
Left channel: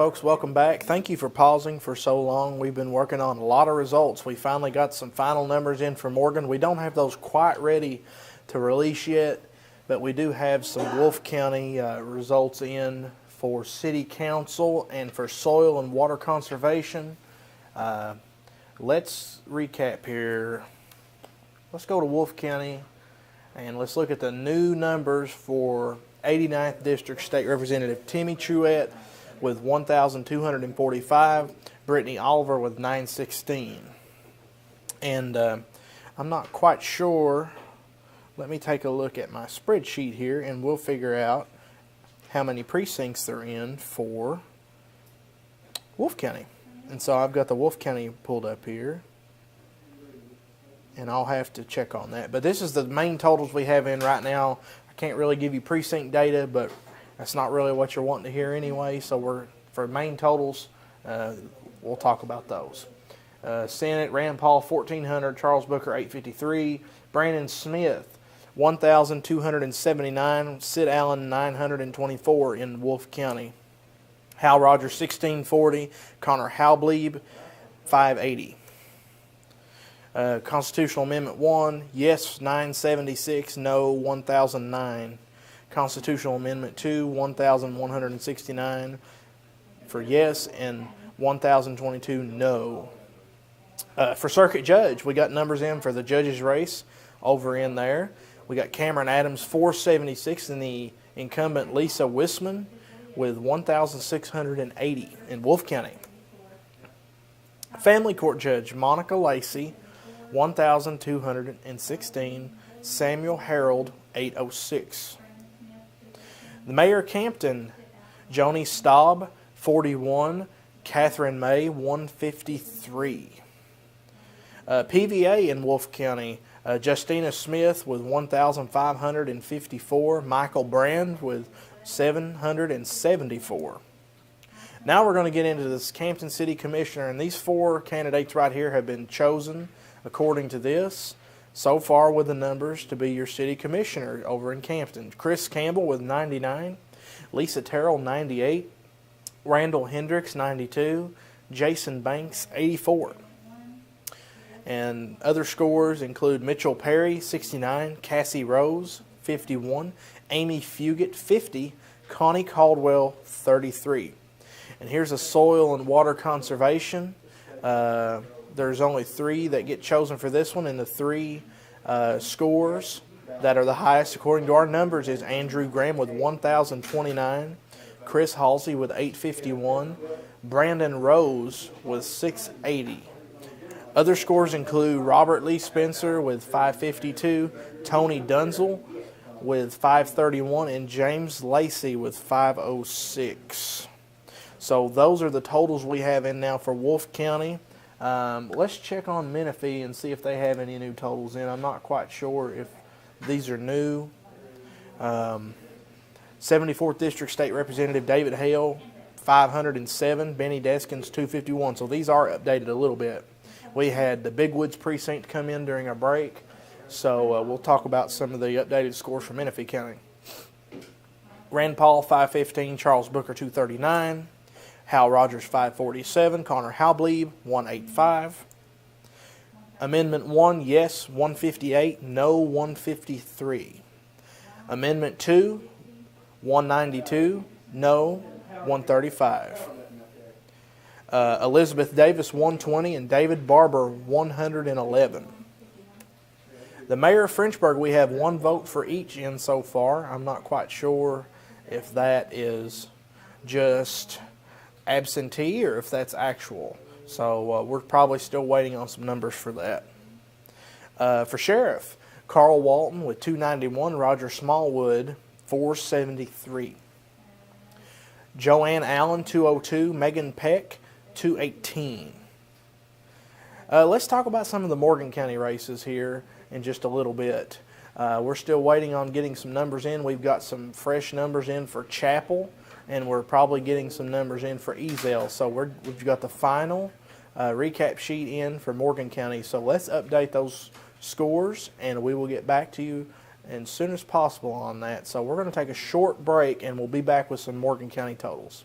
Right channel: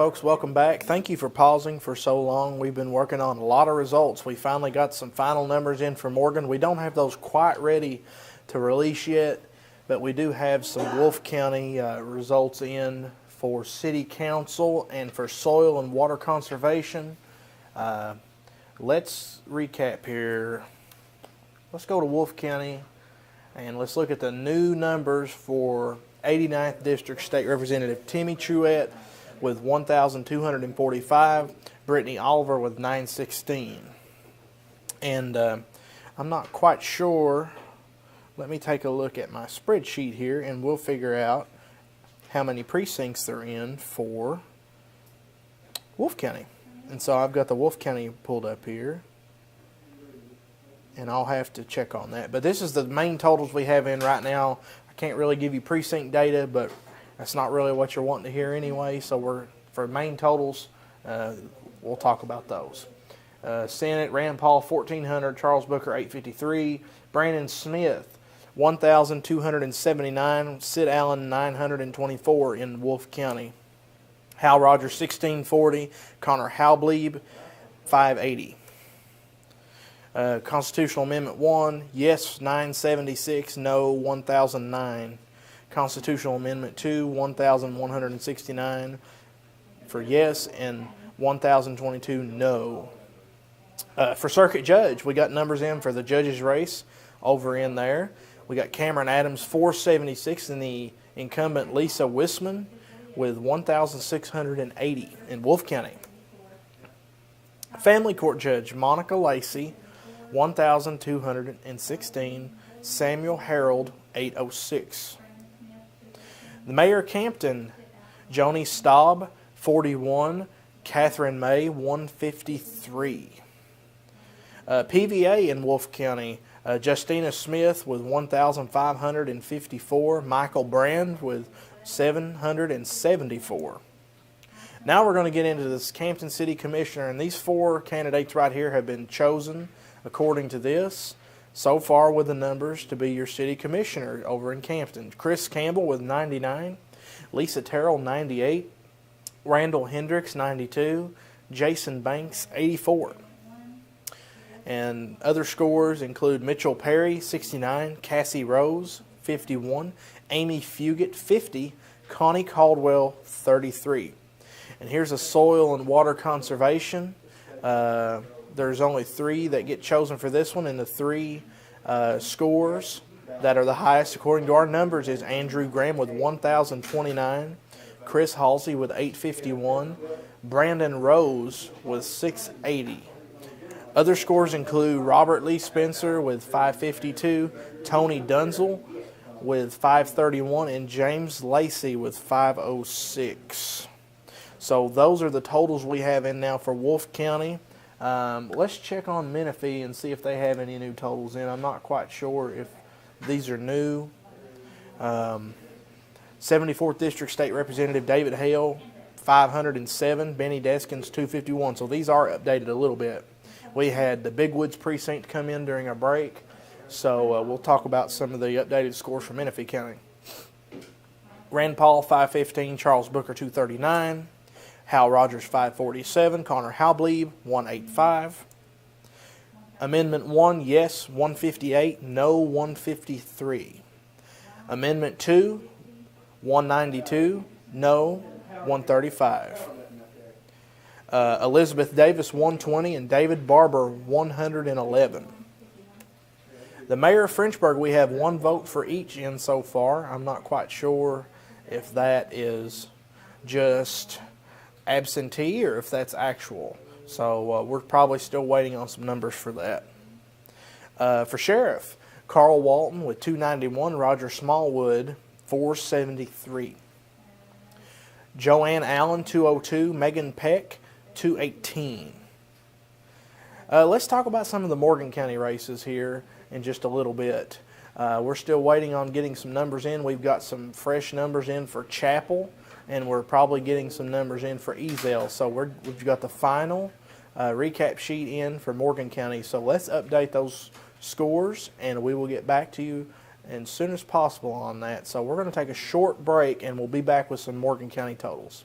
folks, welcome back. Thank you for pausing for so long. We've been working on a lot of results. We finally got some final numbers in for Morgan. We don't have those quite ready to release yet, but we do have some Wolfe County results in for City Council and for soil and water conservation. Let's recap here. Let's go to Wolfe County and let's look at the new numbers for 89th District State Representative Timmy Truett with 1,245, Brittany Oliver with 916. And I'm not quite sure. Let me take a look at my spreadsheet here and we'll figure out how many precincts they're in for Wolfe County. And so I've got the Wolfe County pulled up here, and I'll have to check on that. But this is the main totals we have in right now. I can't really give you precinct data, but that's not really what you're wanting to hear anyway. So for main totals, we'll talk about those. Senate, Rand Paul 1,400, Charles Booker 853, Brandon Smith 1,279, Sid Allen 924 in Wolfe County. Hal Rogers 1640, Connor Halblieb 580. Constitutional Amendment 1, yes 976, no 1,009. Constitutional Amendment 2, 1,169 for yes and 1,022 no. For Circuit Judge, we got numbers in for the judge's race over in there. We got Cameron Adams 476 and the incumbent Lisa Wisman with 1,680 in Wolfe County. Family Court Judge Monica Lacey 1,216, Samuel Harold 806. The Mayor Campton, Joni Staub 41, Catherine May 153. PVA in Wolfe County, Justina Smith with 1,554, Michael Brand with 774. Now we're going to get into this Campton City Commissioner, and these four candidates right here have been chosen according to this so far with the numbers to be your city commissioner over in Campton. Chris Campbell with 99, Lisa Terrell 98, Randall Hendricks 92, Jason Banks 84. And other scores include Mitchell Perry 69, Cassie Rose 51, Amy Fugit 50, Connie Caldwell 33. And here's a soil and water conservation. There's only 3 that get chosen for this one, and the 3 scores that are the highest according to our numbers is Andrew Graham with 1,029, Chris Halsey with 851, Brandon Rose with 680. Other scores include Robert Lee Spencer with 552, Tony Dunzel with 531, and James Lacey with 506. So those are the totals we have in now for Wolfe County. Let's check on Menifee and see if they have any new totals in. I'm not quite sure if these are new. 74th District State Representative David Hale, 507. Benny Deskins, 251. So these are updated a little bit. We had the Big Woods precinct come in during our break, so we'll talk about some of the updated scores for Menifee County. Rand Paul, 515. Charles Booker, 239. Hal Rogers 547, Connor Halblieb 185. Amendment 1, yes 158, no 153. Amendment 2, 192, no 135. Elizabeth Davis 120 and David Barber 111. The mayor of Frenchburg, we have 1 vote for each in so far. I'm not quite sure if that is just absentee or if that's actual. So we're probably still waiting on some numbers for that. For sheriff, Carl Walton with 291, Roger Smallwood 473. Joanne Allen 202, Megan Peck 218. Let's talk about some of the Morgan County races here in just a little bit. We're still waiting on getting some numbers in. We've got some fresh numbers in for Chapel, and we're probably getting some numbers in for Ezell. So we've got the final recap sheet in for Morgan County. So let's update those scores, and we will get back to you as soon as possible on that. So we're going to take a short break, and we'll be back with some Morgan County totals.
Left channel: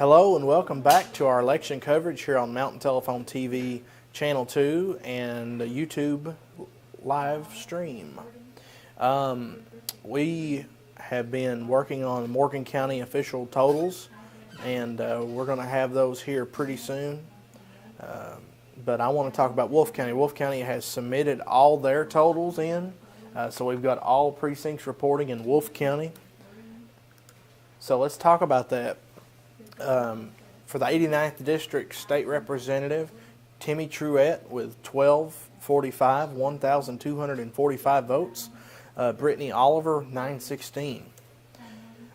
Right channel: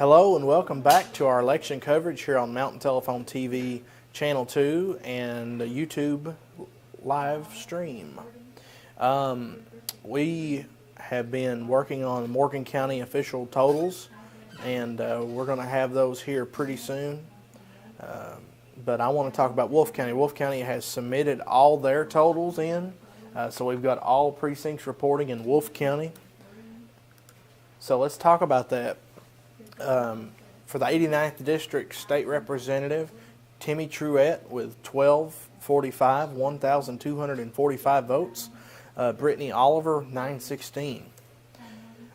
Hello and welcome back to our election coverage here on Mountain Telephone TV Channel 2 and YouTube live stream. We have been working on Morgan County official totals, and we're going to have those here pretty soon. But I want to talk about Wolfe County. Wolfe County has submitted all their totals in, so we've got all precincts reporting in Wolfe County. So let's talk about that. For the 89th District State Representative, Timmy Truett with 1245, 1,245 votes. Brittany Oliver, 916.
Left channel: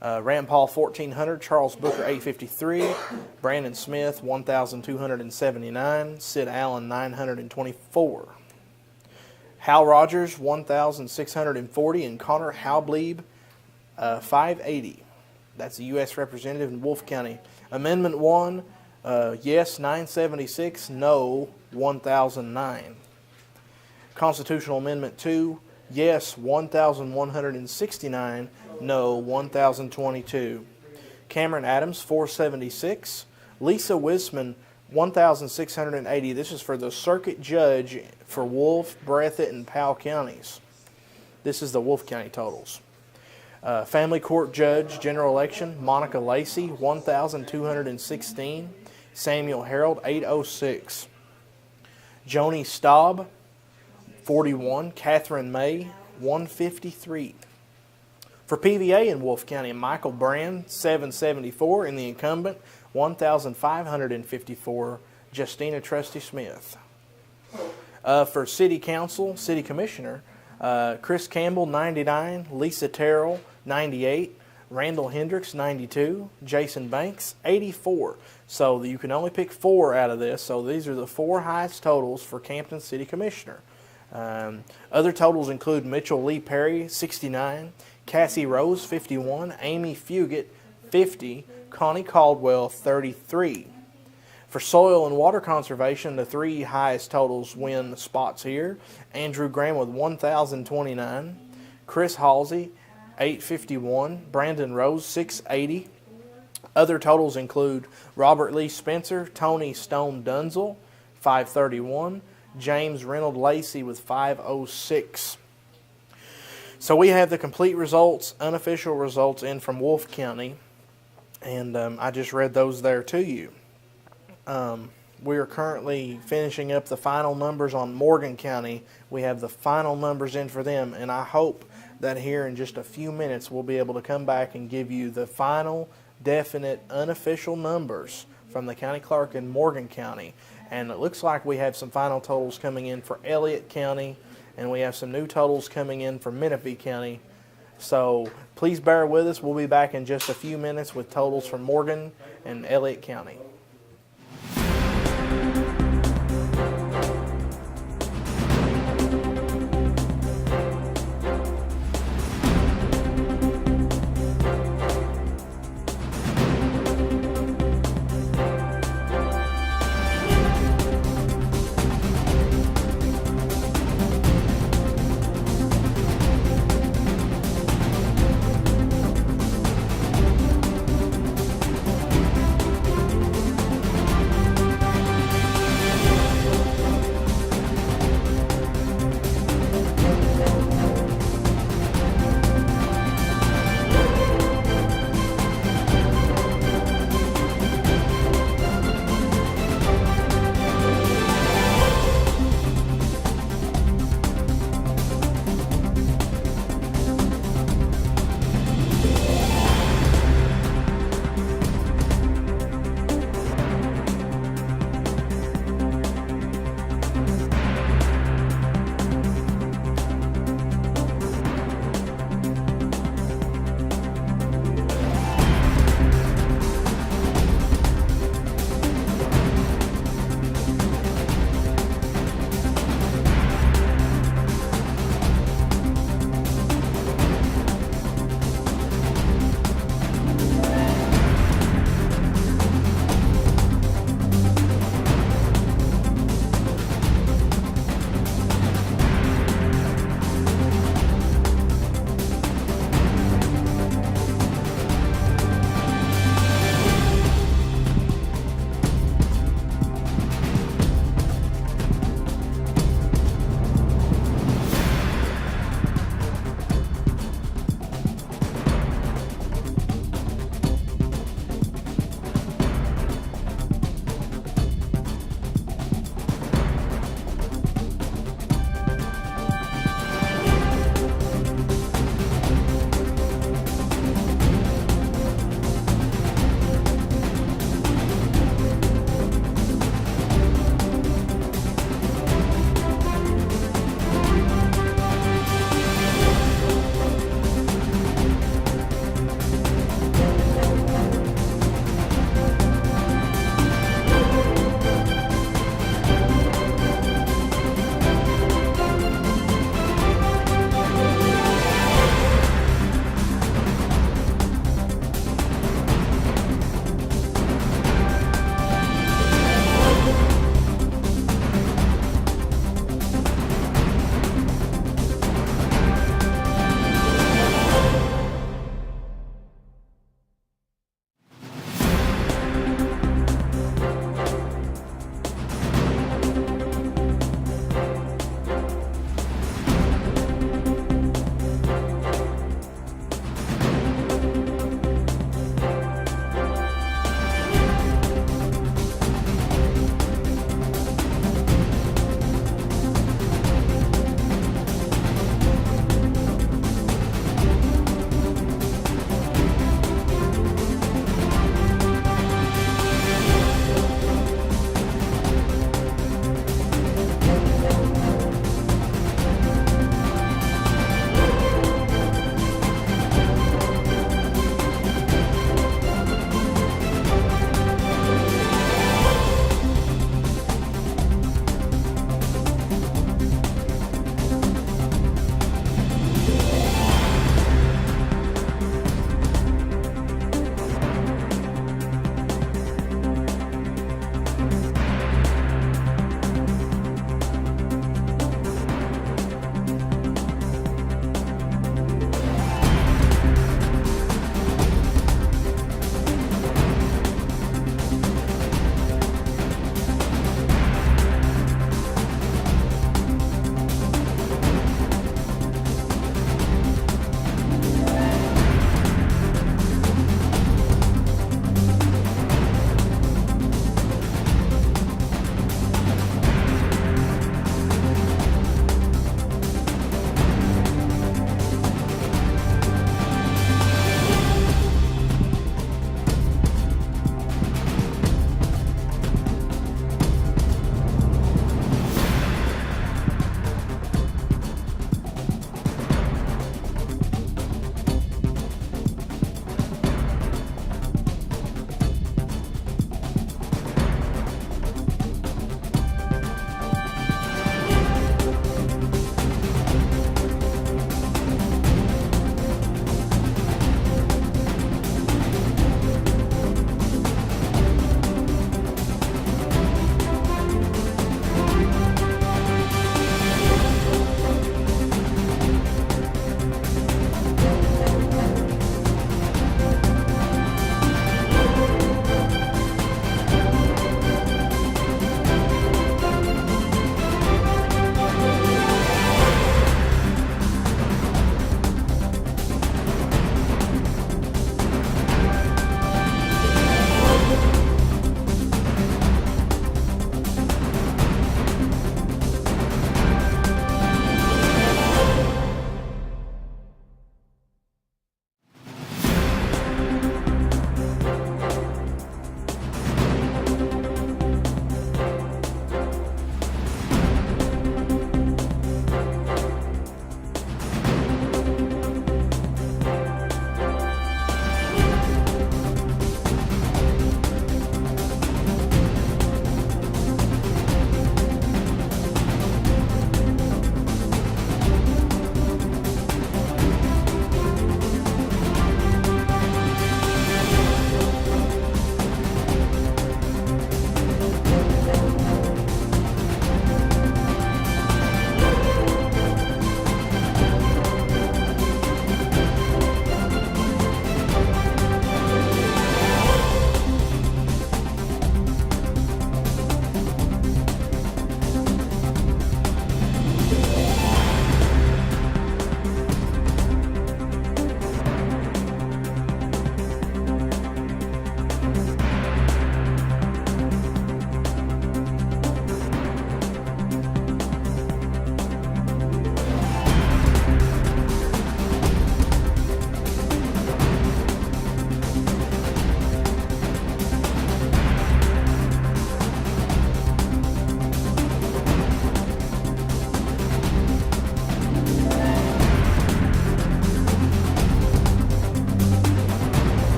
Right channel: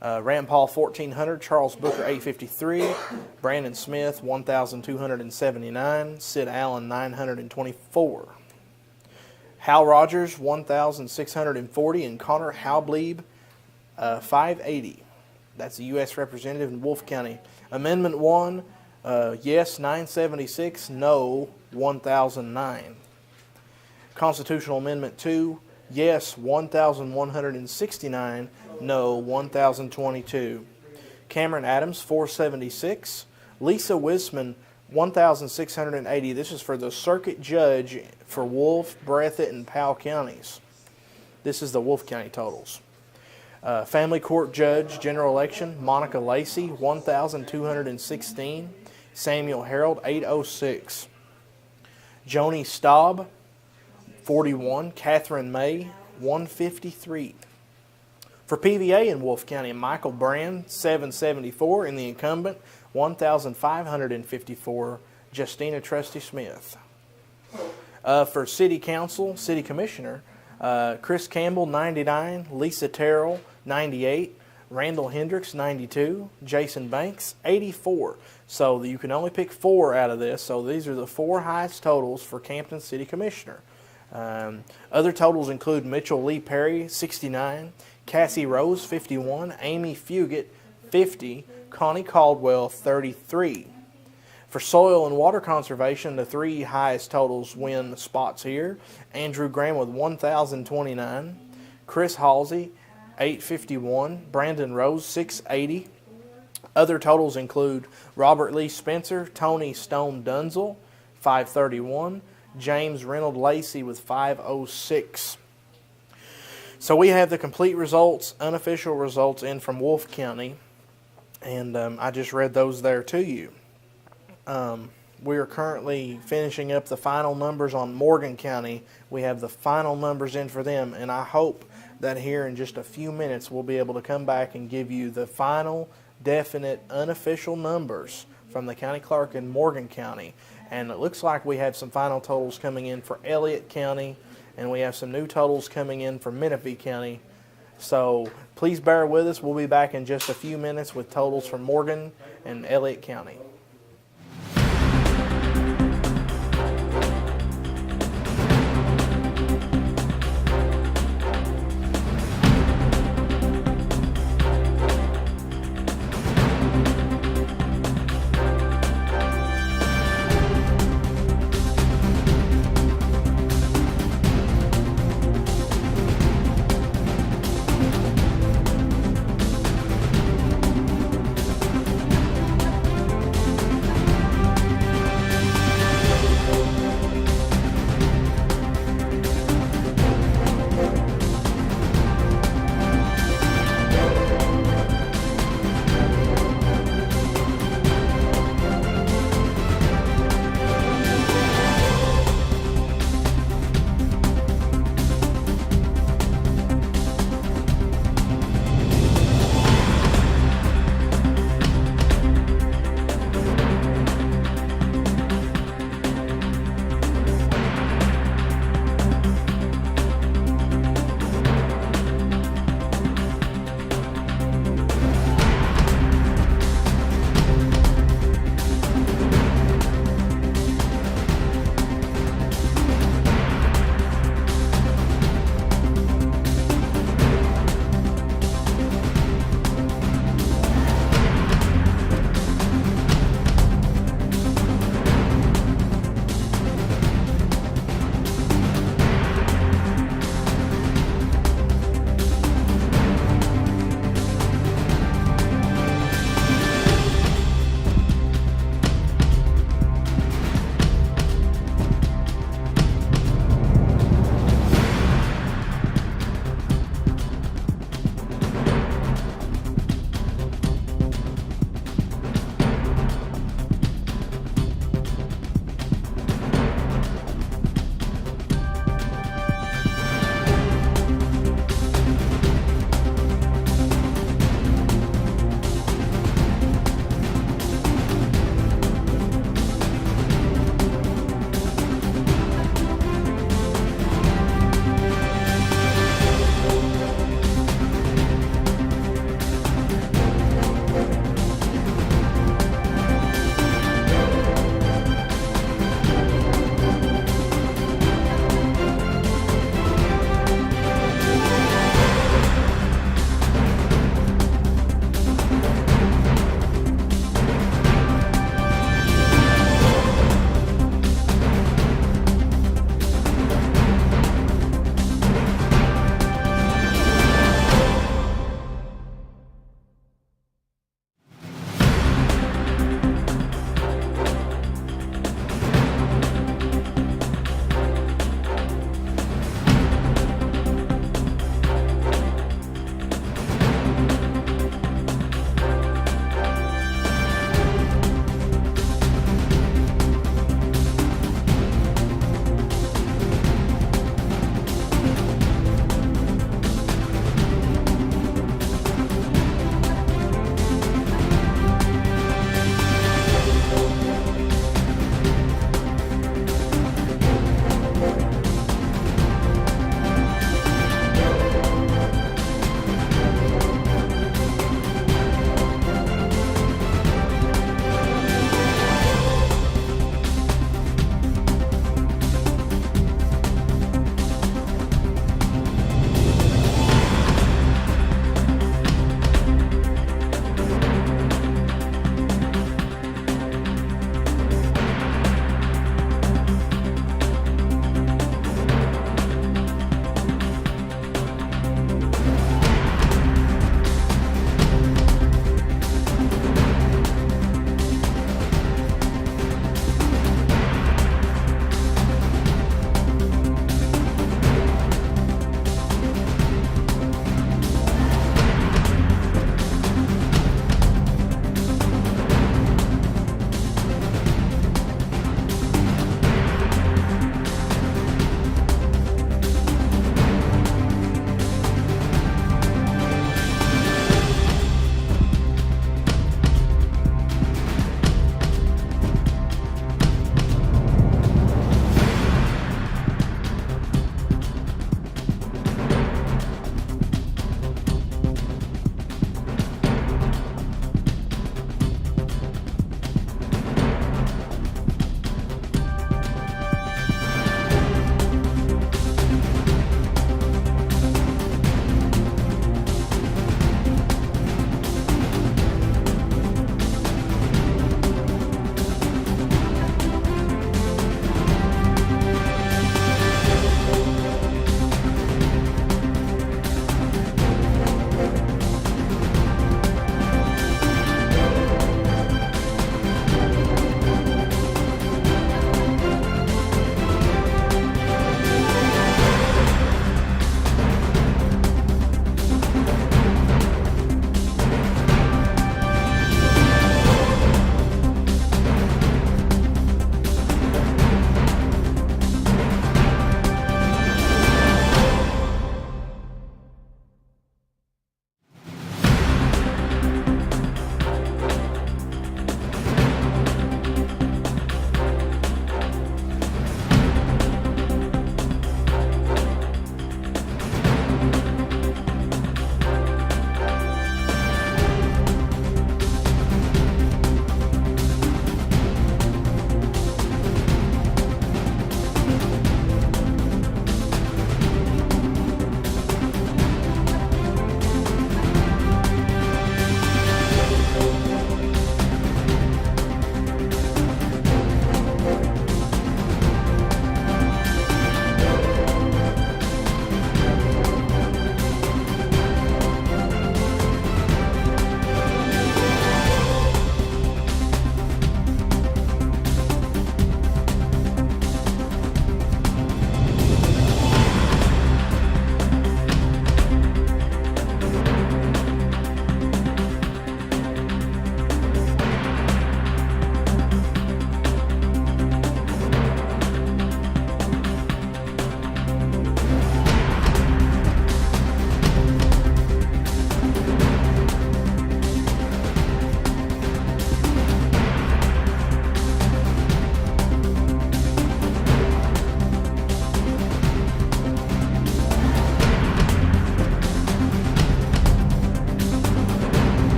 Rand Paul, 1,400. Charles Booker, 853. Brandon Smith, 1,279. Sid Allen, 924. Hal Rogers, 1,640. And Connor Halblieb, 580. That's a U.S. Representative in Wolfe County. Amendment 1, yes, 976, no, 1,009. Constitutional Amendment 2, yes, 1,169, no, 1,022. Cameron Adams, 476. Lisa Wisman, 1,680. This is for the circuit judge for Wolfe, Breathitt, and Powell counties. This is the Wolfe County totals. Family Court Judge, General Election, Monica Lacey, 1,216. Samuel Harold, 806. Joni Staub, 41. Catherine May, 153. For PVA in Wolfe County, Michael Brand, 774. And the incumbent, 1,554. Justina Trusty Smith. For City Council, City Commissioner, Chris Campbell, 99. Lisa Terrell, 98. Randall Hendricks, 92. Jason Banks, 84. So you can only pick 4 out of this. So these are the 4 highest totals for Campton City Commissioner. Other totals include Mitchell Lee Perry, 69. Cassie Rose, 51. Amy Fugit, 50. Connie Caldwell, 33. For soil and water conservation, the 3 highest totals win spots here. Andrew Graham with 1,029. Chris Halsey, 851. Brandon Rose, 680. Other totals include Robert Lee Spencer, Tony Stone Dunzel, 531. James Reynolds Lacey with 506. So we have the complete results, unofficial results in from Wolfe County, and I just read those there to you. We are currently finishing up the final numbers on Morgan County. We have the final numbers in for them, and I hope that here in just a few minutes we'll be able to come back and give you the final, definite, unofficial numbers from the county clerk in Morgan County. And it looks like we have some final totals coming in for Elliott County, and we have some new totals coming in for Menifee County. So please bear with us. We'll be back in just a few minutes with totals from Morgan and Elliott County.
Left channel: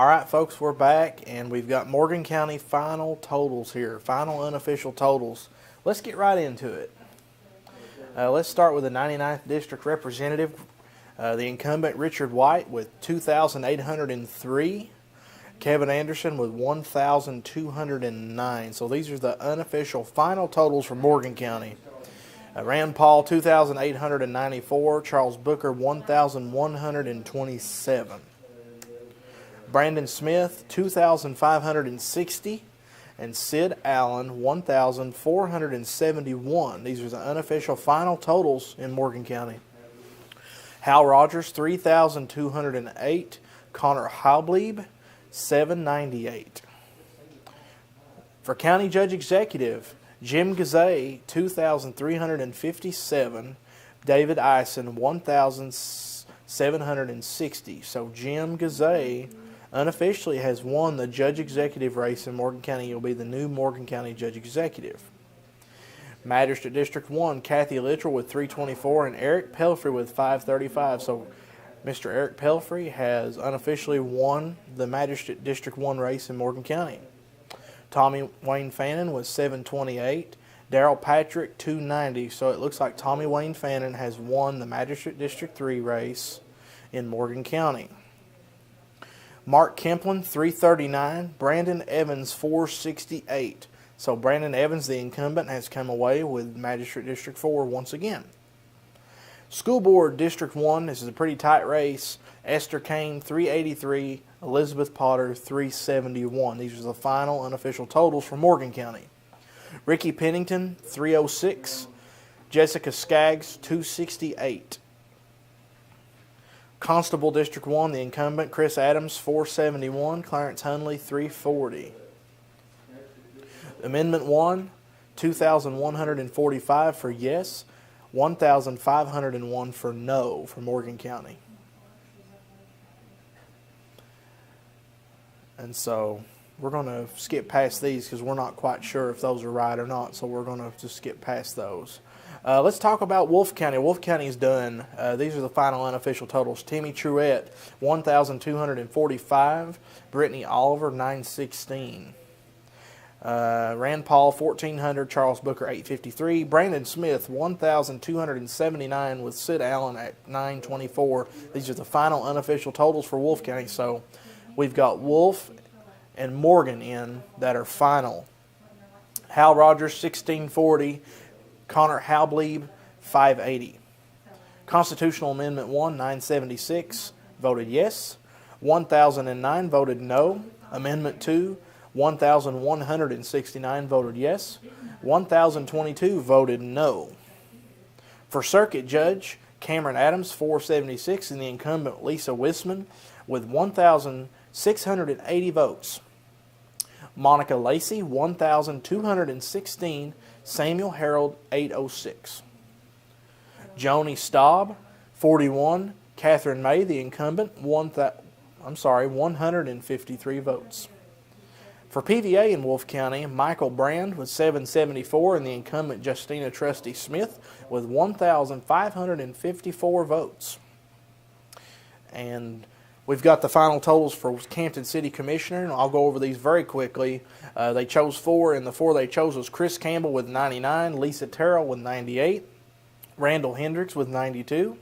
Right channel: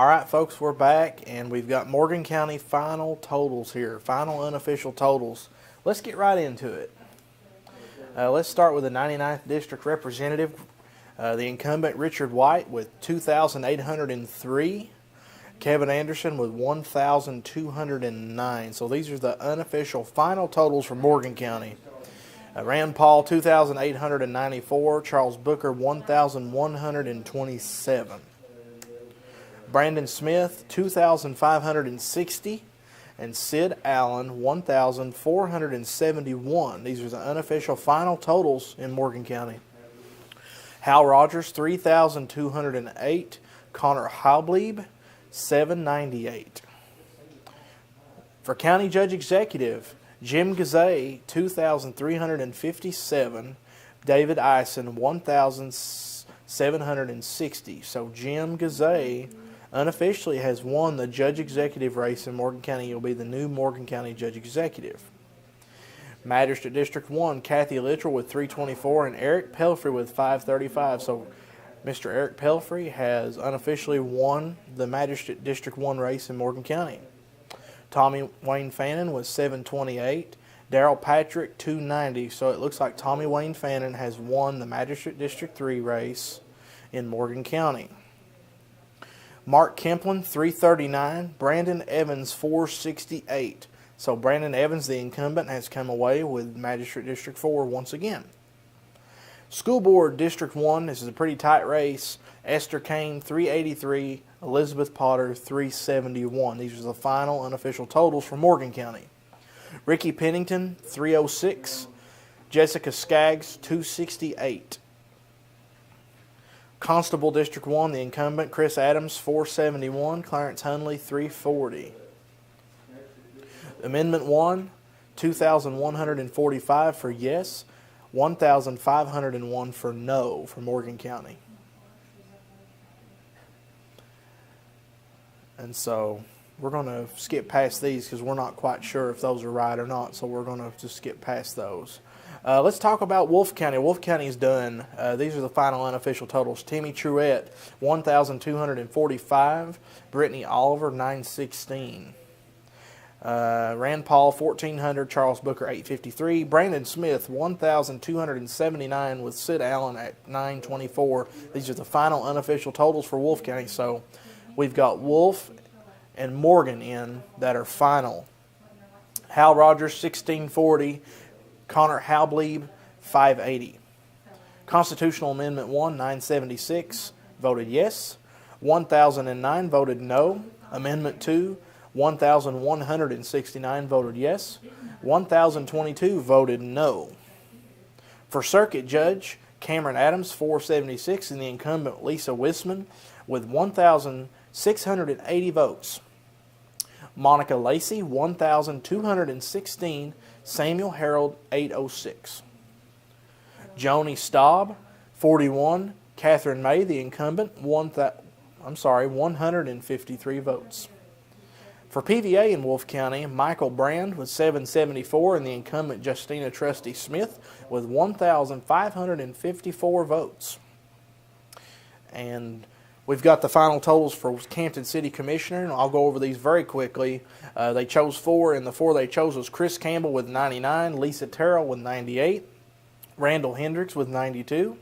All right, folks, we're back, and we've got Morgan County final totals here, final unofficial totals. Let's get right into it. Let's start with the 99th District Representative, the incumbent Richard White with 2,803. Kevin Anderson with 1,209. So these are the unofficial final totals for Morgan County. Rand Paul, 2,894. Charles Booker, 1,127. Brandon Smith, 2,560. And Sid Allen, 1,471. These are the unofficial final totals in Morgan County. Hal Rogers, 3,208. Connor Halblieb, 798. For County Judge Executive, Jim Gazay, 2,357. David Eisen, 1,760. So Jim Gazay unofficially has won the Judge Executive race in Morgan County. He'll be the new Morgan County Judge Executive. Magistrate District 1, Kathy Littrell with 324 and Eric Pelfrey with 535. So Mr. Eric Pelfrey has unofficially won the Magistrate District 1 race in Morgan County. Tommy Wayne Fannin was 728. Darrell Patrick, 290. So it looks like Tommy Wayne Fannin has won the Magistrate District 3 race in Morgan County. Mark Kemplin, 339. Brandon Evans, 468. So Brandon Evans, the incumbent, has come away with Magistrate District 4 once again. School Board District 1, this is a pretty tight race. Esther Kane, 383. Elizabeth Potter, 371. These are the final unofficial totals for Morgan County. Ricky Pennington, 306. Jessica Skaggs, 268. Constable District 1, the incumbent, Chris Adams, 471. Clarence Hunley, 340. Amendment 1, 2,145 for yes, 1,501 for no for Morgan County. And so we're going to skip past these because we're not quite sure if those are right or not, so we're going to just skip past those. Let's talk about Wolfe County. Wolfe County is done. These are the final unofficial totals. Timmy Truett, 1,245. Brittany Oliver, 916. Rand Paul, 1,400. Charles Booker, 853. Brandon Smith, 1,279 with Sid Allen at 924. These are the final unofficial totals for Wolfe County. So we've got Wolfe and Morgan in that are final. Hal Rogers, 1,640. Connor Halblieb, 580. Constitutional Amendment 1, 976, voted yes. 1,009 voted no. Amendment 2, 1,169 voted yes. 1,022 voted no. For Circuit Judge, Cameron Adams, 476, and the incumbent Lisa Wisman with 1,680 votes. Monica Lacey, 1,216. Samuel Harold, 806. Joni Staub, 41. Catherine May, the incumbent, 153 votes. For PVA in Wolfe County, Michael Brand with 774 and the incumbent Justina Trusty Smith with 1,554 votes. And we've got the final totals for Campton City Commissioner, and I'll go over these very quickly. They chose 4, and the 4 they chose was Chris Campbell with 99, Lisa Terrell with 98, Randall Hendricks with 92,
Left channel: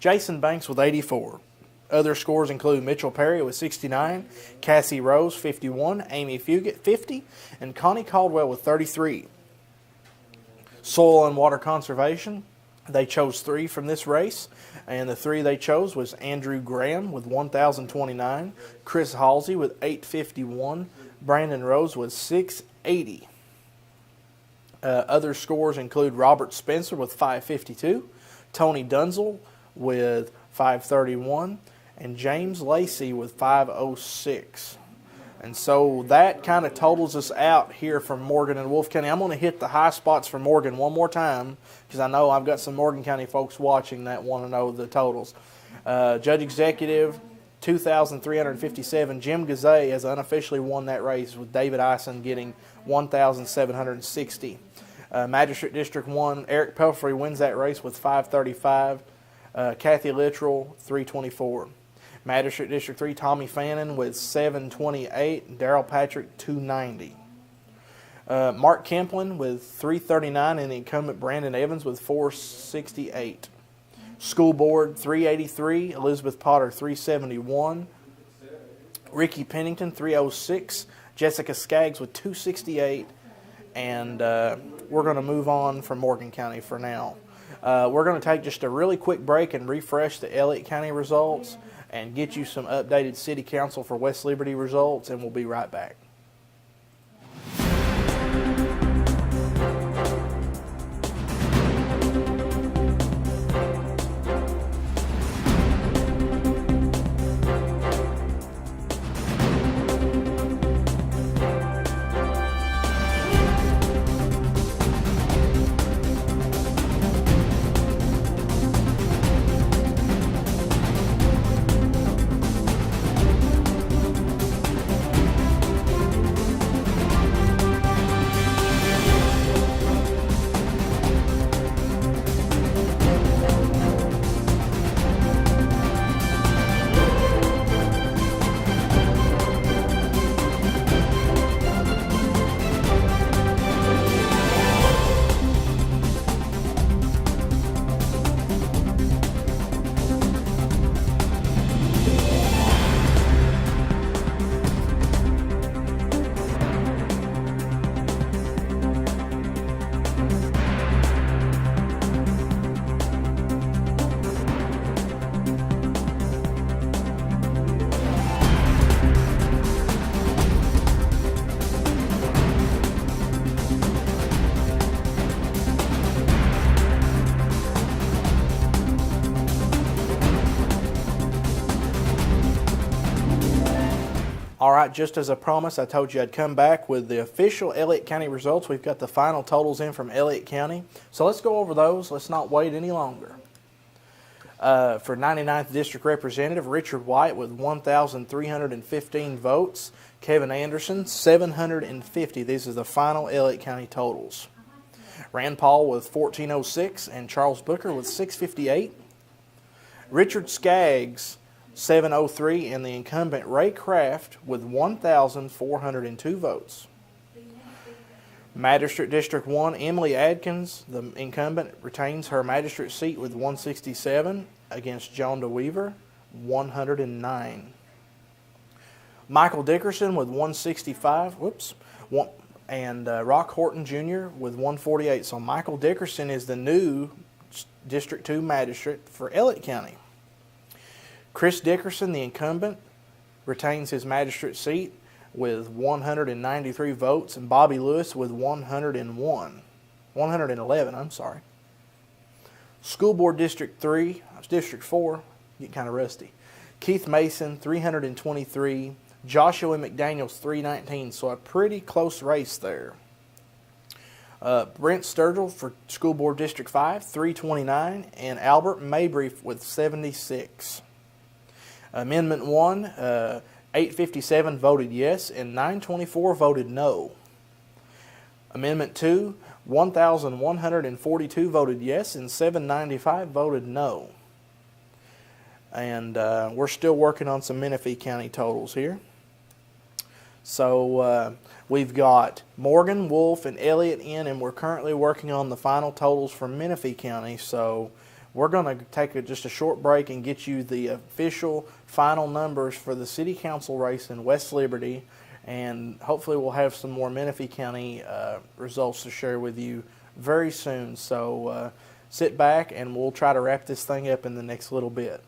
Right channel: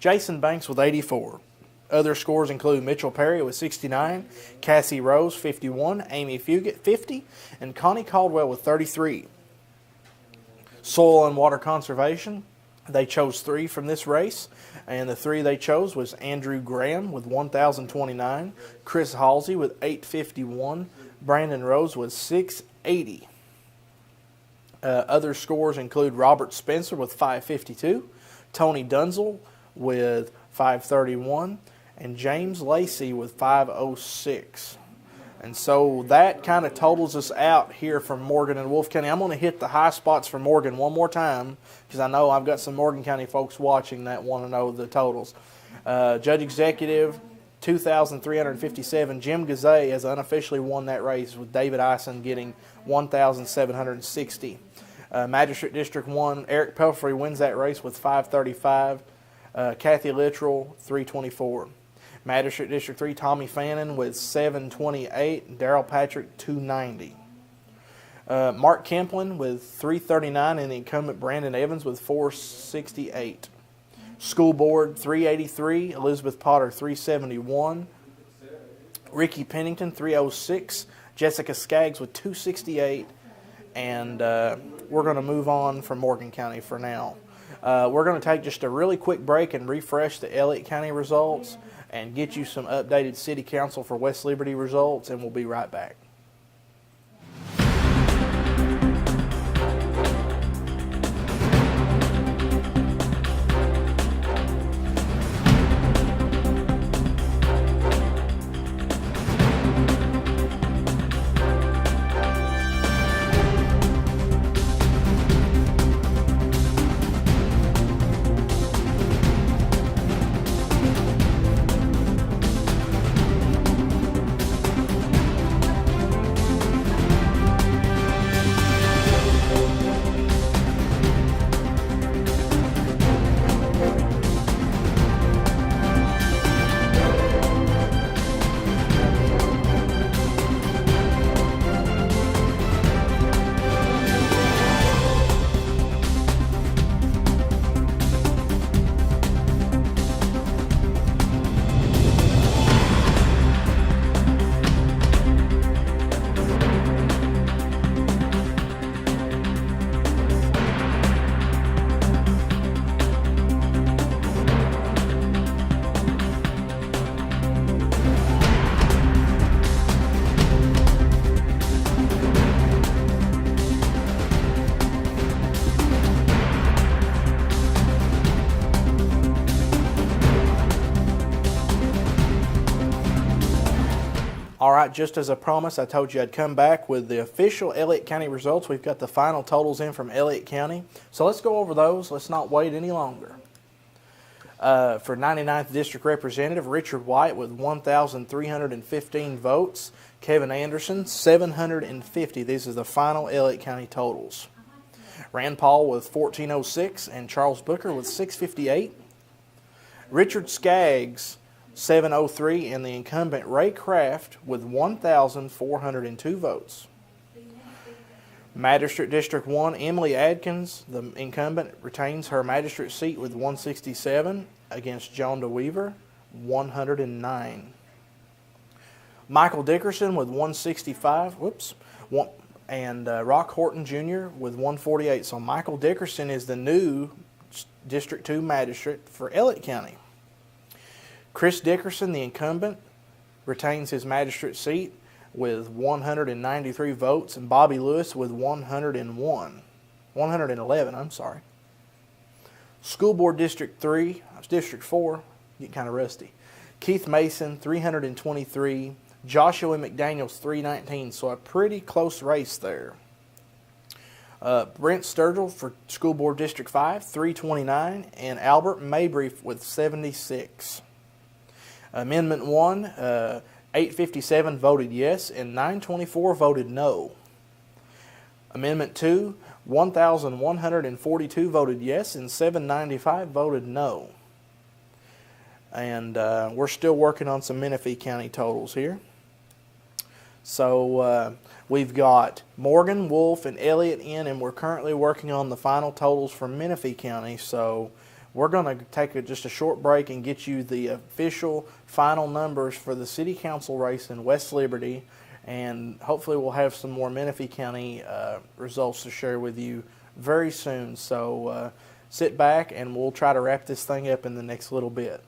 Jason Banks with 84. Other scores include Mitchell Perry with 69, Cassie Rose 51, Amy Fugit 50, and Connie Caldwell with 33. Soil and Water Conservation, they chose 3 from this race, and the 3 they chose was Andrew Graham with 1,029, Chris Halsey with 851, Brandon Rose with 680. Other scores include Robert Spencer with 552, Tony Dunzel with 531, and James Lacey with 506. And so that kind of totals us out here from Morgan and Wolfe County. I'm going to hit the high spots for Morgan one more time because I know I've got some Morgan County folks watching that want to know the totals. Judge Executive, 2,357. Jim Gazay has unofficially won that race with David Eisen getting 1,760. Magistrate District 1, Eric Pelfrey wins that race with 535. Kathy Littrell, 324. Magistrate District 3, Tommy Fannin with 728, Daryl Patrick 290. Mark Kemplin with 339 and the incumbent Brandon Evans with 468. School Board 383, Elizabeth Potter 371. Ricky Pennington 306, Jessica Skaggs with 268, and we're going to move on from Morgan County for now. We're going to take just a really quick break and refresh the Elliott County results and get you some updated City Council for West Liberty results, and we'll be right back. All right, just as I promised, I told you I'd come back with the official Elliott County results. We've got the final totals in from Elliott County. So let's go over those. Let's not wait any longer. For 99th District Representative, Richard White with 1,315 votes. Kevin Anderson, 750. These are the final Elliott County totals. Rand Paul with 1,406 and Charles Booker with 658. Richard Skaggs, 703, and the incumbent Ray Craft with 1,402 votes. Magistrate District 1, Emily Adkins, the incumbent, retains her magistrate seat with 167 against John DeWeaver, 109. Michael Dickerson with 165, and Rock Horton Jr. with 148. So Michael Dickerson is the new District 2 magistrate for Elliott County. Chris Dickerson, the incumbent, retains his magistrate seat with 193 votes, and Bobby Lewis with 111. School Board District 3, District 4, getting kind of rusty. Keith Mason, 323. Joshua McDaniels, 319. So a pretty close race there. Brent Sturgill for School Board District 5, 329. And Albert Mabry with 76. Amendment 1, 857 voted yes and 924 voted no. Amendment 2, 1,142 voted yes and 795 voted no. And we're still working on some Menifee County totals here. So we've got Morgan, Wolfe, and Elliott in, and we're currently working on the final totals for Menifee County. So we're going to take just a short break and get you the official final numbers for the City Council race in West Liberty, and hopefully we'll have some more Menifee County results to share with you very soon. So sit back and we'll try to wrap this thing up in the next little bit.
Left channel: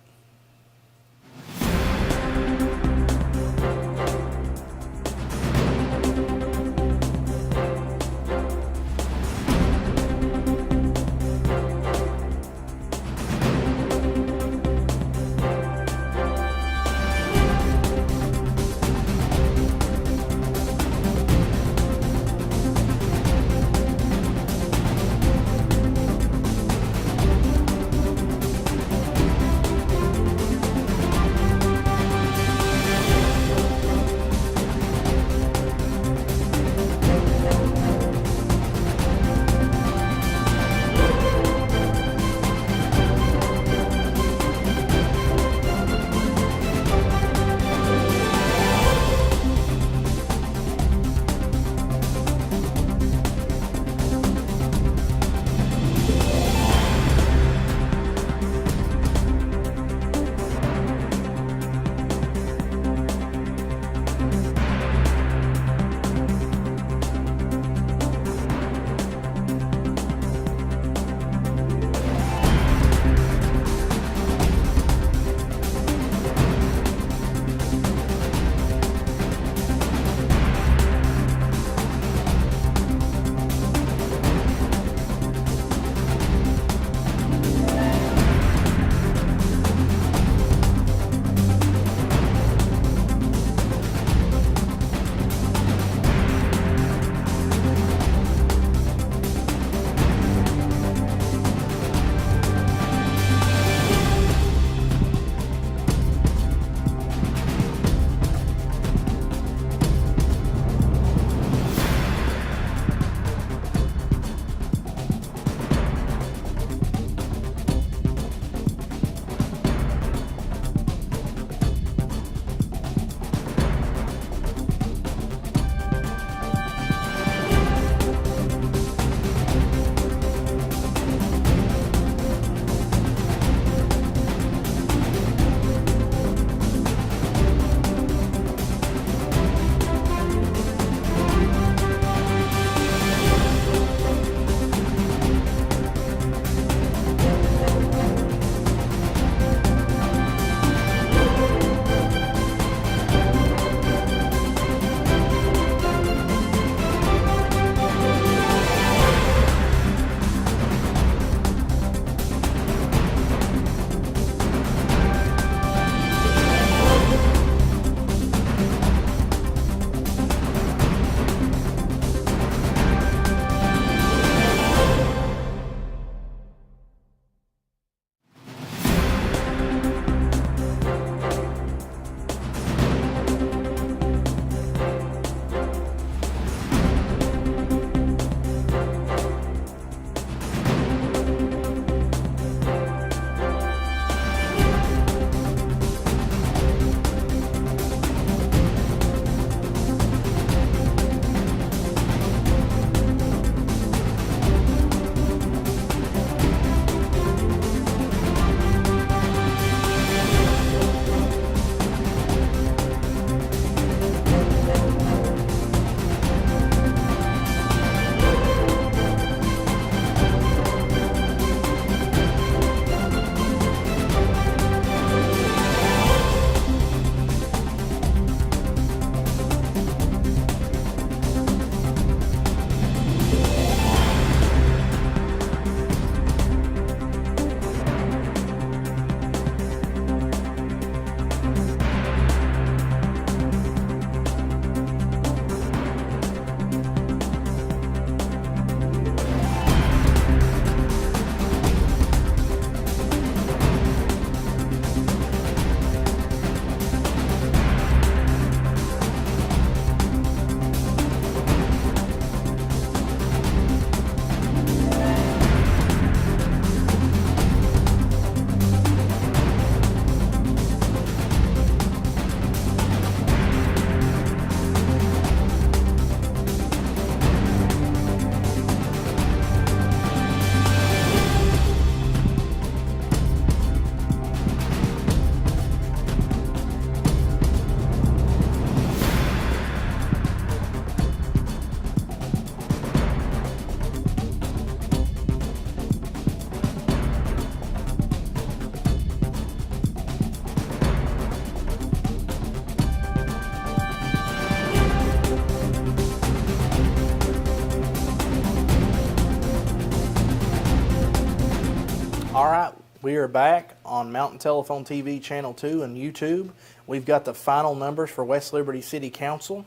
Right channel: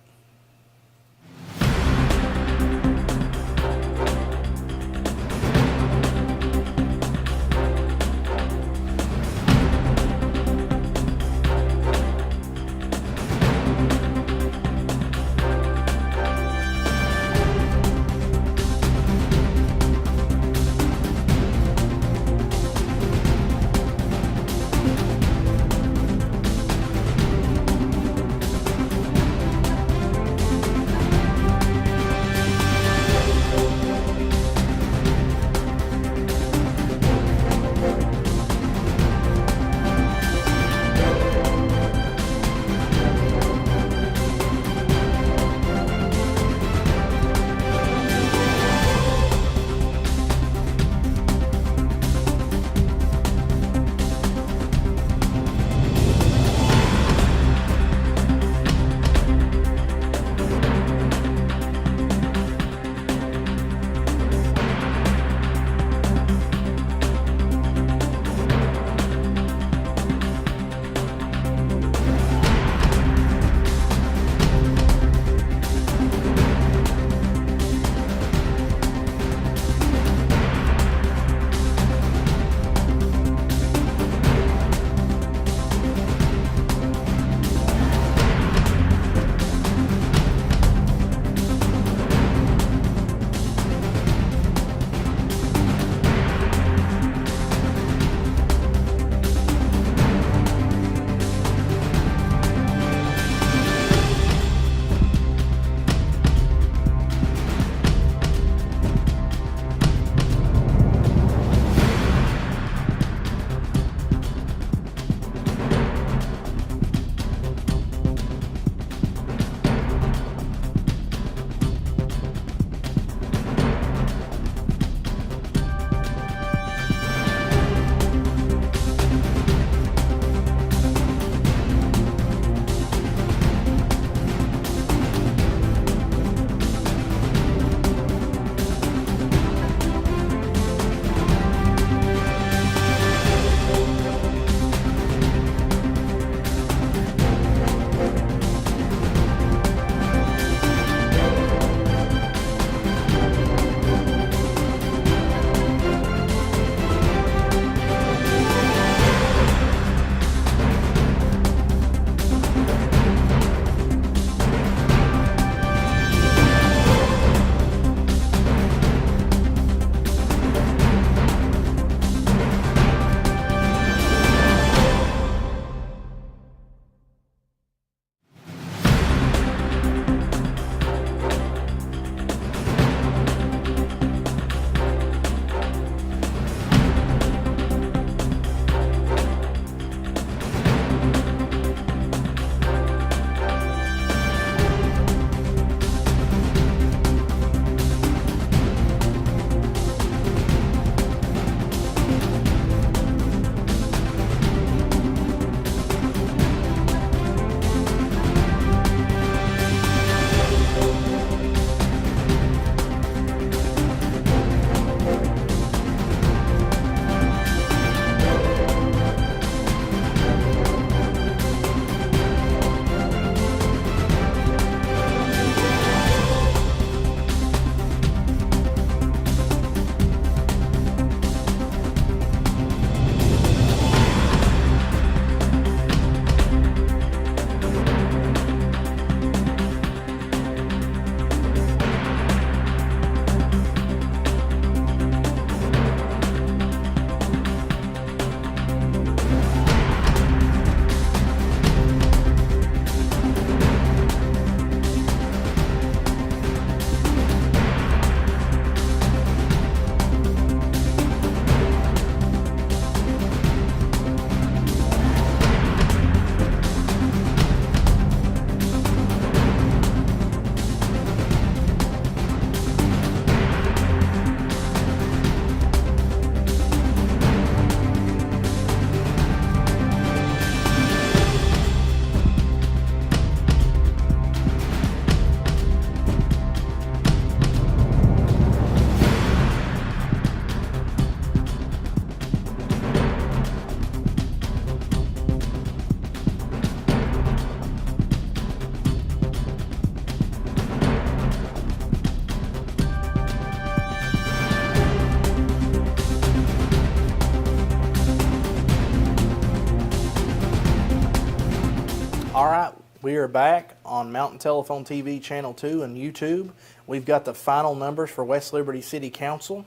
All right, we are back on Mountain Telephone TV Channel 2 and YouTube. We've got the final numbers for West Liberty City Council.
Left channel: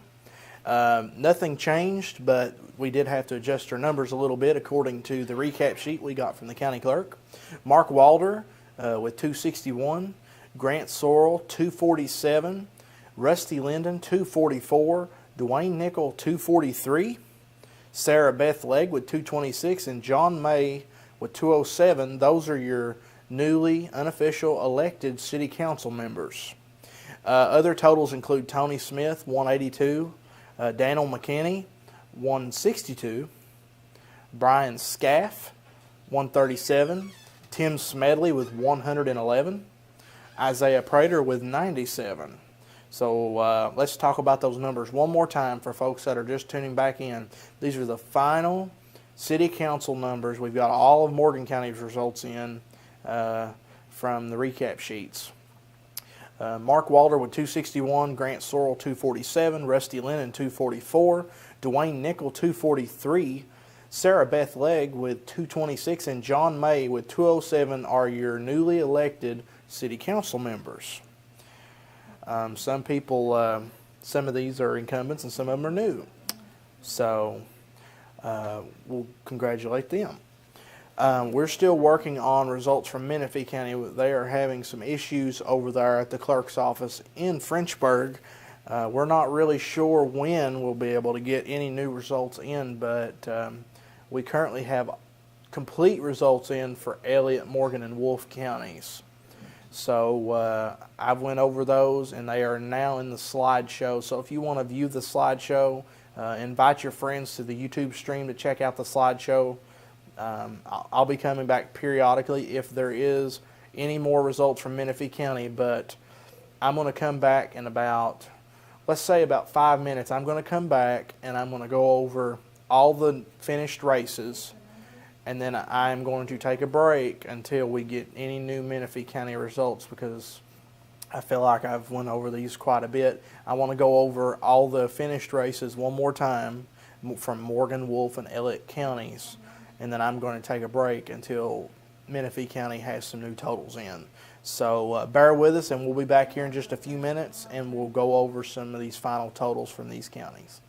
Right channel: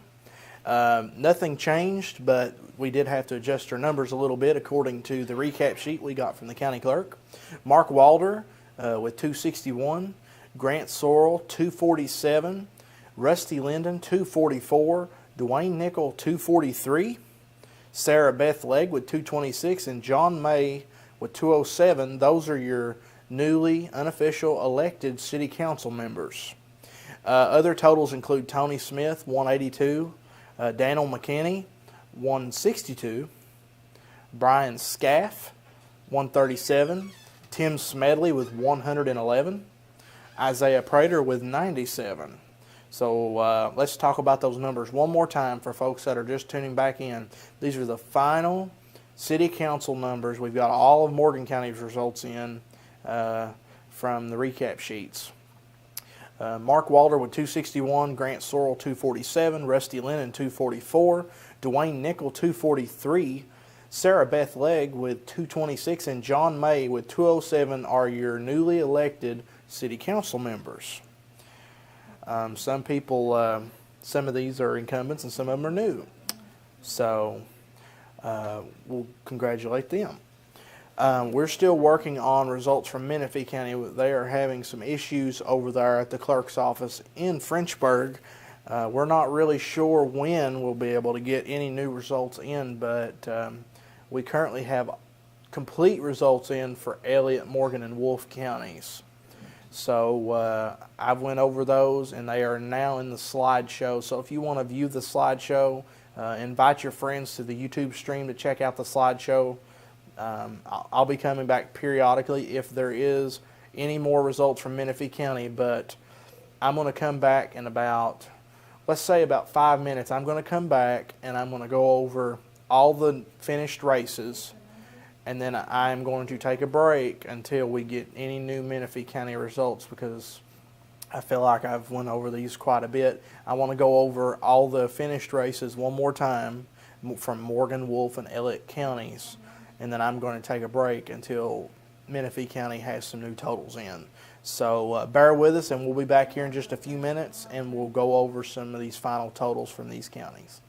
Nothing changed, but we did have to adjust our numbers a little bit according to the recap sheet we got from the county clerk. Mark Walder with 261, Grant Sorrell 247, Rusty Linden 244, Dwayne Nickel 243, Sarah Beth Legg with 226, and John May with 207. Those are your newly unofficial elected city council members. Other totals include Tony Smith 182, Daniel McKinney 162, Brian Scaff 137, Tim Smedley with 111, Isaiah Prater with 97. So let's talk about those numbers one more time for folks that are just tuning back in. These are the final city council numbers. We've got all of Morgan County's results in from the recap sheets. Mark Walder with 261, Grant Sorrell 247, Rusty Linden 244, Dwayne Nickel 243, Sarah Beth Legg with 226, and John May with 207 are your newly elected city council members. Some people, some of these are incumbents and some of them are new. So we'll congratulate them. We're still working on results from Menifee County. They are having some issues over there at the clerk's office in Frenchburg. We're not really sure when we'll be able to get any new results in, but we currently have complete results in for Elliott, Morgan, and Wolfe counties. So I've went over those, and they are now in the slideshow. So if you want to view the slideshow, invite your friends to the YouTube stream to check out the slideshow. I'll be coming back periodically if there is any more results from Menifee County, but I'm going to come back in about, let's say about 5 minutes. I'm going to come back and I'm going to go over all the finished races, and then I'm going to take a break until we get any new Menifee County results, because I feel like I've went over these quite a bit. I want to go over all the finished races one more time from Morgan, Wolfe, and Elliott counties, and then I'm going to take a break until Menifee County has some new totals in. So bear with us, and we'll be back here in just a few minutes, and we'll go over some of these final totals from these counties.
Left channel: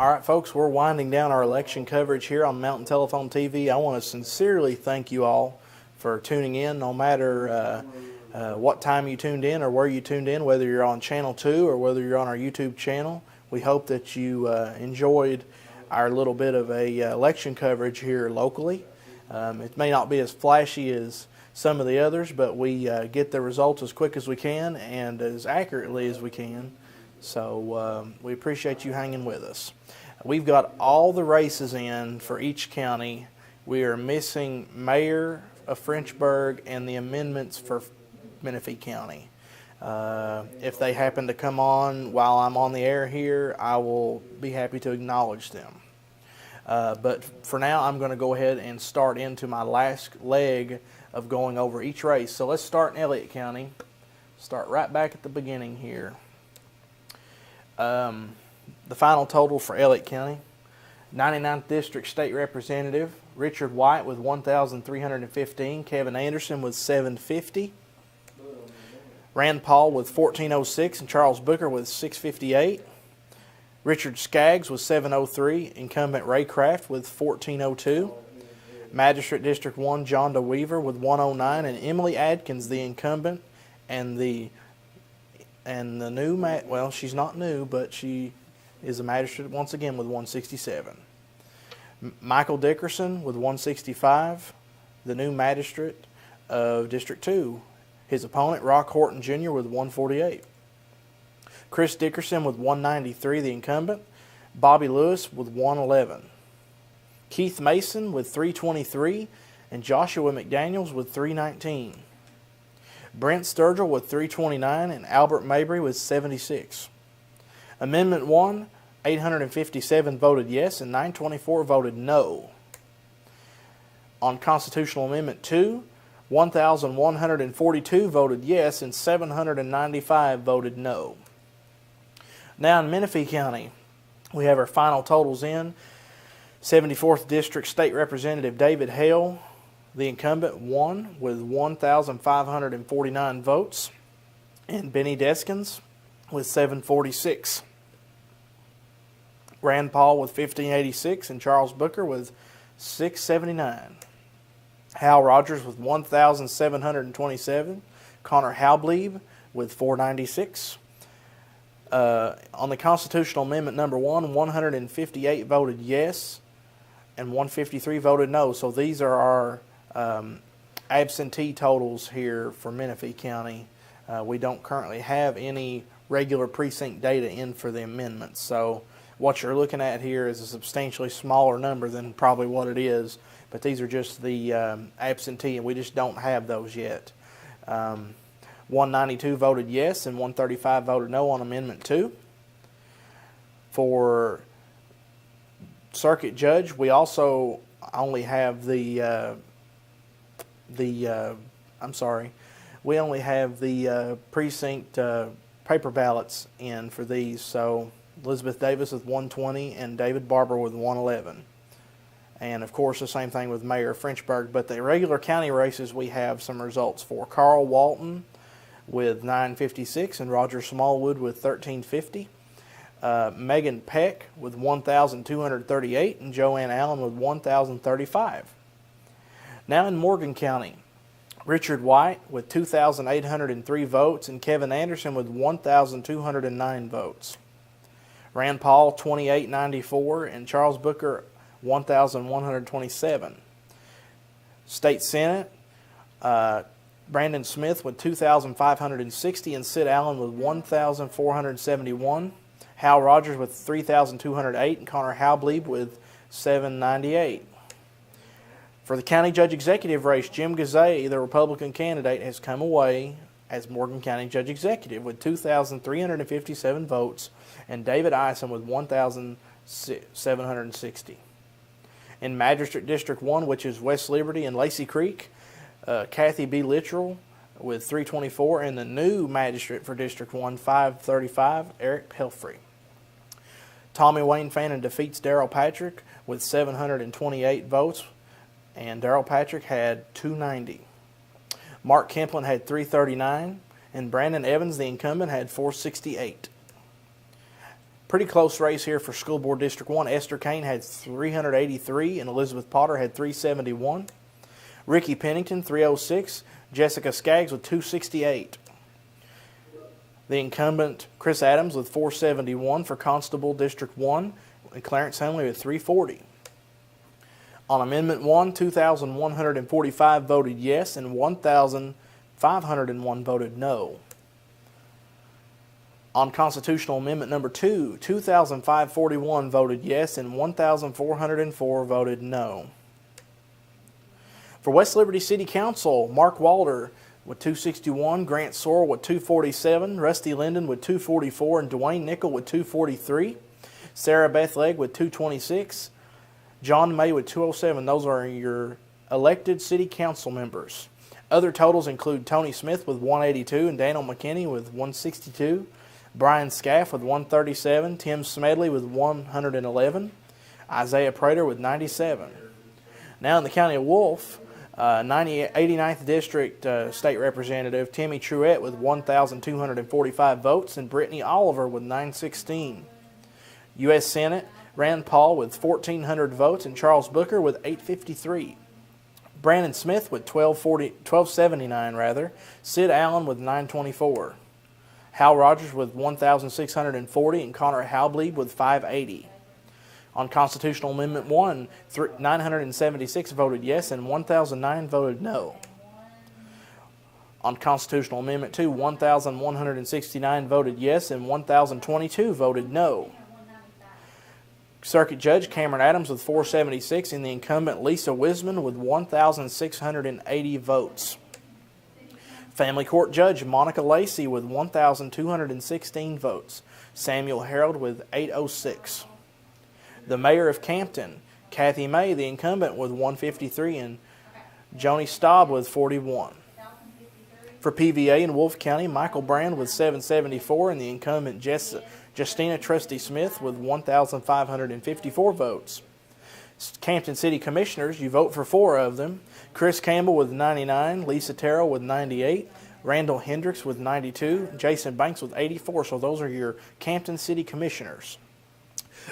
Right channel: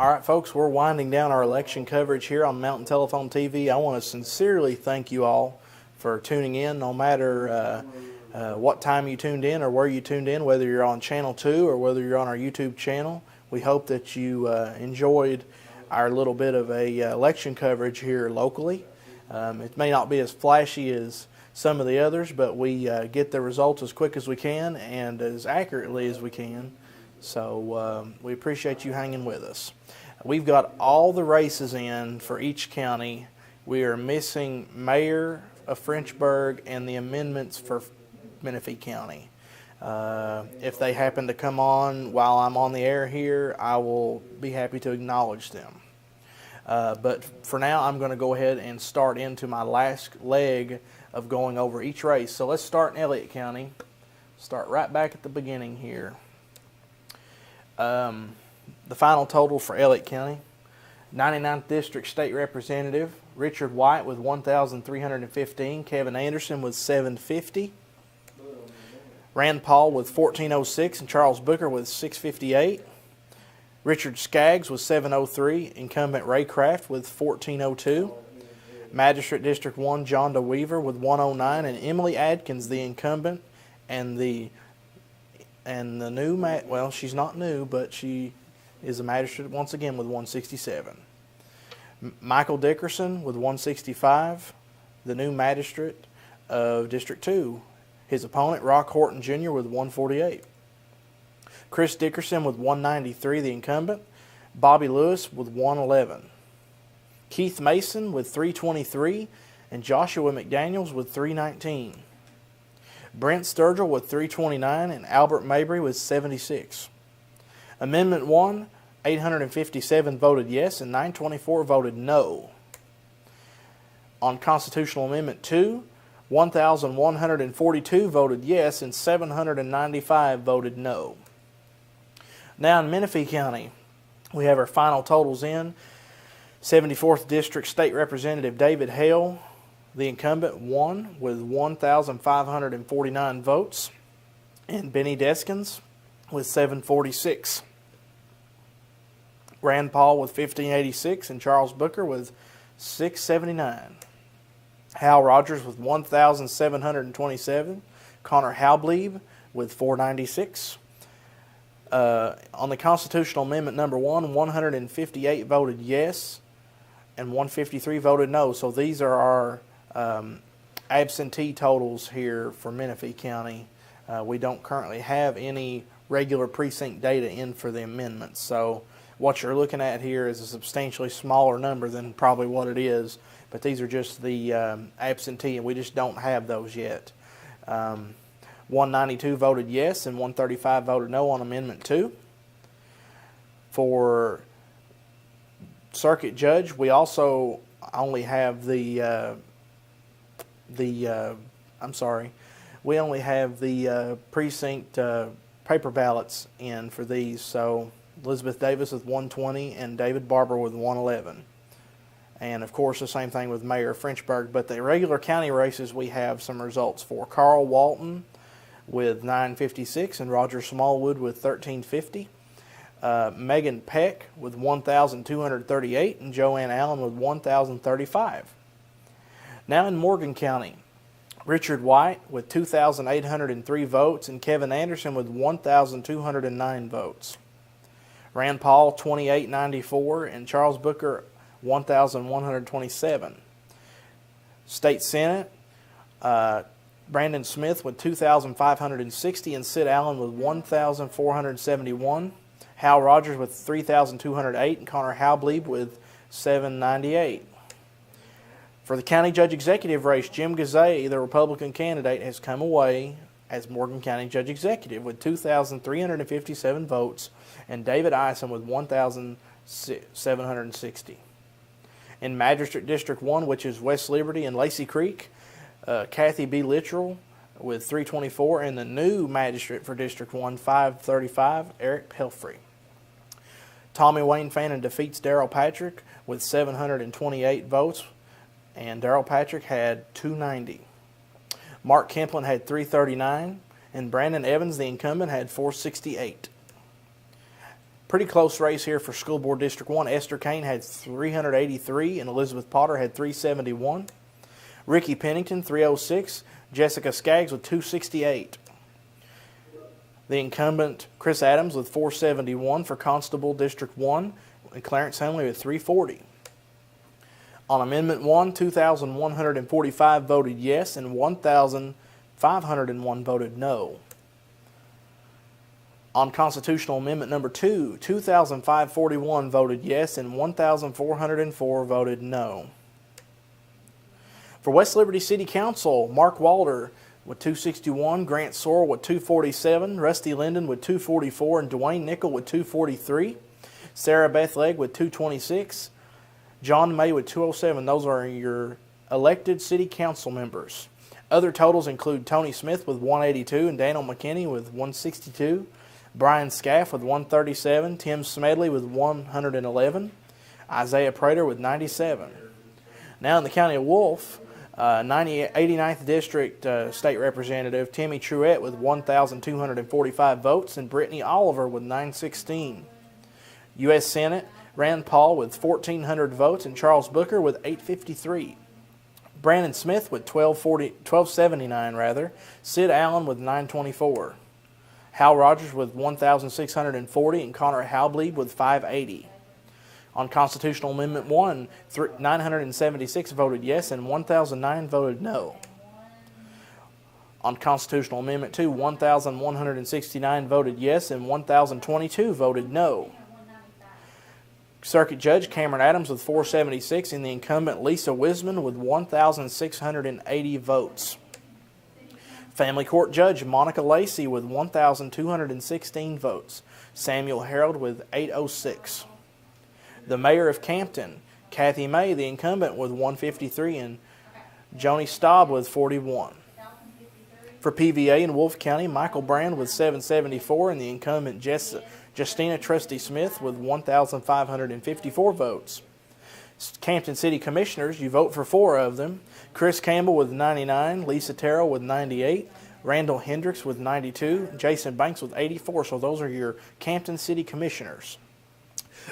All right, folks, we're winding down our election coverage here on Mountain Telephone TV. I want to sincerely thank you all for tuning in, no matter what time you tuned in or where you tuned in, whether you're on Channel 2 or whether you're on our YouTube channel. We hope that you enjoyed our little bit of a election coverage here locally. It may not be as flashy as some of the others, but we get the results as quick as we can and as accurately as we can. So we appreciate you hanging with us. We've got all the races in for each county. We are missing mayor of Frenchburg and the amendments for Menifee County. If they happen to come on while I'm on the air here, I will be happy to acknowledge them. But for now, I'm going to go ahead and start into my last leg of going over each race. So let's start in Elliott County. Start right back at the beginning here. The final total for Elliott County: 99th District State Representative Richard White with 1,315, Kevin Anderson with 750, Rand Paul with 1,406, and Charles Booker with 658. Richard Skaggs with 703, incumbent Ray Craft with 1,402. Magistrate District 1 John DeWeaver with 109, and Emily Adkins, the incumbent, and the new, well, she's not new, but she is a magistrate once again with 167. Michael Dickerson with 165, the new magistrate of District 2. His opponent, Rock Horton Jr. with 148. Chris Dickerson with 193, the incumbent. Bobby Lewis with 111. Keith Mason with 323, and Joshua McDaniels with 319. Brent Sturgill with 329, and Albert Mabry with 76. Amendment 1, 857 voted yes, and 924 voted no. On Constitutional Amendment 2, 1,142 voted yes, and 795 voted no. Now in Menifee County, we have our final totals in. 74th District State Representative David Hale, the incumbent, won with 1,549 votes, and Benny Deskins with 746. Rand Paul with 1,586, and Charles Booker with 679. Hal Rogers with 1,727. Connor Halblieb with 496. On the Constitutional Amendment number 1, 158 voted yes, and 153 voted no. So these are our absentee totals here for Menifee County. We don't currently have any regular precinct data in for the amendments. So what you're looking at here is a substantially smaller number than probably what it is, but these are just the absentee, and we just don't have those yet. 192 voted yes, and 135 voted no on Amendment 2. For Circuit Judge, we also only have the precinct paper ballots in for these. So Elizabeth Davis with 120 and David Barber with 111. And of course the same thing with Mayor of Frenchburg. But the regular county races we have some results for. Carl Walton with 956 and Roger Smallwood with 1350. Megan Peck with 1,238 and Joanne Allen with 1,035. Now in Morgan County, Richard White with 2,803 votes and Kevin Anderson with 1,209 votes. Rand Paul 2,894 and Charles Booker 1,127. State Senate, Brandon Smith with 2,560 and Sid Allen with 1,471. Hal Rogers with 3,208 and Connor Halblieb with 798. For the County Judge Executive race, Jim Gazay, the Republican candidate, has come away as Morgan County Judge Executive with 2,357 votes and David Ison with 1,760. In Magistrate District 1, which is West Liberty and Lacey Creek, Kathy B. Littrell with 324, and the new magistrate for District 1, 535, Eric Pelfrey. Tommy Wayne Fannin defeats Daryl Patrick with 728 votes, and Daryl Patrick had 290. Mark Kemplin had 339, and Brandon Evans, the incumbent, had 468. Pretty close race here for School Board District 1. Esther Kane had 383 and Elizabeth Potter had 371. Ricky Pennington, 306. Jessica Skaggs with 268. The incumbent, Chris Adams, with 471 for Constable District 1, and Clarence Henley with 340. On Amendment 1, 2,145 voted yes and 1,501 voted no. On Constitutional Amendment number 2, 2,541 voted yes and 1,404 voted no. For West Liberty City Council, Mark Walder with 261, Grant Sorrell with 247, Rusty Linden with 244, and Dwayne Nickel with 243. Sarah Beth Legg with 226. John May with 207. Those are your elected city council members. Other totals include Tony Smith with 182 and Daniel McKinney with 162. Brian Scaff with 137. Tim Smedley with 111. Isaiah Prater with 97. Now in the County of Wolfe, 89th District State Representative Timmy Truett with 1,245 votes and Brittany Oliver with 916. U.S. Senate, Rand Paul with 1,400 votes and Charles Booker with 853. Brandon Smith with 1,279. Sid Allen with 924. Hal Rogers with 1,640 and Connor Halblieb with 580. On Constitutional Amendment 1, 976 voted yes and 1,009 voted no. On Constitutional Amendment 2, 1,169 voted yes and 1,022 voted no. Circuit Judge Cameron Adams with 476 and the incumbent Lisa Wisman with 1,680 votes. Family Court Judge Monica Lacey with 1,216 votes. Samuel Harold with 806. The Mayor of Campton, Kathy May, the incumbent, with 153, and Joni Staub with 41. For PVA in Wolfe County, Michael Brand with 774, and the incumbent Justina Trusty Smith with 1,554 votes. Campton City Commissioners, you vote for 4 of them. Chris Campbell with 99, Lisa Terrell with 98, Randall Hendricks with 92, Jason Banks with 84. So those are your Campton City Commissioners.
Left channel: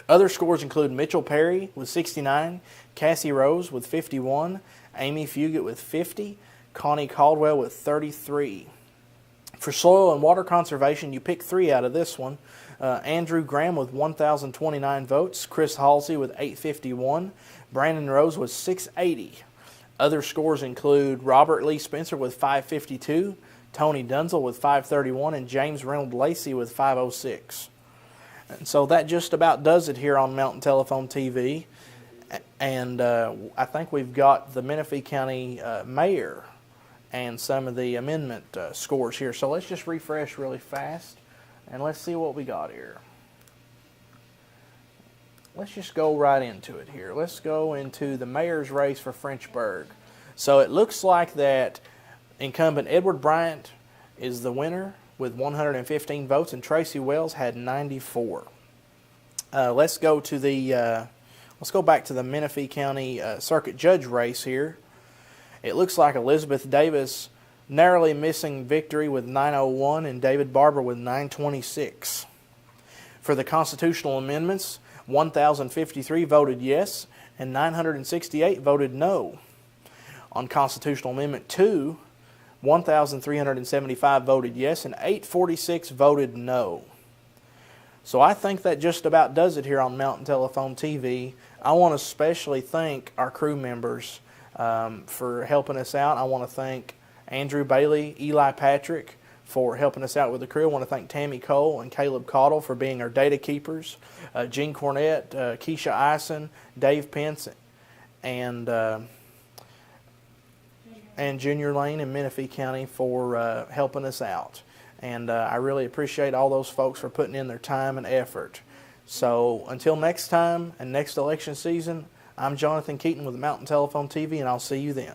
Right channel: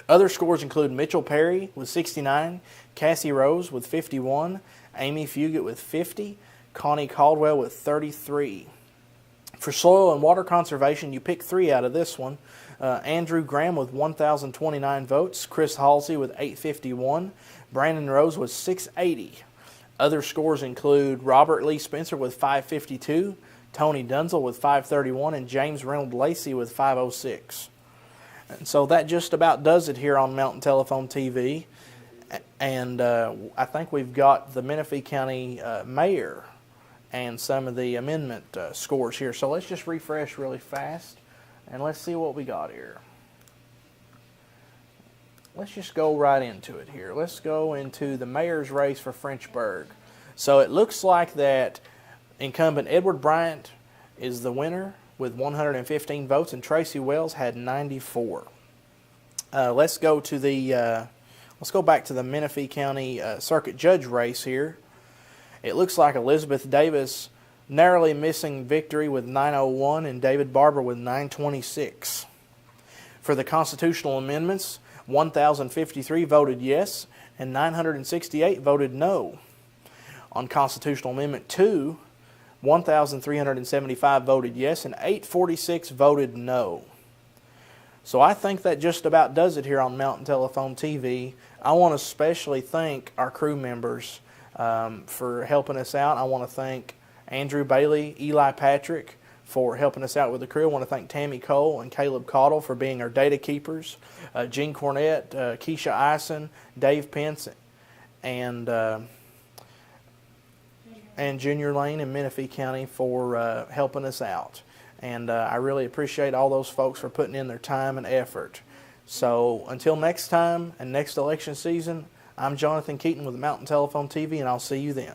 Other scores include Mitchell Perry with 69, Cassie Rose with 51, Amy Fugit with 50, Connie Caldwell with 33. For soil and water conservation, you pick 3 out of this one. Andrew Graham with 1,029 votes, Chris Halsey with 851, Brandon Rose with 680. Other scores include Robert Lee Spencer with 552, Tony Dunzel with 531, and James Reynolds Lacey with 506. And so that just about does it here on Mountain Telephone TV. And I think we've got the Menifee County Mayor and some of the amendment scores here. So let's just refresh really fast and let's see what we got here. Let's just go right into it here. Let's go into the mayor's race for Frenchburg. So it looks like that incumbent Edward Bryant is the winner with 115 votes, and Tracy Wells had 94. Let's go back to the Menifee County Circuit Judge race here. It looks like Elizabeth Davis narrowly missing victory with 901 and David Barber with 926. For the constitutional amendments, 1,053 voted yes and 968 voted no. On Constitutional Amendment 2, 1,375 voted yes and 846 voted no. So I think that just about does it here on Mountain Telephone TV. I want to especially thank our crew members for helping us out. I want to thank Andrew Bailey, Eli Patrick for helping us out with the crew. I want to thank Tammy Cole and Caleb Cottle for being our data keepers. Gene Cornett, Keisha Eisen, Dave Pence, and Junior Lane in Menifee County for helping us out. And I really appreciate all those folks for putting in their time and effort. So until next time and next election season, I'm Jonathan Keaton with Mountain Telephone TV, and I'll see you then.